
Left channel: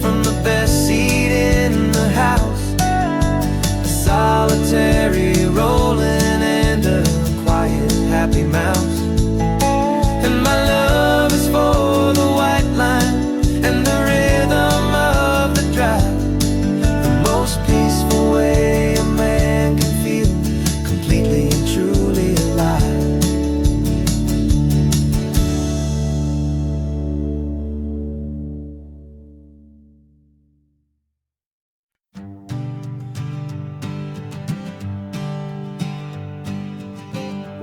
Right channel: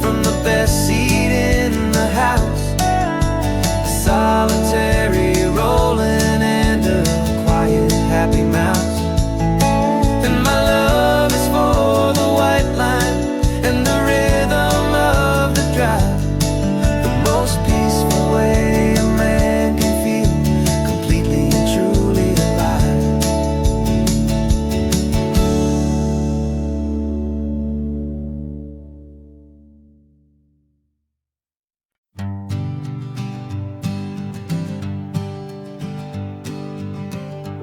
from the best seat in the house. A solitary rolling and a quiet happy mouse. And my love is for the white line and the rhythm of the drive. The most peaceful way a man can feel completely and truly alive.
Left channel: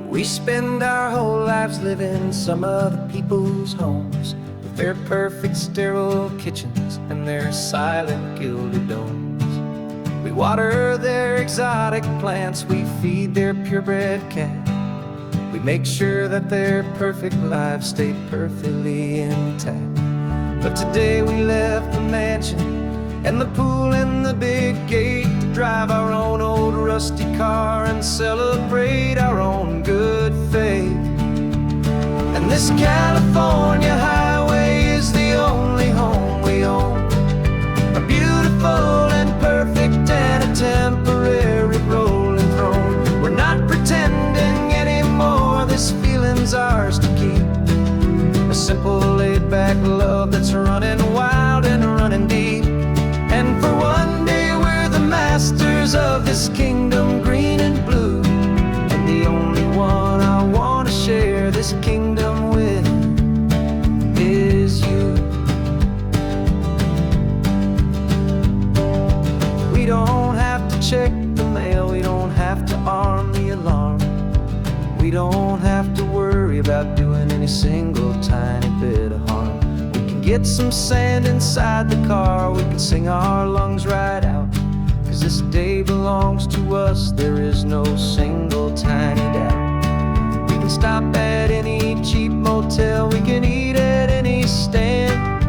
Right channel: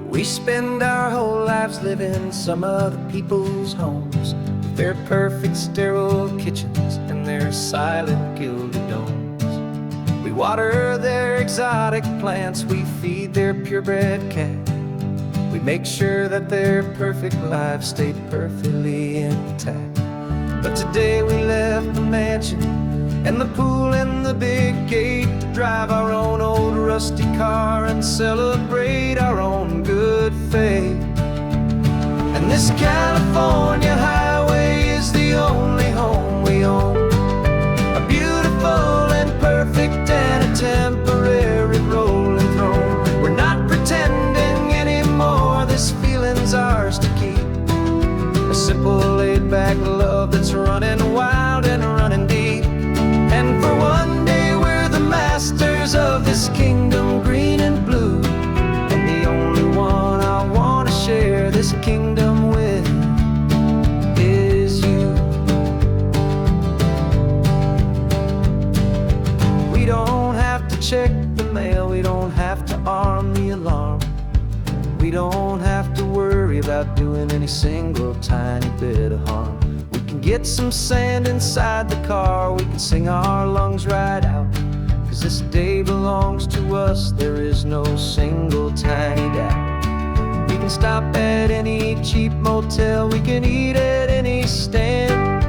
We spend our whole lives living some other people's homes, with their perfect sterile kitchens and their silent gilded domes. We water their exotic plants, we feed their purebred cat. We make sure that their perfect lives stay perfectly intact. But today we left the mansion and the pool and the big gate to drive our own old rusty car and celebrate our own good faith. And this California highway is the only home we own, a beautiful and perfect and a temporary rolling throne. We're not pretending anymore, this feeling's ours to keep. A simple laid-back love that's running wild and running deep. And for one day we're the masters of this kingdom green and blue, and the only one I want to share this kingdom with is you. We don't have to check the mail, we don't have to arm the alarm. We don't have to worry about doing any single tiny bit of harm. We can get some sand inside the car, we can sing our lungs right out. 'Cause this day belongs to us, there is no single tiny doubt. We can stop at any cheap motel, we can eat at any stand.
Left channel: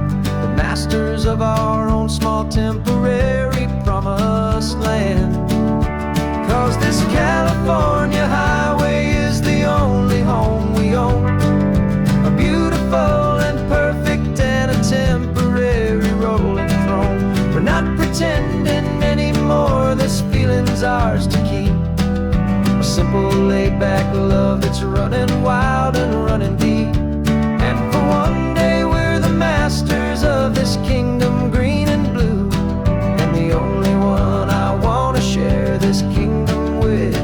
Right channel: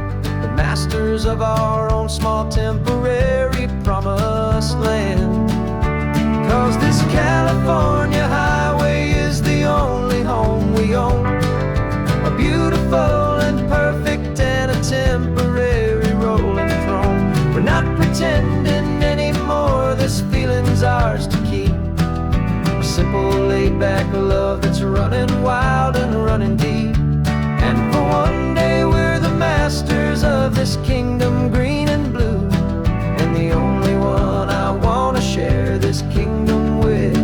The masters of our own small temporary promised land. 'Cause this California highway is the only home we own. A beautiful and perfect and a temporary rolling throne. We're not pretending anymore, this feeling's ours to keep. A simple laid-back love that's running wild and running deep. And for one day we're the masters of this kingdom green and blue. And the only one I want to share this kingdom with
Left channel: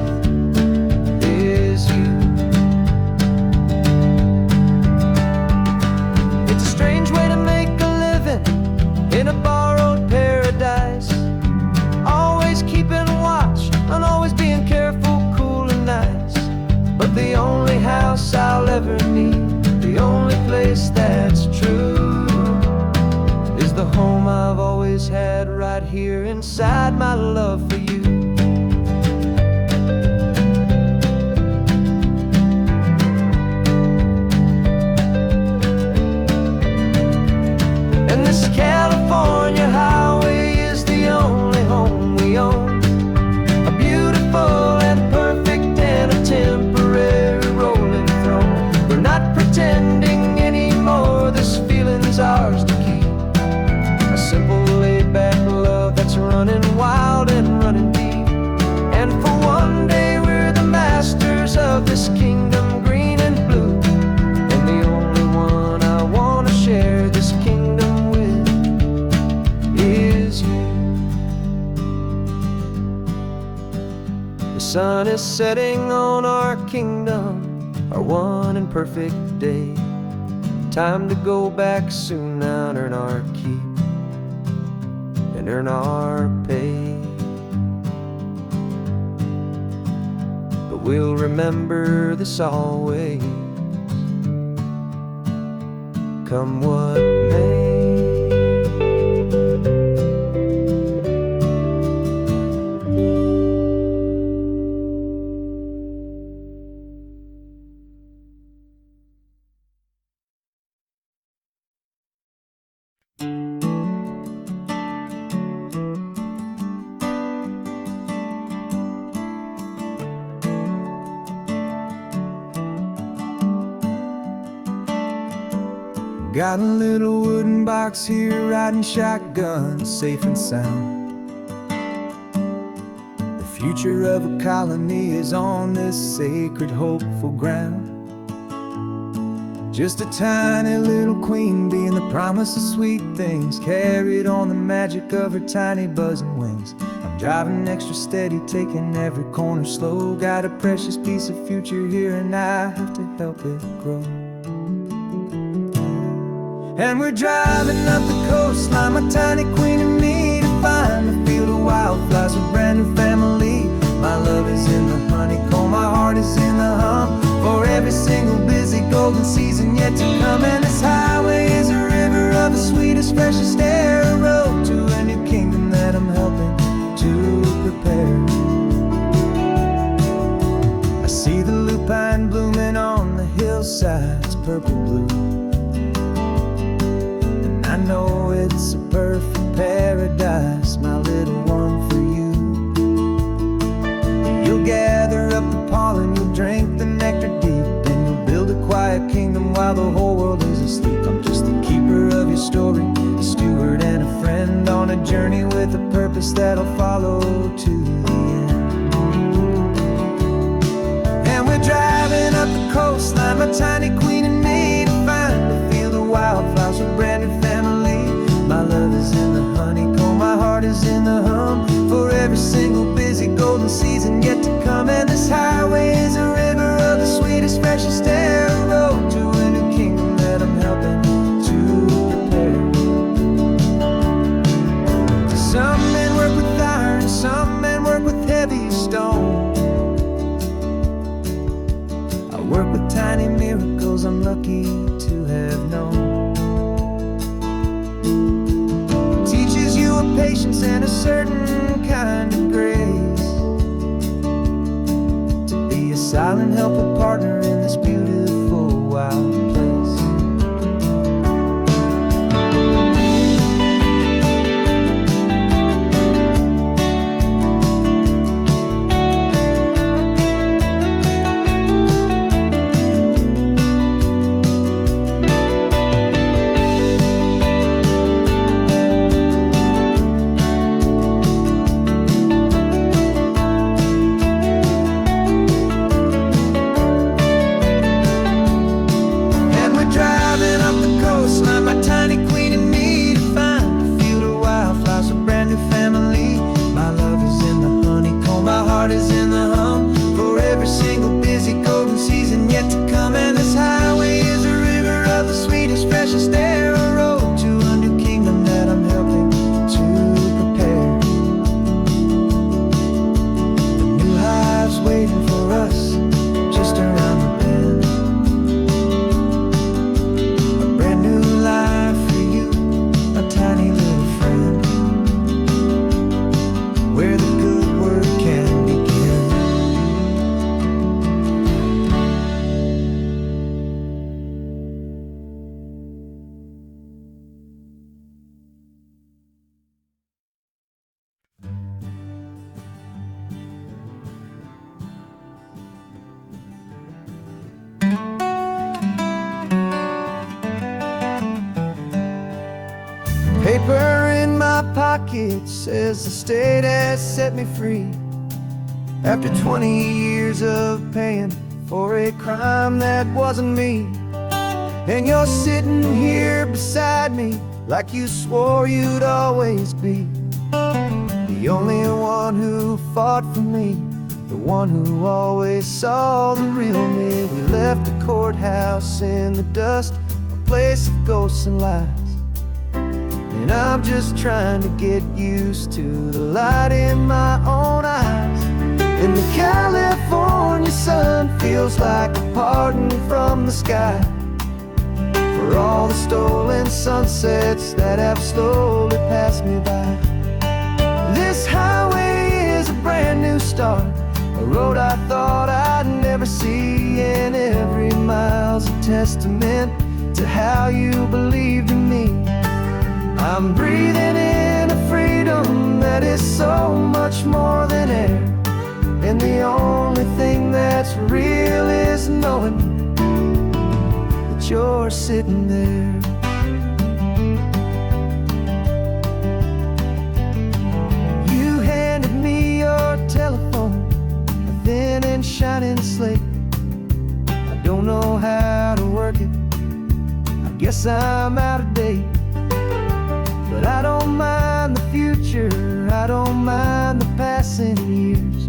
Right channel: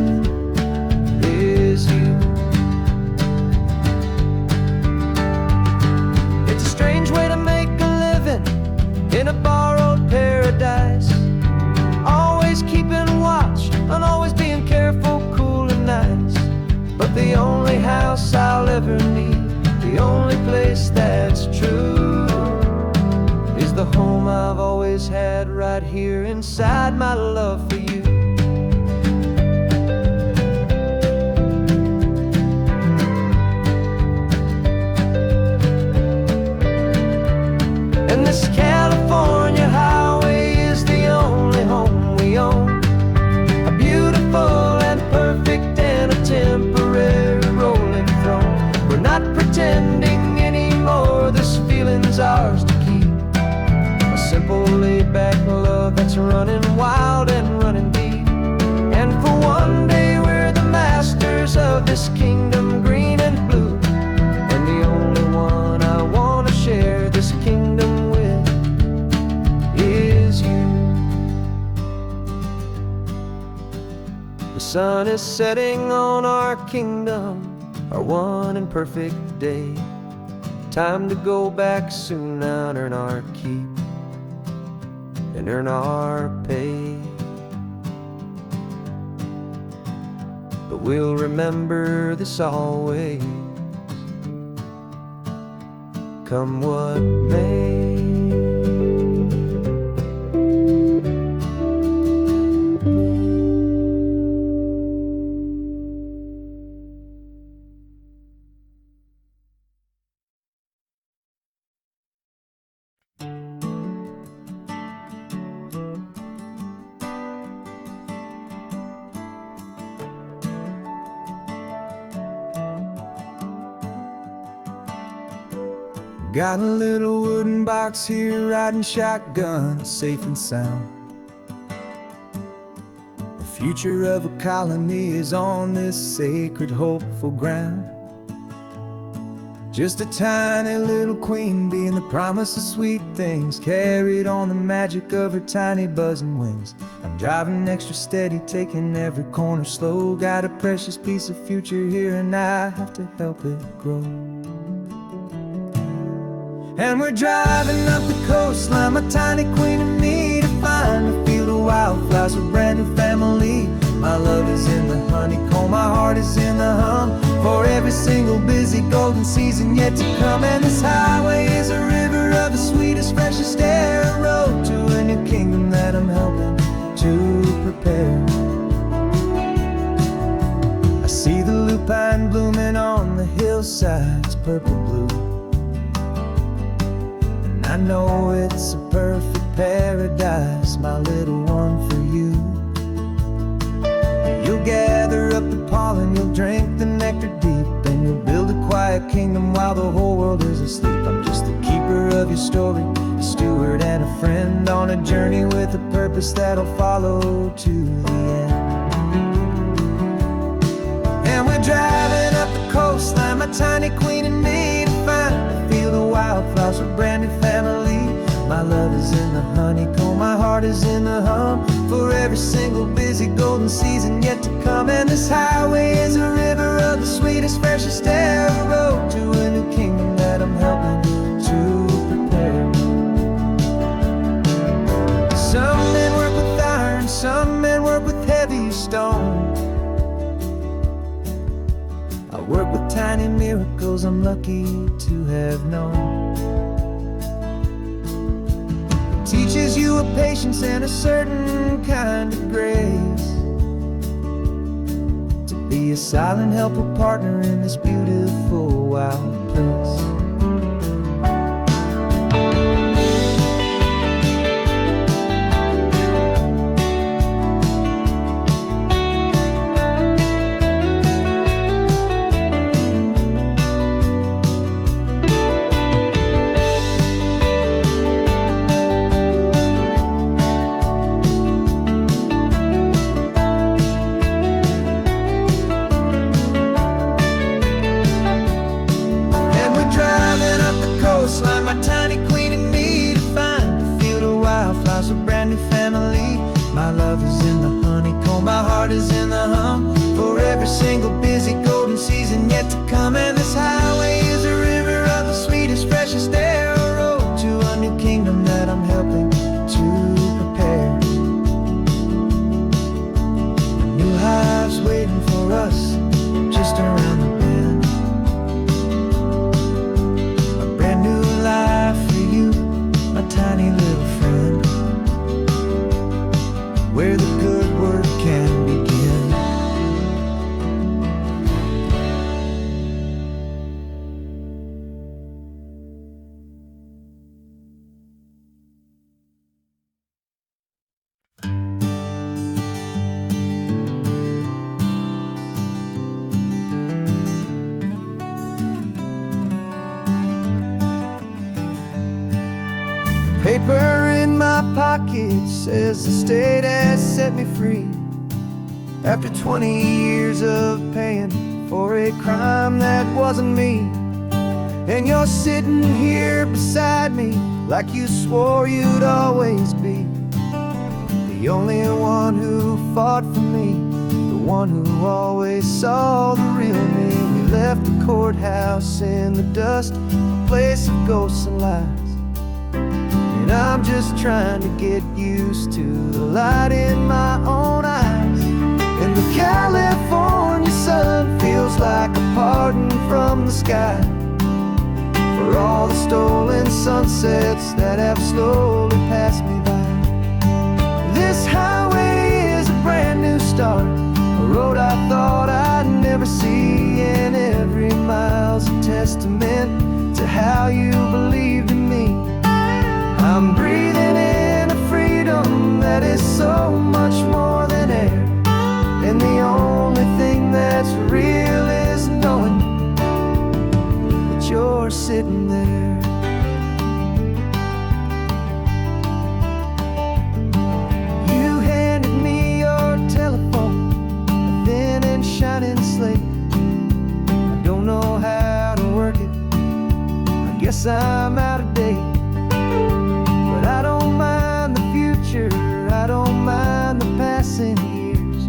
is you. It's a strange way to make a living in a borrowed paradise. Always keeping watch and always being careful, cool and nice. But the only house I'll ever need, the only place that's true, is the home I've always had right here inside my love for you. And this California highway is the only home we own. A beautiful and perfect and a temporary rolling throne. We're not pretending anymore, this feeling's ours to keep. A simple laid-back love that's running wild and running deep. And for one day we're the masters of this kingdom green and blue. And the only one I want to share this kingdom with is you. The sun is setting on our kingdom, our one and perfect day. Time to go back soon now and earn our keep and earn our pay. But we'll remember this always, come what may. Got a little wooden box here, riding shotgun, safe and sound. The future of a colony is on this sacred, hopeful ground. Just a tiny little queen bee and the promise of sweet things, carried on the magic of her tiny buzzing wings. I'm driving extra steady, taking every corner slow. Got a precious piece of future here and I have to help it grow. And we're driving up the coastline, my tiny queen and me, to find a field of wildflowers with brand new family. My love is in the honeycomb, my heart is in the hum, for every single busy golden season yet to come. And this highway is a river of the sweetest, freshest air, a road to a new kingdom that I'm helping to prepare. I see the lupine blooming on the hillsides, purple blue. I know it's a perfect paradise, my little one, for you. You'll gather up the pollen, you'll drink the nectar deep, and you'll build a quiet kingdom while the whole world is asleep. I'm just the keeper of your story, a steward and a friend, on a journey with a purpose that'll follow to the end. And we're driving up the coastline, my tiny queen and me, to find a field of wildflowers with brand new family. My love is in the honeycomb, my heart is in the hum, for every single busy golden season yet to come. And this highway is a river of the sweetest, freshest air, a road to a new kingdom that I'm helping to prepare. Some men work with iron, some men work with heavy stone. work with tiny miracles I'm lucky to have known. It teaches you a patience and a certain kind of grace, to be a silent helper partner in this beautiful wild place. Driving up the coastline, my tiny queen and me, to find a field of wildflowers, a brand new family. My love is in the honeycomb, my heart is in the hum, for every single busy golden season yet to come. And this highway is a river of the sweetest, freshest air, a road to a new kingdom that I'm helping to prepare. The new hive's waiting for us just around the bend. Brand new life for you, my tiny little friend, where the good work can begin. Paper in my pocket says the state has set me free, after 20 years of paying for a crime that wasn't me. And you're sitting here beside me like you swore you'd always be, the only one who fought for me, the one who always saw the real me. We left the courthouse in the dust, a place of ghosts and lies, and I'm just trying to get used to the light in my own eyes. And the California sun feels like a pardon from the sky, for all the stolen sunsets that have slowly passed me by. This highway is a brand new start, a road I thought I'd never see, and every mile's a testament to how you believed in me. I'm breathing in a freedom that is so much more than air, and the only thing that's real is knowing that you're sitting there. You handed me your telephone, a thin and shining slate. I don't know how to work it, I guess I'm out of date. But I don't mind the future, I don't mind the passing years,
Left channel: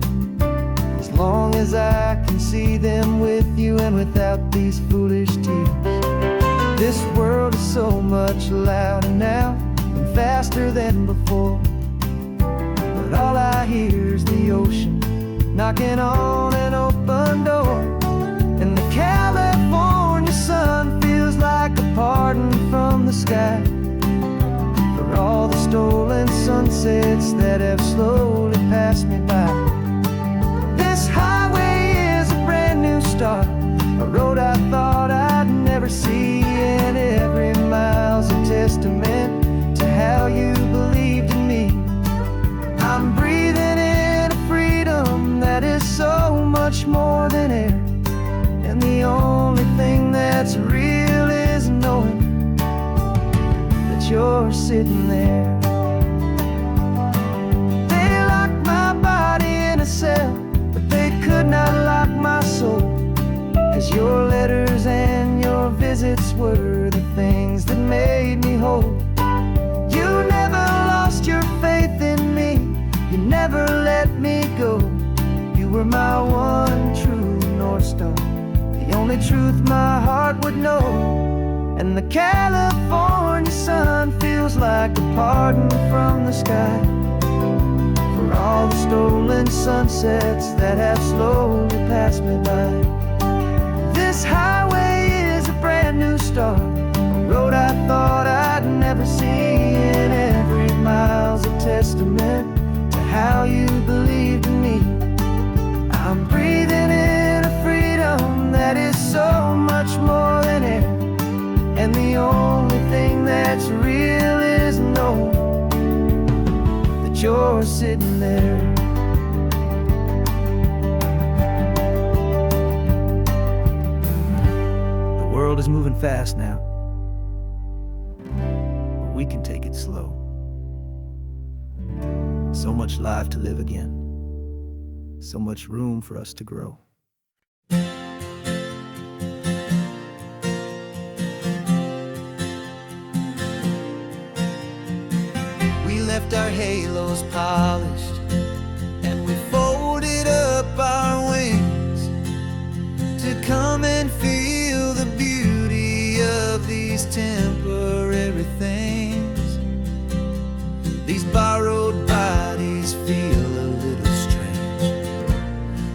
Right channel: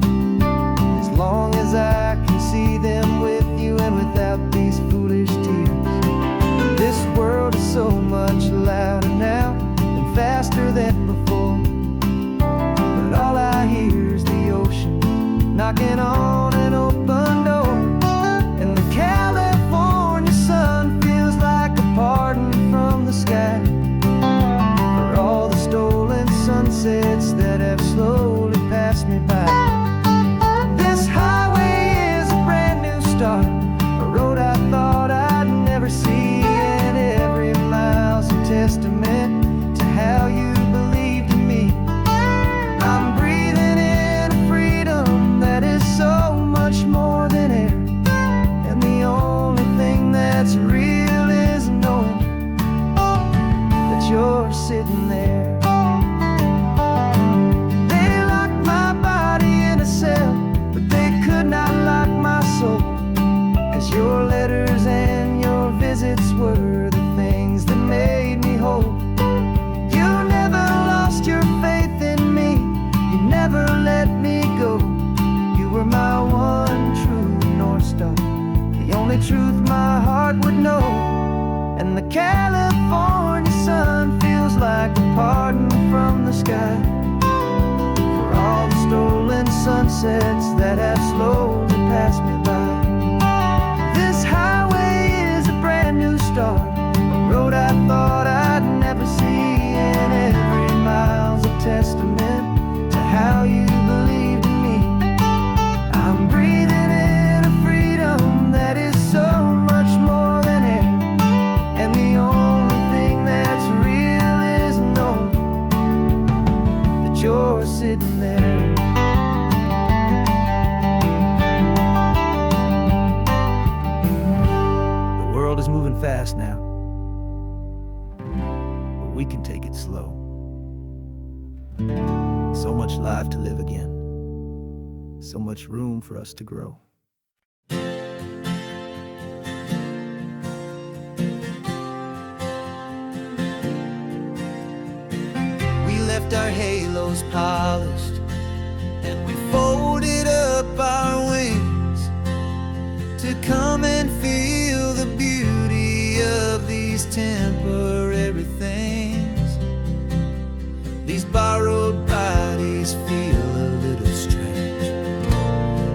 as long as I can see them with you and without these foolish tears. This world is so much louder now and faster than before, but all I hear is the ocean knocking on an open door. And the California sun feels like a pardon from the sky, for all the stolen sunsets that have slowly passed me by. This highway is a brand new start, a road I thought I'd never see, and every mile's a testament to how you believed in me. I'm breathing in a freedom that is so much more than air, and the only thing that's real is knowing that you're sitting there. They locked my body in a cell, but they could not lock my soul, 'cause your letters and your visits were the things that made me whole. You never lost your faith in me, you never let me go. You were my one true North Star, the only truth my heart would know. And the California sun feels like a pardon from the sky, for all the stolen sunsets that have slowly passed me by. this highway is a brand new start, a road I thought I'd never see, and every mile's a testament to how you believed in me. I'm breathing in a freedom that is so much more than air, and the only thing that's real is knowing that you're sitting there. The world is moving fast now, but we can take it slow. So much life to live again, so much room for us to grow. We left our halos polished, and we folded up our wings to come and feel the beauty of these temporary things. These borrowed bodies feel a little strange,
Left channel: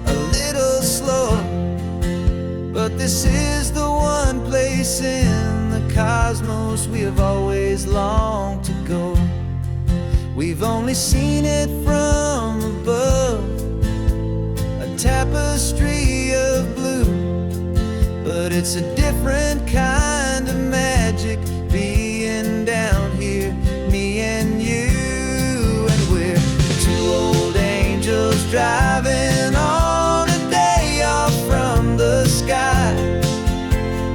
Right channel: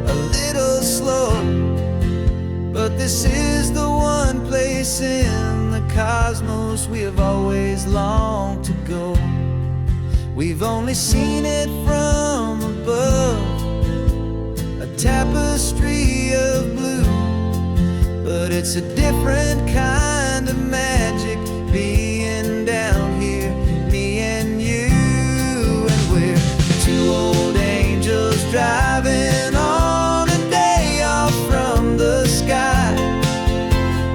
a little slow, but this is the one place in the cosmos we have always longed to go. We've only seen it from above, a tapestry of blue, but it's a different kind of magic being down here, me and you. And we're two old angels driving on a day off from the sky,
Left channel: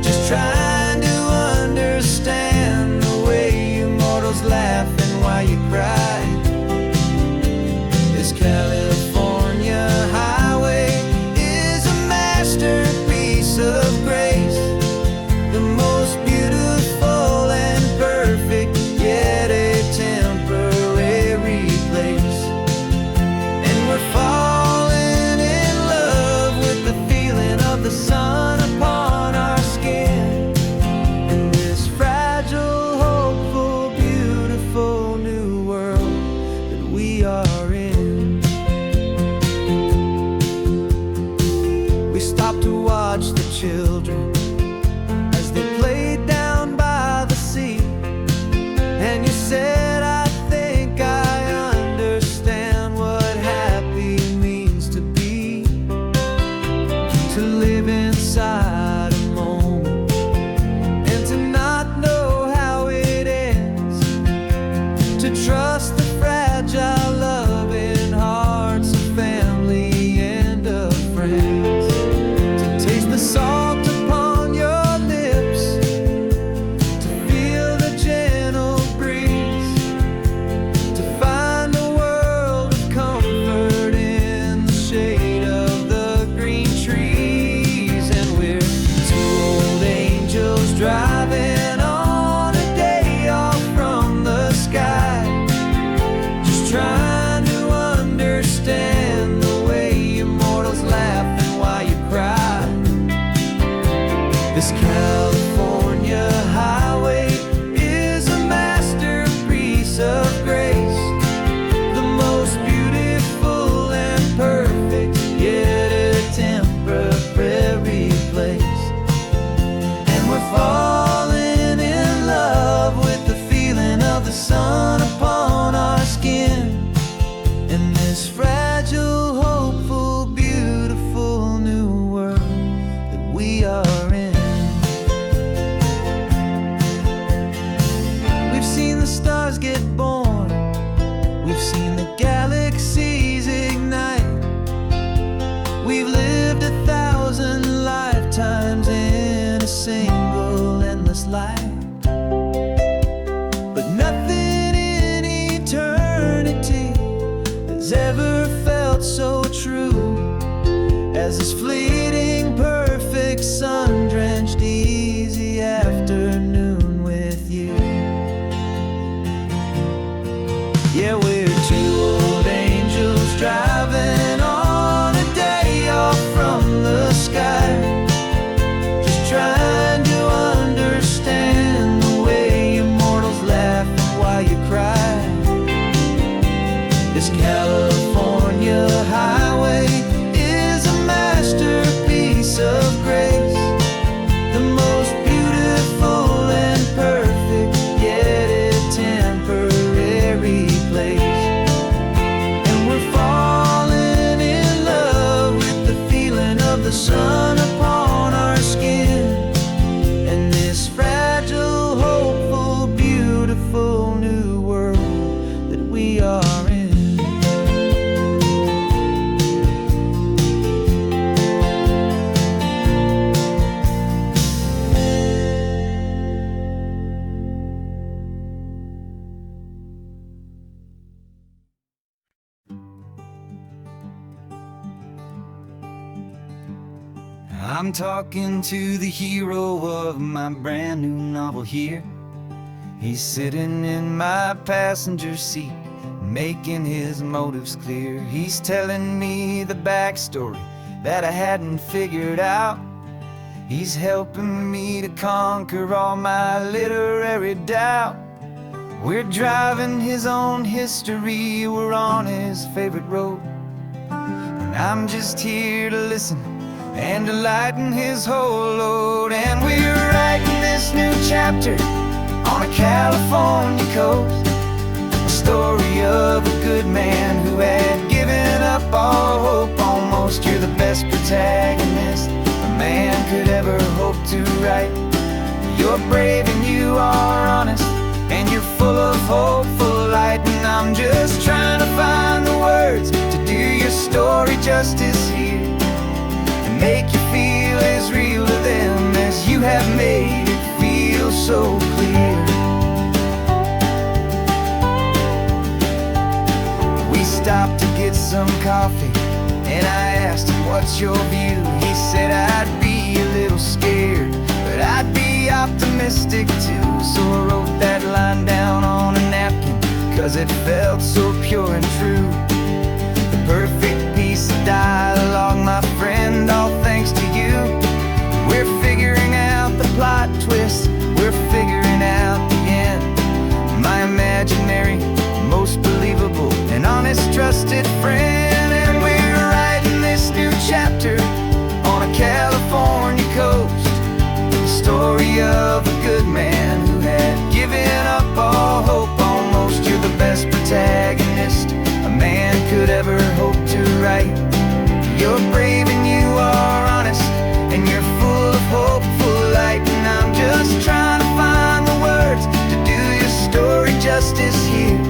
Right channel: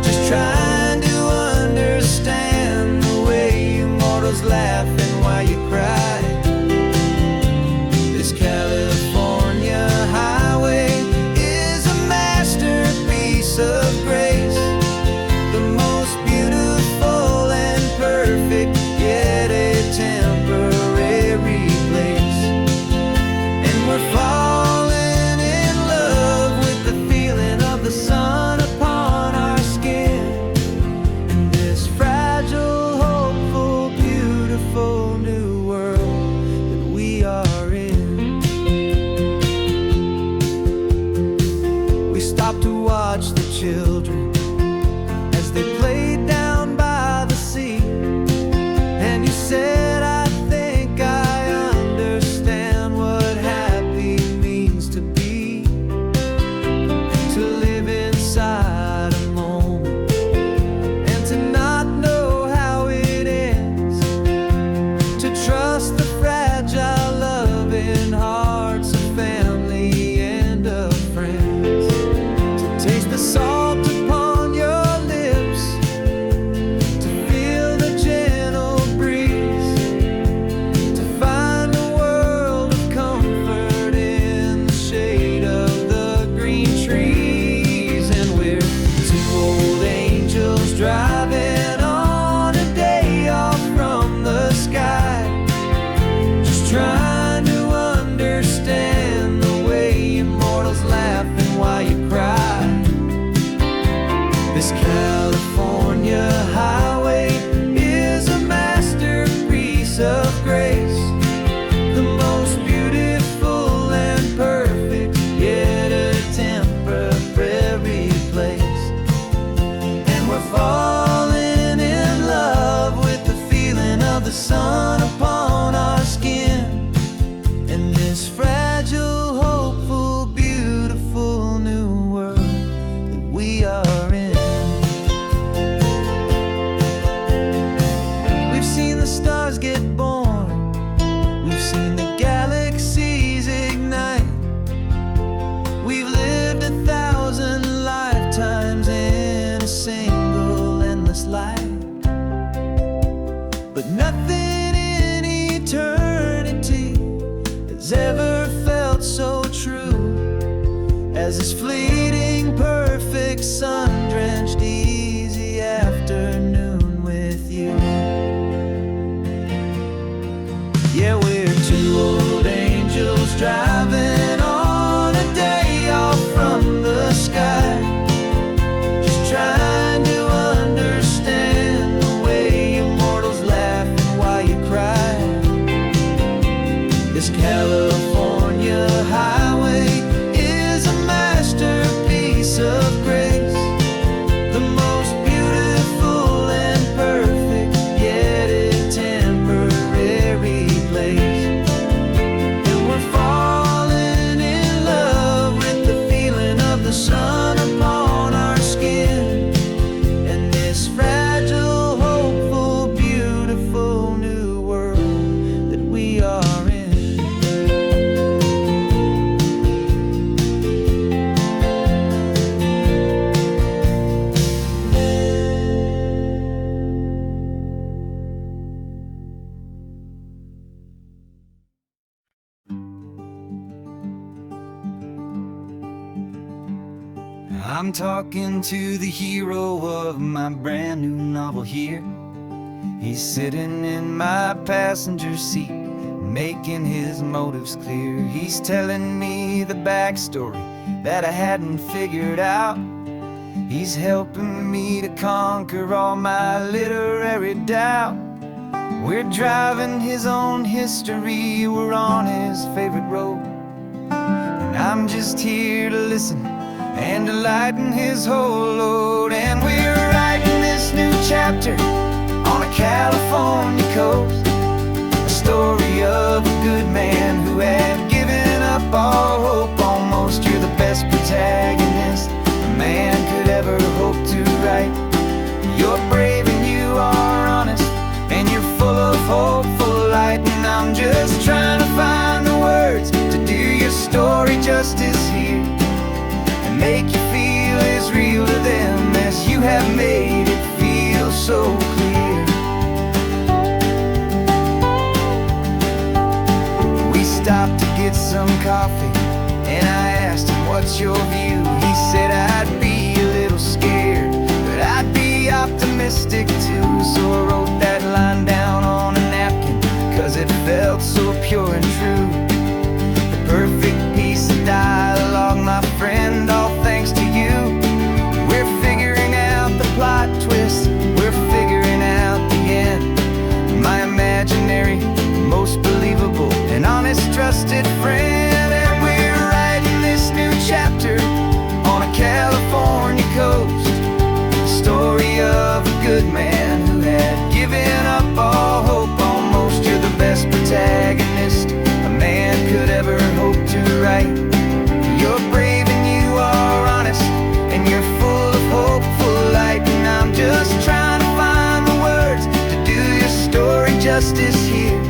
just trying to understand the way you mortals laugh and why you cry. This California highway is a masterpiece of grace, the most beautiful and perfect, yet a temporary place. And we're falling in love with the feeling of the sun upon our skin, in this fragile, hopeful, beautiful new world that we are in. We stopped to watch the children as they played down by the sea, and you said, I think I understand what happy means to be, to live inside a moment and to not know how it ends, to trust the fragile loving hearts of family and of friends, to taste the salt upon your lips, to feel the gentle breeze, to find a world of comfort in the shade of the green trees. And we're two old angels driving on a day off from the sky, just trying to understand the way you mortals laugh and why you cry. This California highway is a masterpiece of grace, the most beautiful and perfect, yet a temporary place. And we're falling in love with the feeling of the sun upon our skin, in this fragile, hopeful, beautiful new world that we are in. We've seen the stars get born, we've seen the galaxies ignite, we've lived 1,000 lifetimes in a single endless life, but nothing in eternity has ever felt so true as this fleeting, perfect, sun-drenched, easy afternoon with you. Yeah, we're two old angels driving on a day off from the sky, just trying to understand the way you mortals laugh and why you cry. This California highway is a masterpiece of grace, the sun upon our skin, and this fragile, hopeful, beautiful new world that we are in. I'm talking to the hero of my brand new novel here. He's sitting in my passenger seat, making his motives clear. He's telling me the backstory that I hadn't figured out. He's helping me to conquer all my literary doubt. We're driving his own history, we're on his favorite road, and I'm just here to listen and to lighten his whole load. And we're writing this new chapter on a California coast, a story of a good man who had given up all hope almost. You're the best protagonist a man could ever hope to write. You're brave and you are honest, and you're full of hopeful light. And I'm just trying to find the words to do your story justice here, make you feel as real to them as you have made it feel so clear. We stopped to get some coffee, and I asked him, what's your view? He said, I'd be a little scared, but I'd be optimistic too. So I wrote that line down on a napkin, 'cause it felt so pure and true. The perfect piece of dialogue, my friend, all thanks to you. We're figuring out the plot twist, we're figuring out the end. My imaginary, most believable and honest trusted friend. And we're writing this new chapter on a California coast, the story of a good man who had given up all hope almost. You're the best protagonist a man could ever hope to write. You're brave and you are honest, and you're full of hopeful light. And I'm just trying to find the words to do your story justice here,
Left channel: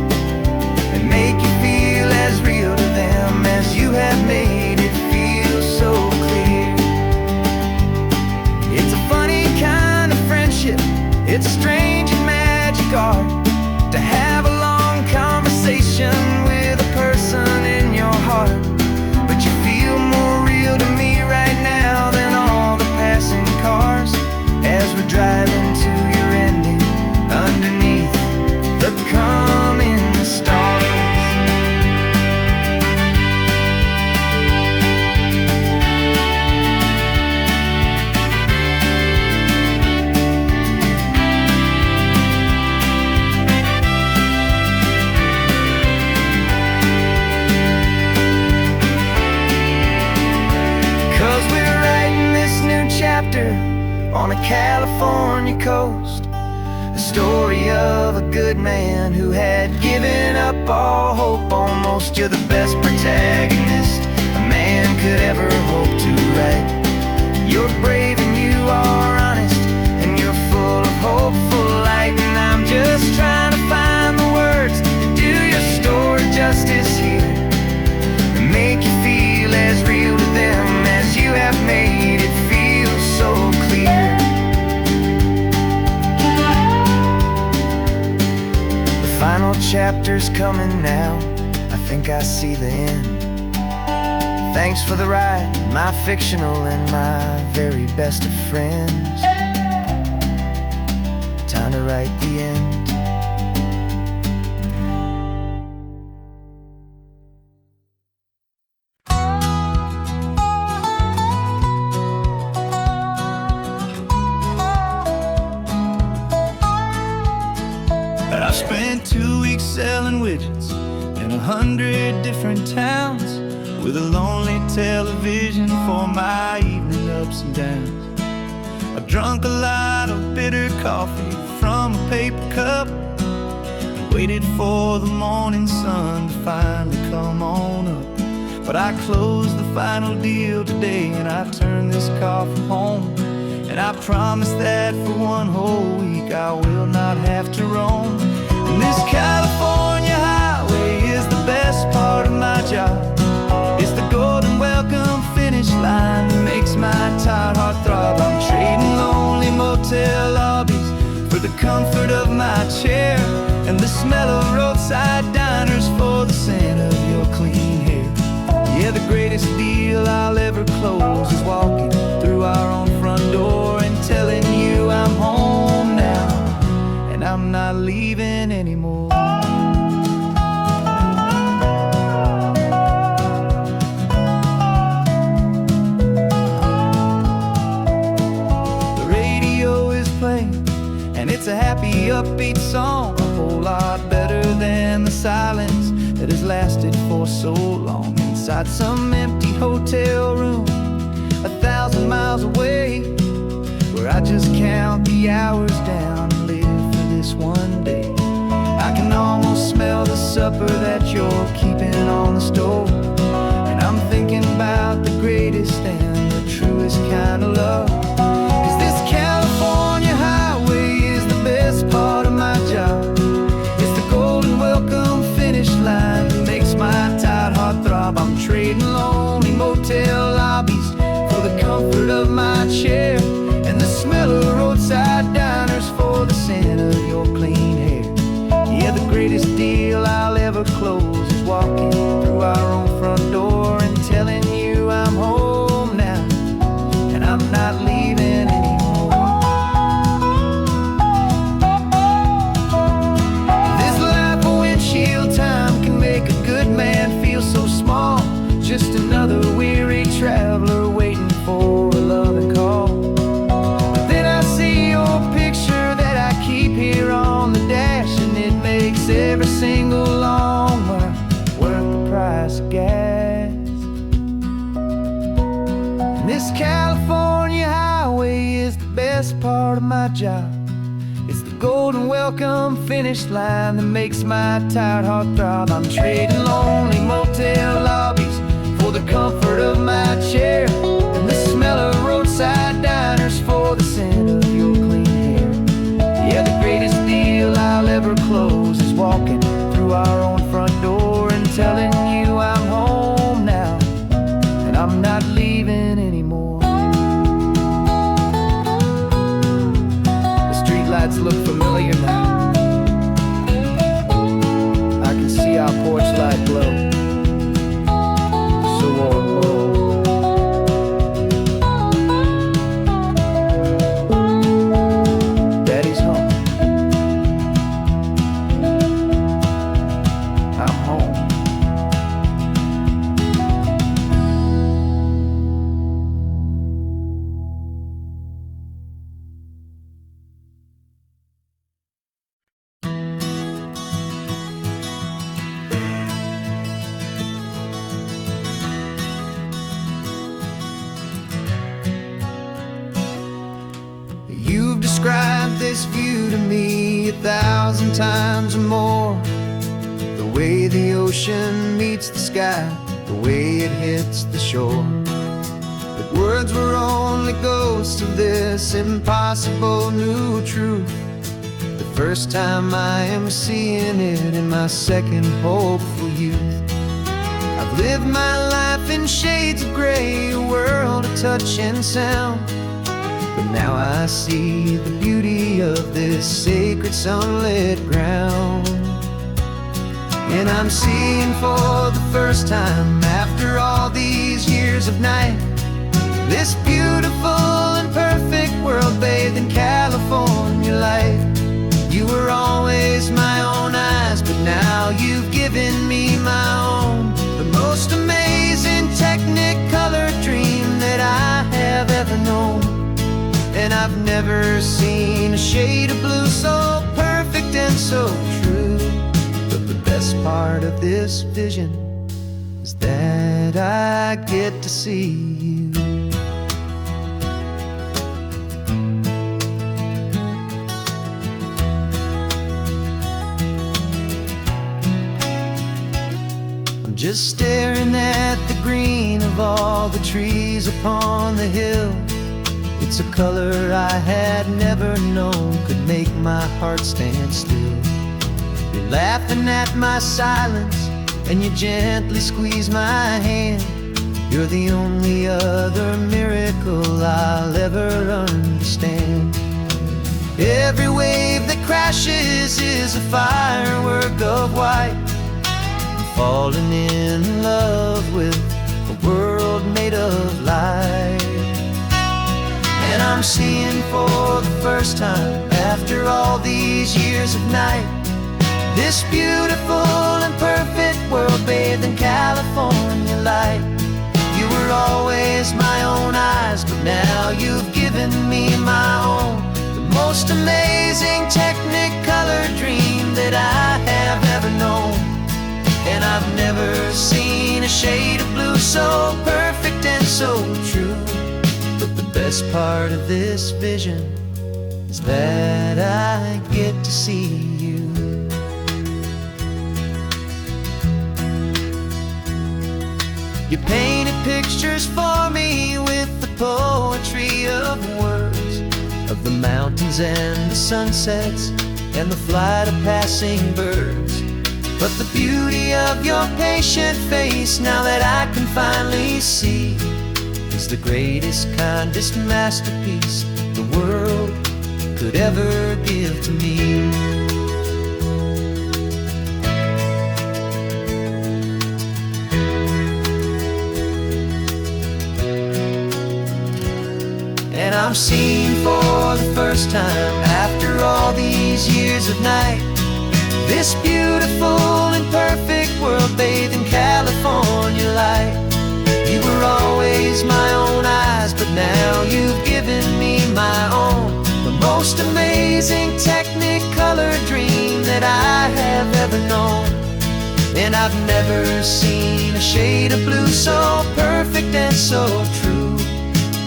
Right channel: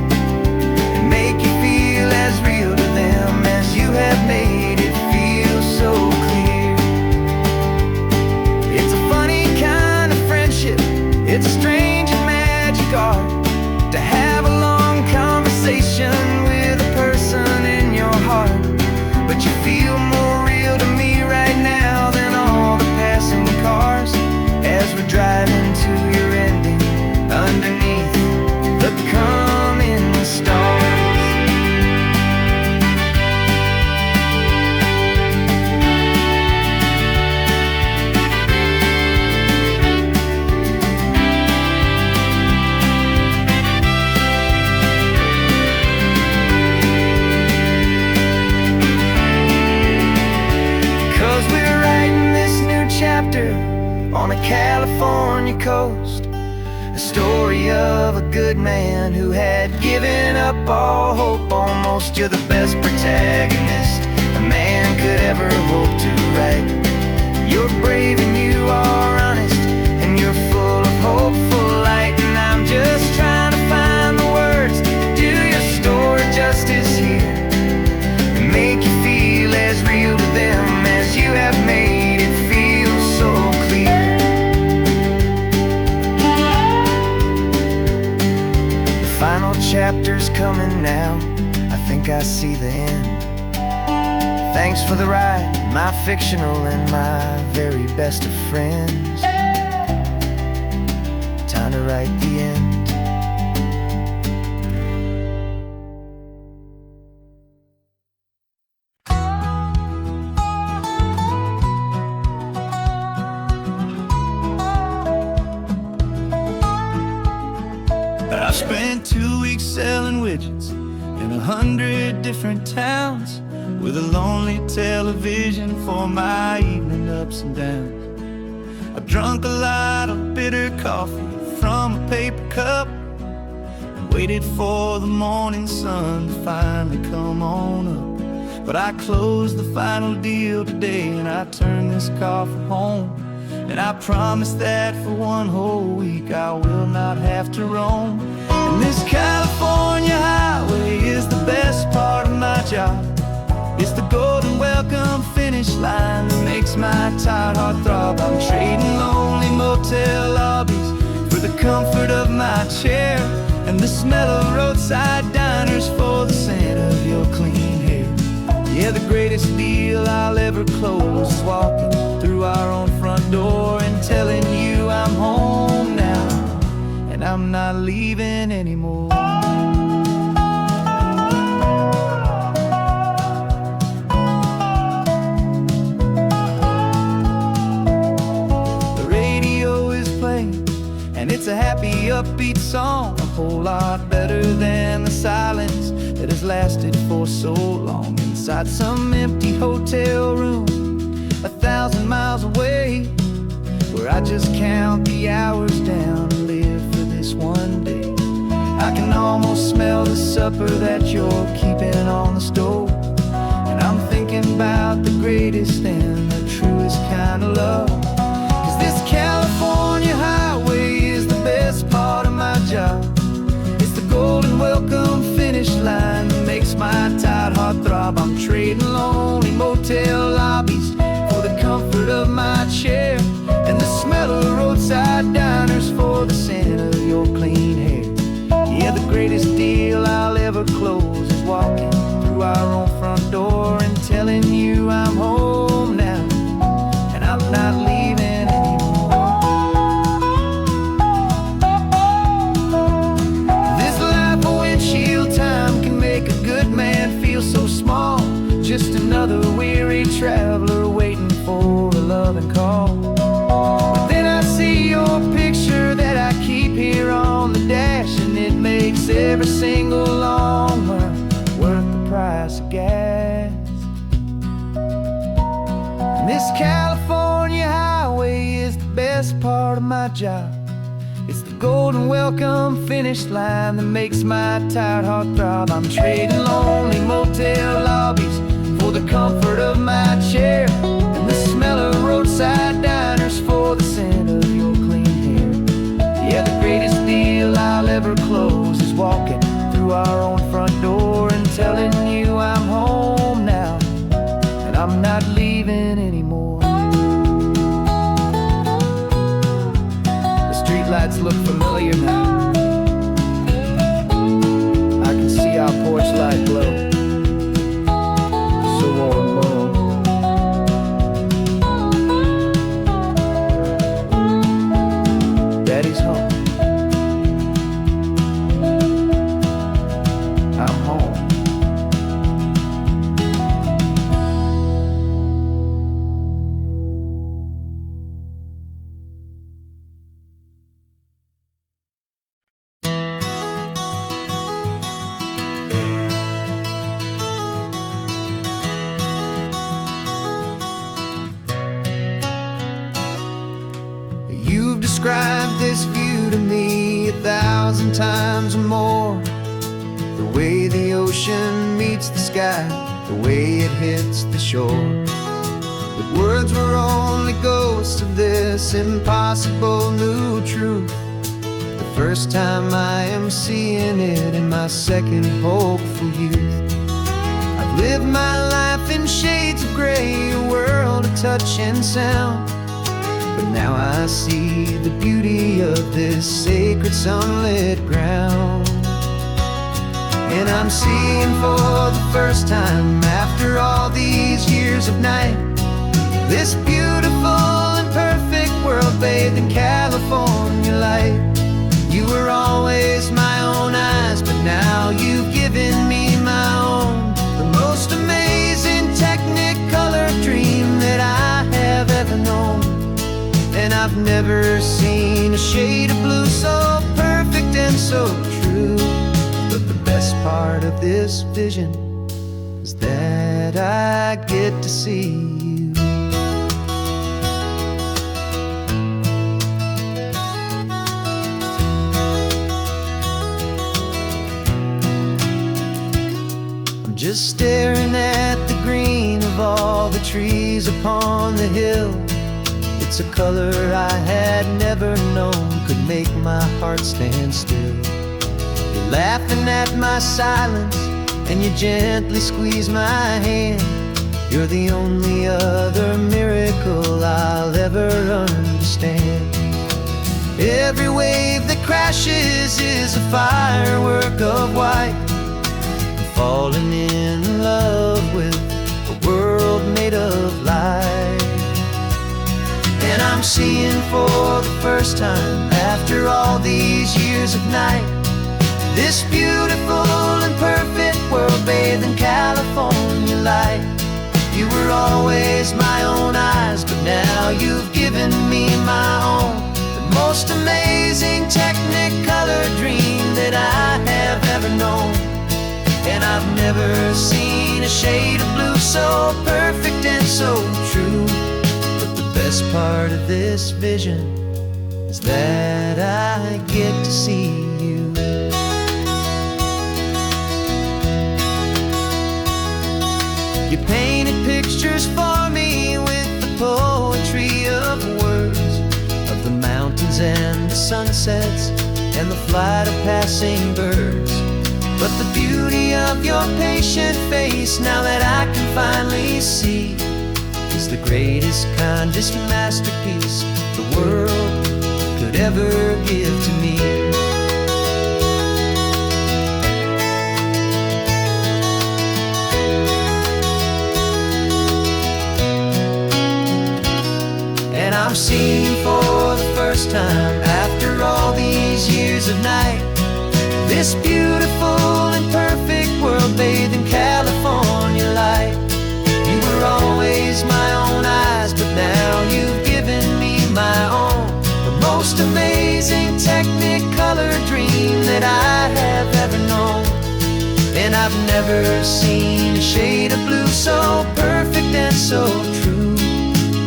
and make you feel as real to them as you have made it feel so clear. It's a funny kind of friendship, it's a strange and magic art to have a long conversation with a person in your heart. But you feel more real to me right now than all the passing cars, as we're driving to your ending underneath the coming stars. 'Cause we're writing this new chapter on a California coast, a story of a good man who had given up all hope almost. You're the best protagonist a man could ever hope to write. You're brave and you are honest, and you're full of hopeful light. And I'm just trying to find the words to do your story justice here, and make you feel as real to them as you have made it feel so clear. The final chapter's coming now, I think I see the end. Thanks for the ride, my fictional and my very best of friends. Time to write the end. I spent 2 weeks selling widgets in 100 different towns, with a lonely television for my evening ups and downs. I drunk a lot of bitter coffee from a paper cup, and waited for the morning sun to finally come on up. But I closed the final deal today, and I turned this car for home. And I promise that for one whole week I will not have to roam. And this California highway is the best part of my job. It's the golden welcome finish line that makes my tired heart throb. I'm trading lonely motel lobbies for the comfort of my chair, and the smell of roadside diners for the scent of your clean hair. Yeah, the greatest deal I'll ever close is walking through our own front door and telling you I'm home now, and I'm not leaving anymore. The radio is playing, and it's a happy, upbeat song, a whole lot better than the silence that has lasted for so long. Inside some empty hotel room 1,000 miles away, where I just count the hours down and live for this one day. I can almost smell the supper that you're keeping on the stove, and I'm thinking about the greatest and the truest kind of love. 'Cause this California highway is the best part of my job. It's the golden welcome finish line that makes my tired heart throb. I'm trading lonely motel lobbies for the comfort of my chair, and the smell of roadside diners for the scent of your clean hair. Yeah, the greatest deal I'll ever close is walking through our own front door and telling you I'm home now, and I'm not leaving anymore. This life of windshield time can make a good man feel so small, just another weary traveler waiting for a loving call. But then I see your picture that I keep here on the dash, and it makes every single long mile worth the price of gas. And this California highway is the best part of my job. It's the golden welcome finish line that makes my tired heart throb. I'm trading lonely motel lobbies for the comfort of my chair, and the smell of roadside diners for the scent of your clean hair. Yeah, the greatest deal I'll ever close is walking through our own front door and telling you I'm home now, and I'm not leaving anymore. The streetlights look familiar now. I can see our porch light glow, so warm, low. Daddy's home. I'm home. You've described this view to me 1,000 times or more. The way the ocean meets the sky, the way it hits the shore. But words were only ghosts of this impossible new truth. The first time I am seeing it in my second hopeful youth. I've lived my life in shades of gray, a world of touch and sound. But now I see the beauty of this sacred sunlit ground. And I'm seeing for the first time, after all these years of night, this beautiful and perfect world bathed in California light. You were always my own eyes, but now you've given me my own. The most amazing technicolor dream that I have ever known. And I've never seen a shade of blue so perfect and so true. But the best part of this vision is that I get to see you. I'm just staring at the green of all the trees upon the hill. It's a color I had never known could make my heart stand still. You're laughing at my silence, and you gently squeeze my hand. You're the only other miracle I'll ever understand. Every wave that crashes is a firework of white. I'm falling in love with a world made of light. And I'm seeing for the first time, after all these years of night, this beautiful and perfect world bathed in California light. You were always my own eyes, but now you've given me my own. The most amazing Technicolor dream that I have ever known. And I've never seen a shade of blue so perfect and so true. But the best part of this vision is that I get to see you. You painted pictures for me with the poetry of words, of the mountains and the sunsets and the flight of passing birds. But the beauty of your patient face, now that I can finally see, is the greatest, kindest masterpiece the world could ever give to me. And I'm seeing for the first time, after all these years of night, this beautiful and perfect world bathed in California light. You were always my own eyes, but now you've given me my own. The most amazing Technicolor dream that I have ever known. And I've never seen a shade of blue so perfect and so true.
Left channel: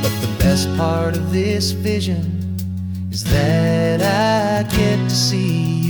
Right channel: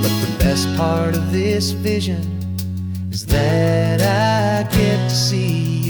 But the best part of this vision is that I get to see you.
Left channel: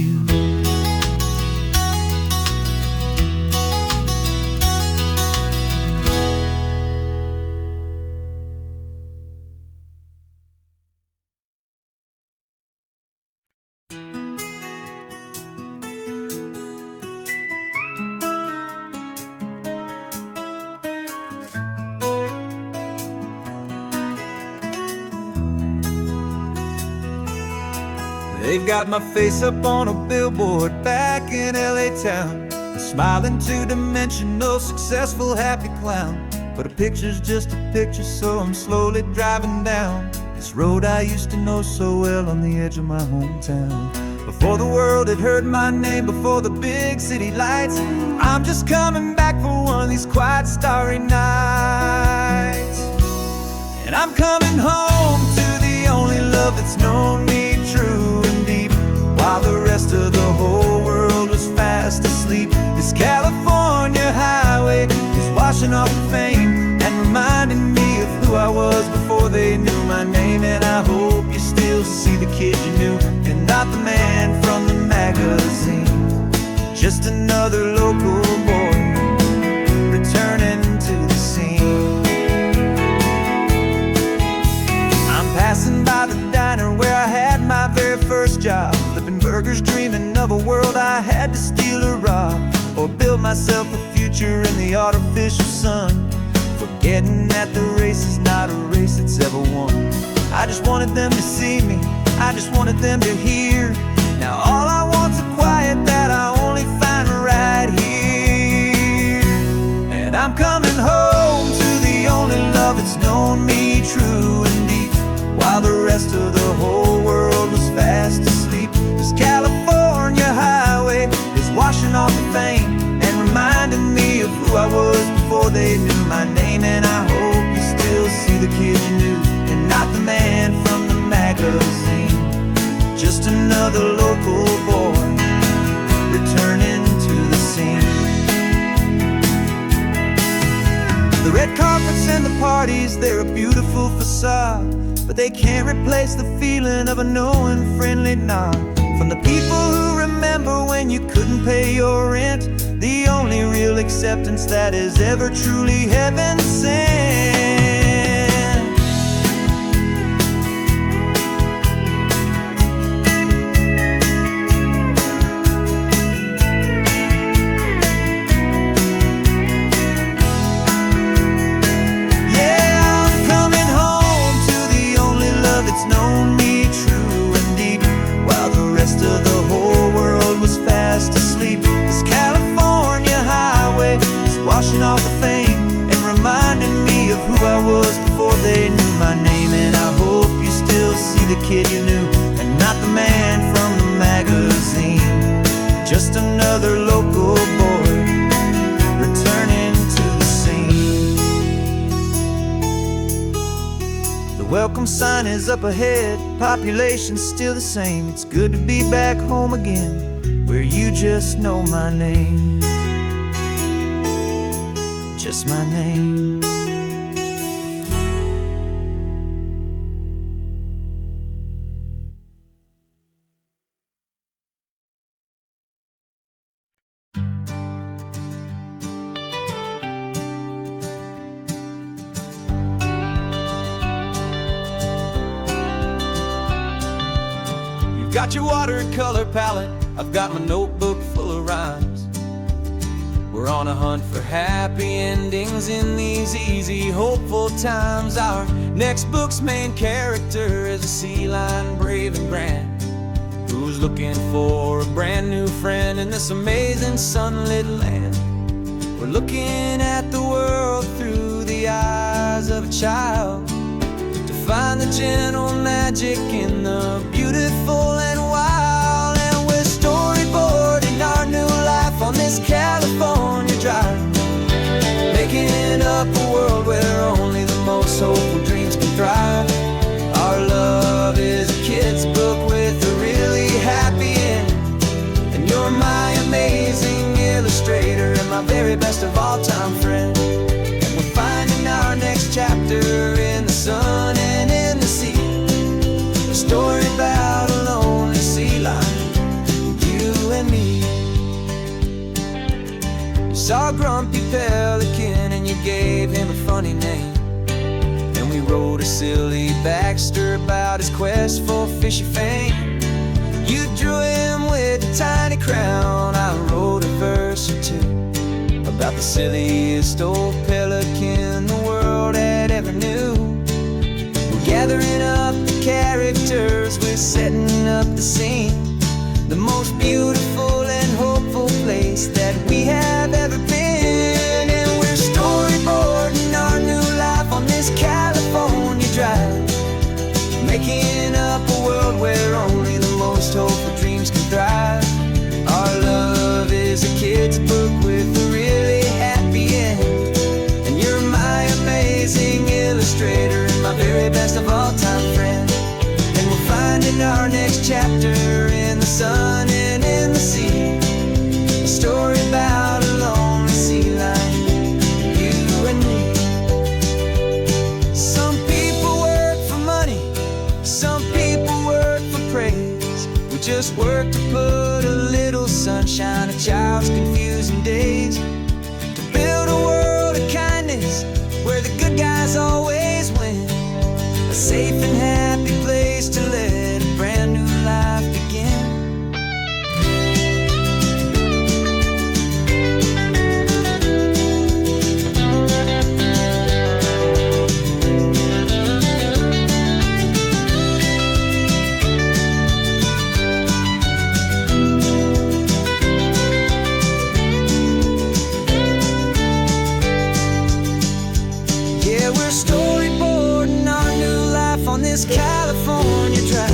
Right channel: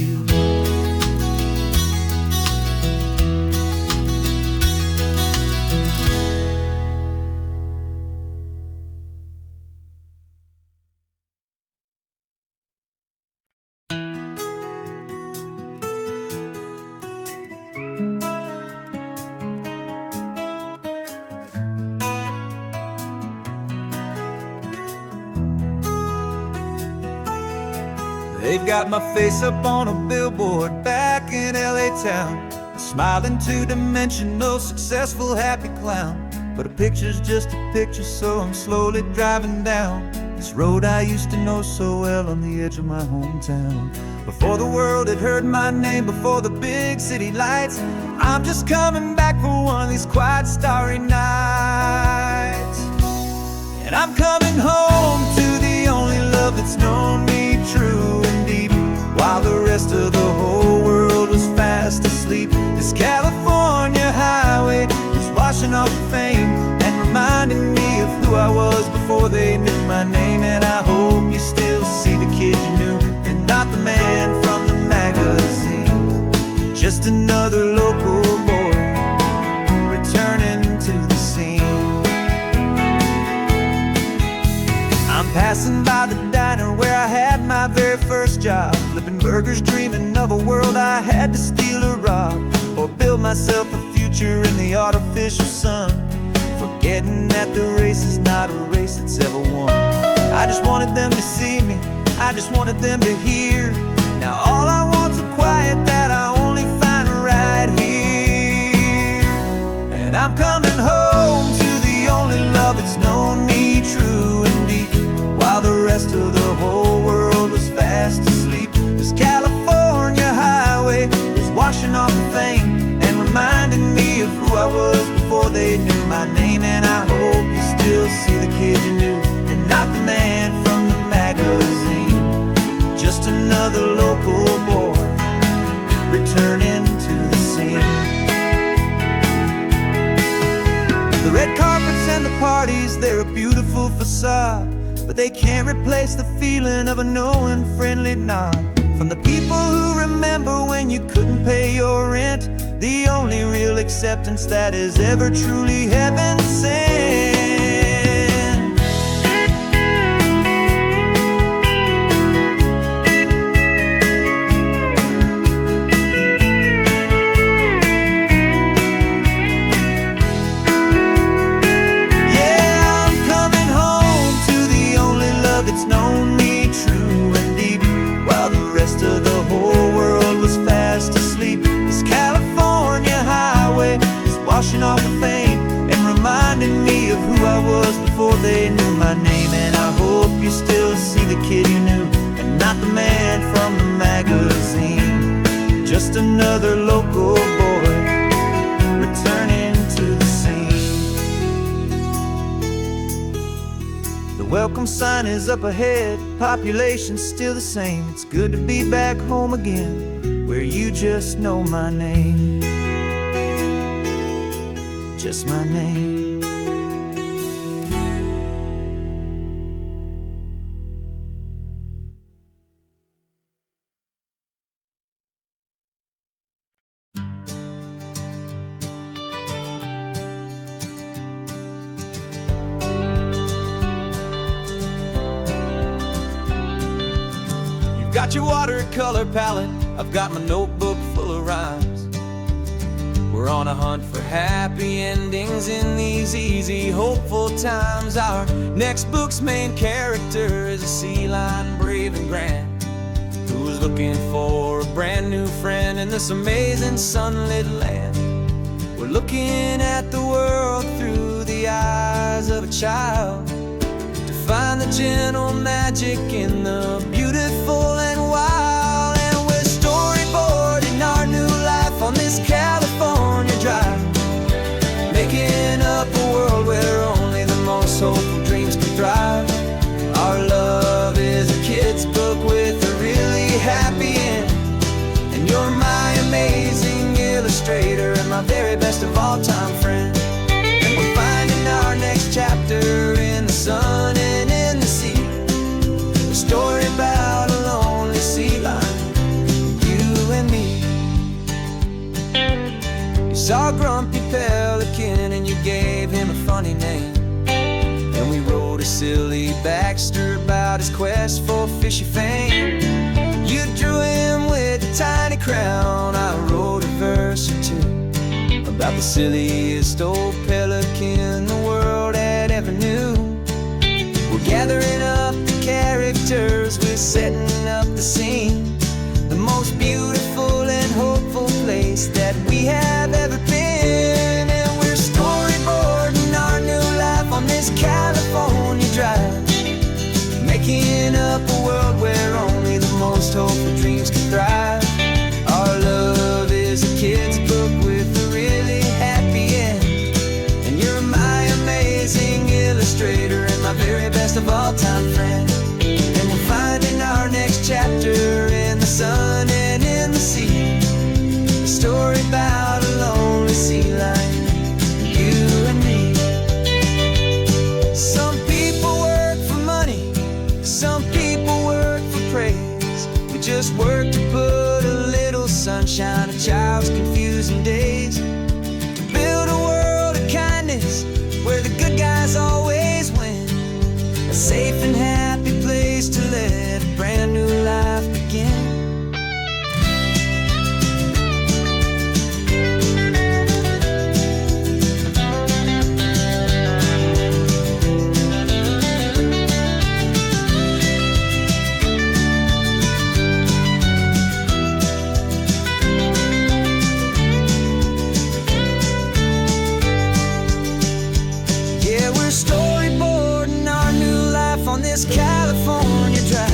They've got my face up on a billboard back in LA town, a smiling two-dimensional, successful, happy clown. But a picture's just a picture, so I'm slowly driving down this road I used to know so well on the edge of my hometown. Before the world had heard my name, before the big city lights, I'm just coming back for one of these quiet, starry nights. And I'm coming home to the only love that's known me true and deep, while the rest of the whole world was fast asleep. This California highway is washing off the fame and reminding me of who I was before they knew my name. And I hope you still see the kid you knew, and not the man from the magazine. Just another local boy returning to the scene. I'm passing by the diner where I had my very first job, flipping burgers, dreaming of a world I had to steal or rob, or build myself a future in the artificial sun, forgetting that the race is not a race that's ever won. I just wanted them to see me, I just wanted them to hear. Now all I want's a quiet that I only find right here. And I'm coming home to the only love that's known me true and deep, while the rest of the whole world was fast asleep. This California highway is washing off the fame and reminding me of who I was before they knew my name. And I hope you still see the kid you knew, and not the man from the magazine. Just another local boy returning to the scene. The red carpets and the parties, they're a beautiful facade, but they can't replace the feeling of a knowing, friendly nod From the people who remember when you couldn't pay your rent, the only real acceptance that is ever truly heaven sent. Yeah, I'm coming home to the only love that's known me true and deep, while the rest of the whole world was fast asleep. This California highway is washing off the fame and reminding me of who I was before they knew my name. And I hope you still see the kid you knew and not the man from the magazine. Just another local boy returning to the scene. The welcome sign is up ahead, population's still the same. It's good to be back home again, where you just know my name. Just my name. You've got your watercolor palette, I've got my notebook full of rhymes. We're on a hunt for happy endings in these easy, hopeful times. Our next book's main character is a sea lion, brave and grand, who's looking for a brand new friend in this amazing sunlit land. We're looking at the world through the eyes of a child, to find the gentle magic in the beautiful and wild. And we're storyboarding our new life on this California drive, making up a world where only the most hopeful dreams can thrive. Our love is a kid's book with a really happy end, and you're my amazing illustrator and my very best of all time friend. And we're finding our next chapter in the sun and in the sea, a story about a lonely sea lion, you and me. You saw a grumpy pelican and you gave him a funny name, and we wrote a silly Baxter about his quest for fishy fame. You drew him with a tiny crown, I wrote a verse or two about the silliest old pelican the world had ever knew. We're gathering up the characters, we're setting up the scene, the most beautiful and hopeful place that we have ever been. And we're storyboarding our new life on this California drive, making up a world where only the most hopeful dreams can thrive. Our love is a kid's book with a really happy end, and you're my amazing illustrator and my very best of all time friend. And we're finding our next chapter in the sun and in the sea, a story about a lonely sea lion, you and me. Some people work for money, some people work for praise. We just work to put a little sunshine in a child's confusing days, to build a world of kindness where the good guys always win, a safe and happy place to let a brand new life begin. Yeah, we're storyboarding our new life on this California drive,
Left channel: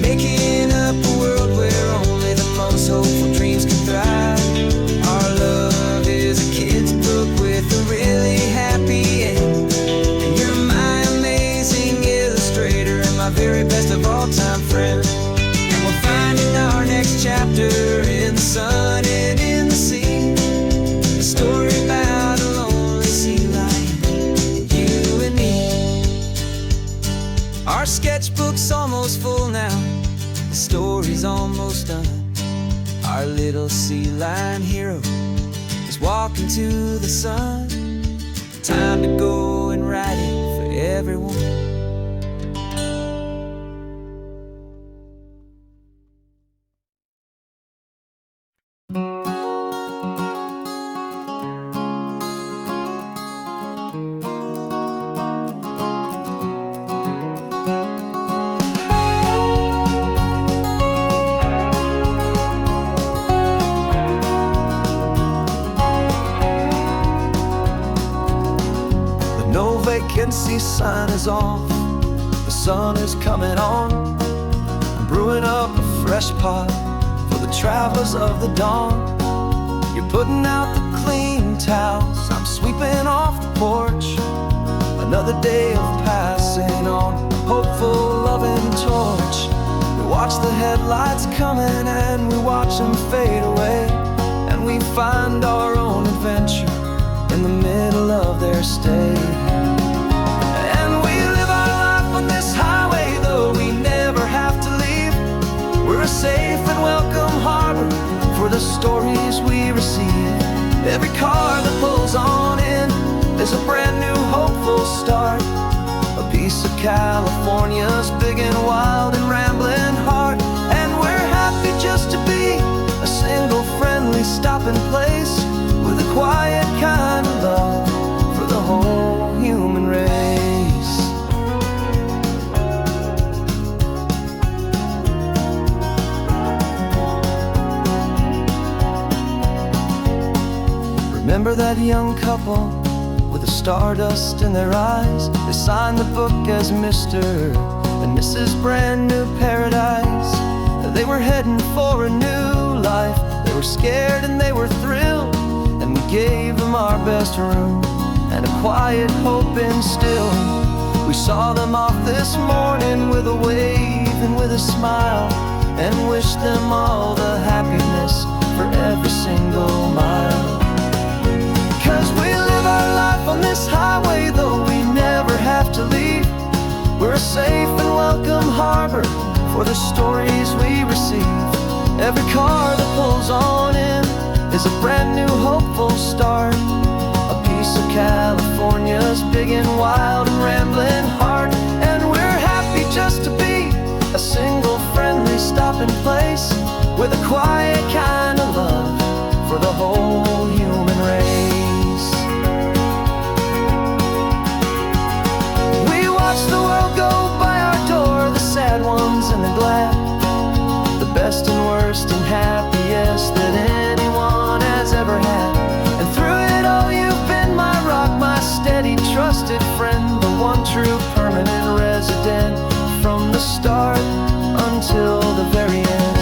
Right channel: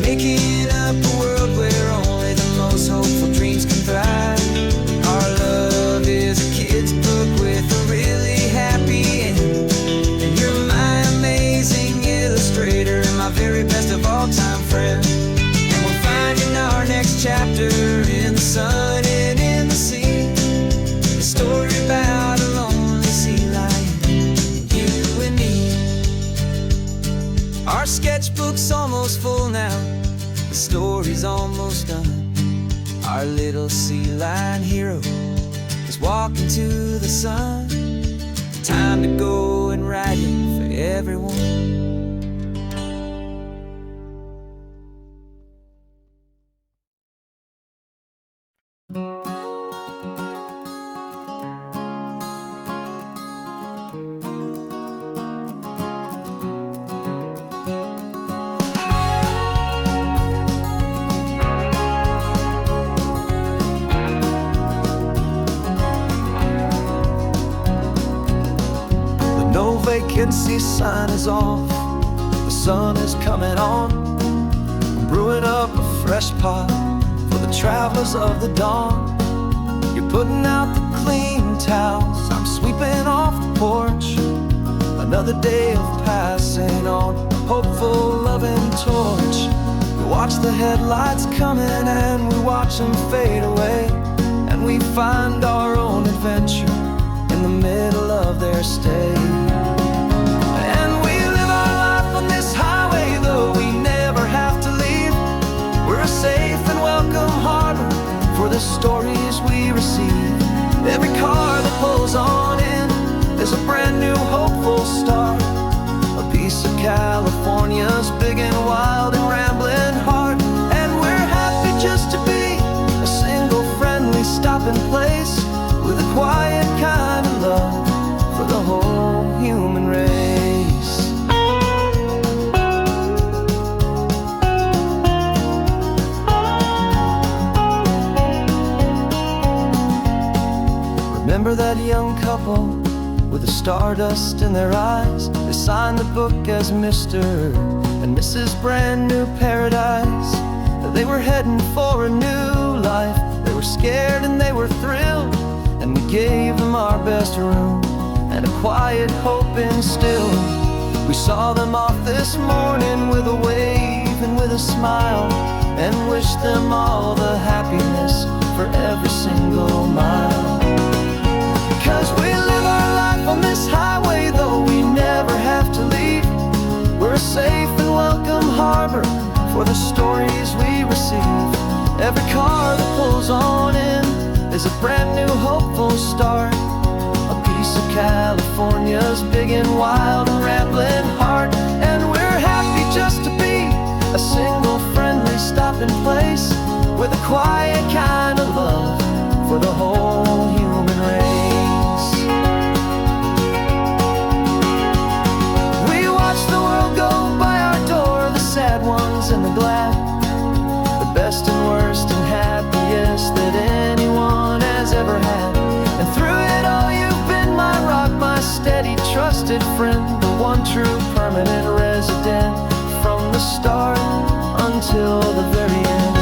making up a world where only the most hopeful dreams can thrive. Our love is a kid's book with a really happy end, and you're my amazing illustrator and my very best of all time friend. And we're finding our next chapter in the sun and in the sea, a story about a lonely sea lion, you and me. Our sketchbook's almost full now, The story's almost done. Our little sea lion hero is walking to the sun. Time to go and write it for everyone. No vacancy sign is off, the sun is coming on. I'm brewing up a fresh pot for the travelers of the dawn. You're putting out the clean towels, I'm sweeping off the porch. Another day of passing on, a hopeful loving torch. We watch the headlights coming and we watch them fade away, and we find our own adventure in the middle of their stay. And we live our life on this highway, though we never have to leave. We're a safe and welcome harbor for the stories we receive. Every car that pulls on in is a brand new hopeful start. A piece of California's big and wild and rambling heart. And we're happy just to be a single friendly stopping place, with a quiet kind of love for the whole human race. Remember that young couple with the stardust in their eyes? They signed the book as Mr. and Mrs. Brand New Paradise. They were heading for a new life. They were scared and they were thrilled, and we gave them our best room and a quiet hope instilled. We saw them off this morning with a wave and with a smile, and wished them all the happiness for every single mile. 'Cause we live our life on this highway, though we never have to leave. We're a safe and welcome harbor for the stories we receive. Every car that pulls on in is a brand new hopeful start. A piece of California's big and wild and rambling heart. And we're happy just to be a single friendly stopping place, with a quiet kind of love for the whole human race. We watch the world go by our door, the sad ones and the glad, the best and worst and happiest that anyone has ever had. And through it all you've been my rock, my steady trusted friend, the one true permanent resident, from the start until the very end.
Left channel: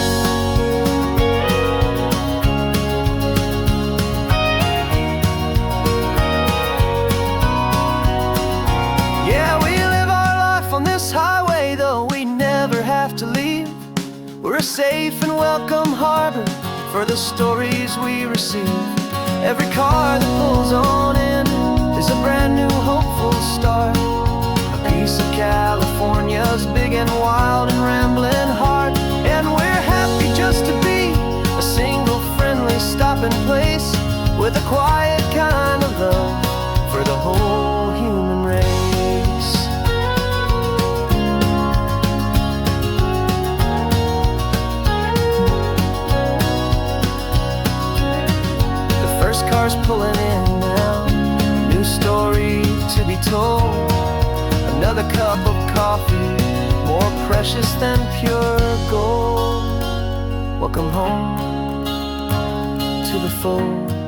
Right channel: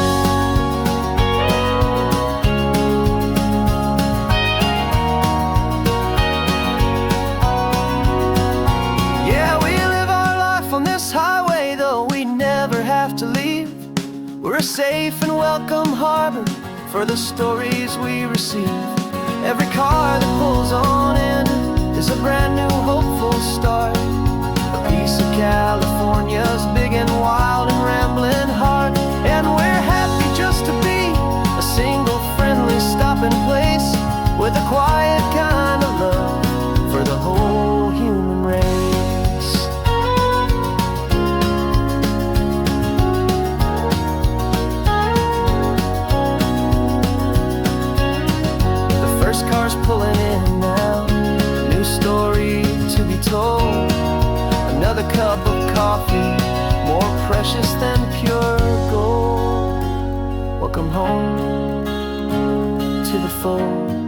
Yeah, we live our life on this highway, though we never have to leave. We're a safe and welcome harbor for the stories we receive. Every car that pulls on in is a brand new hopeful start. A piece of California's big and wild and rambling heart. And we're happy just to be a single friendly stopping place, with a quiet kind of love for the whole human race. First car's pulling in now, a new story to be told. Another cup of coffee, more precious than pure gold. Welcome home to the fold.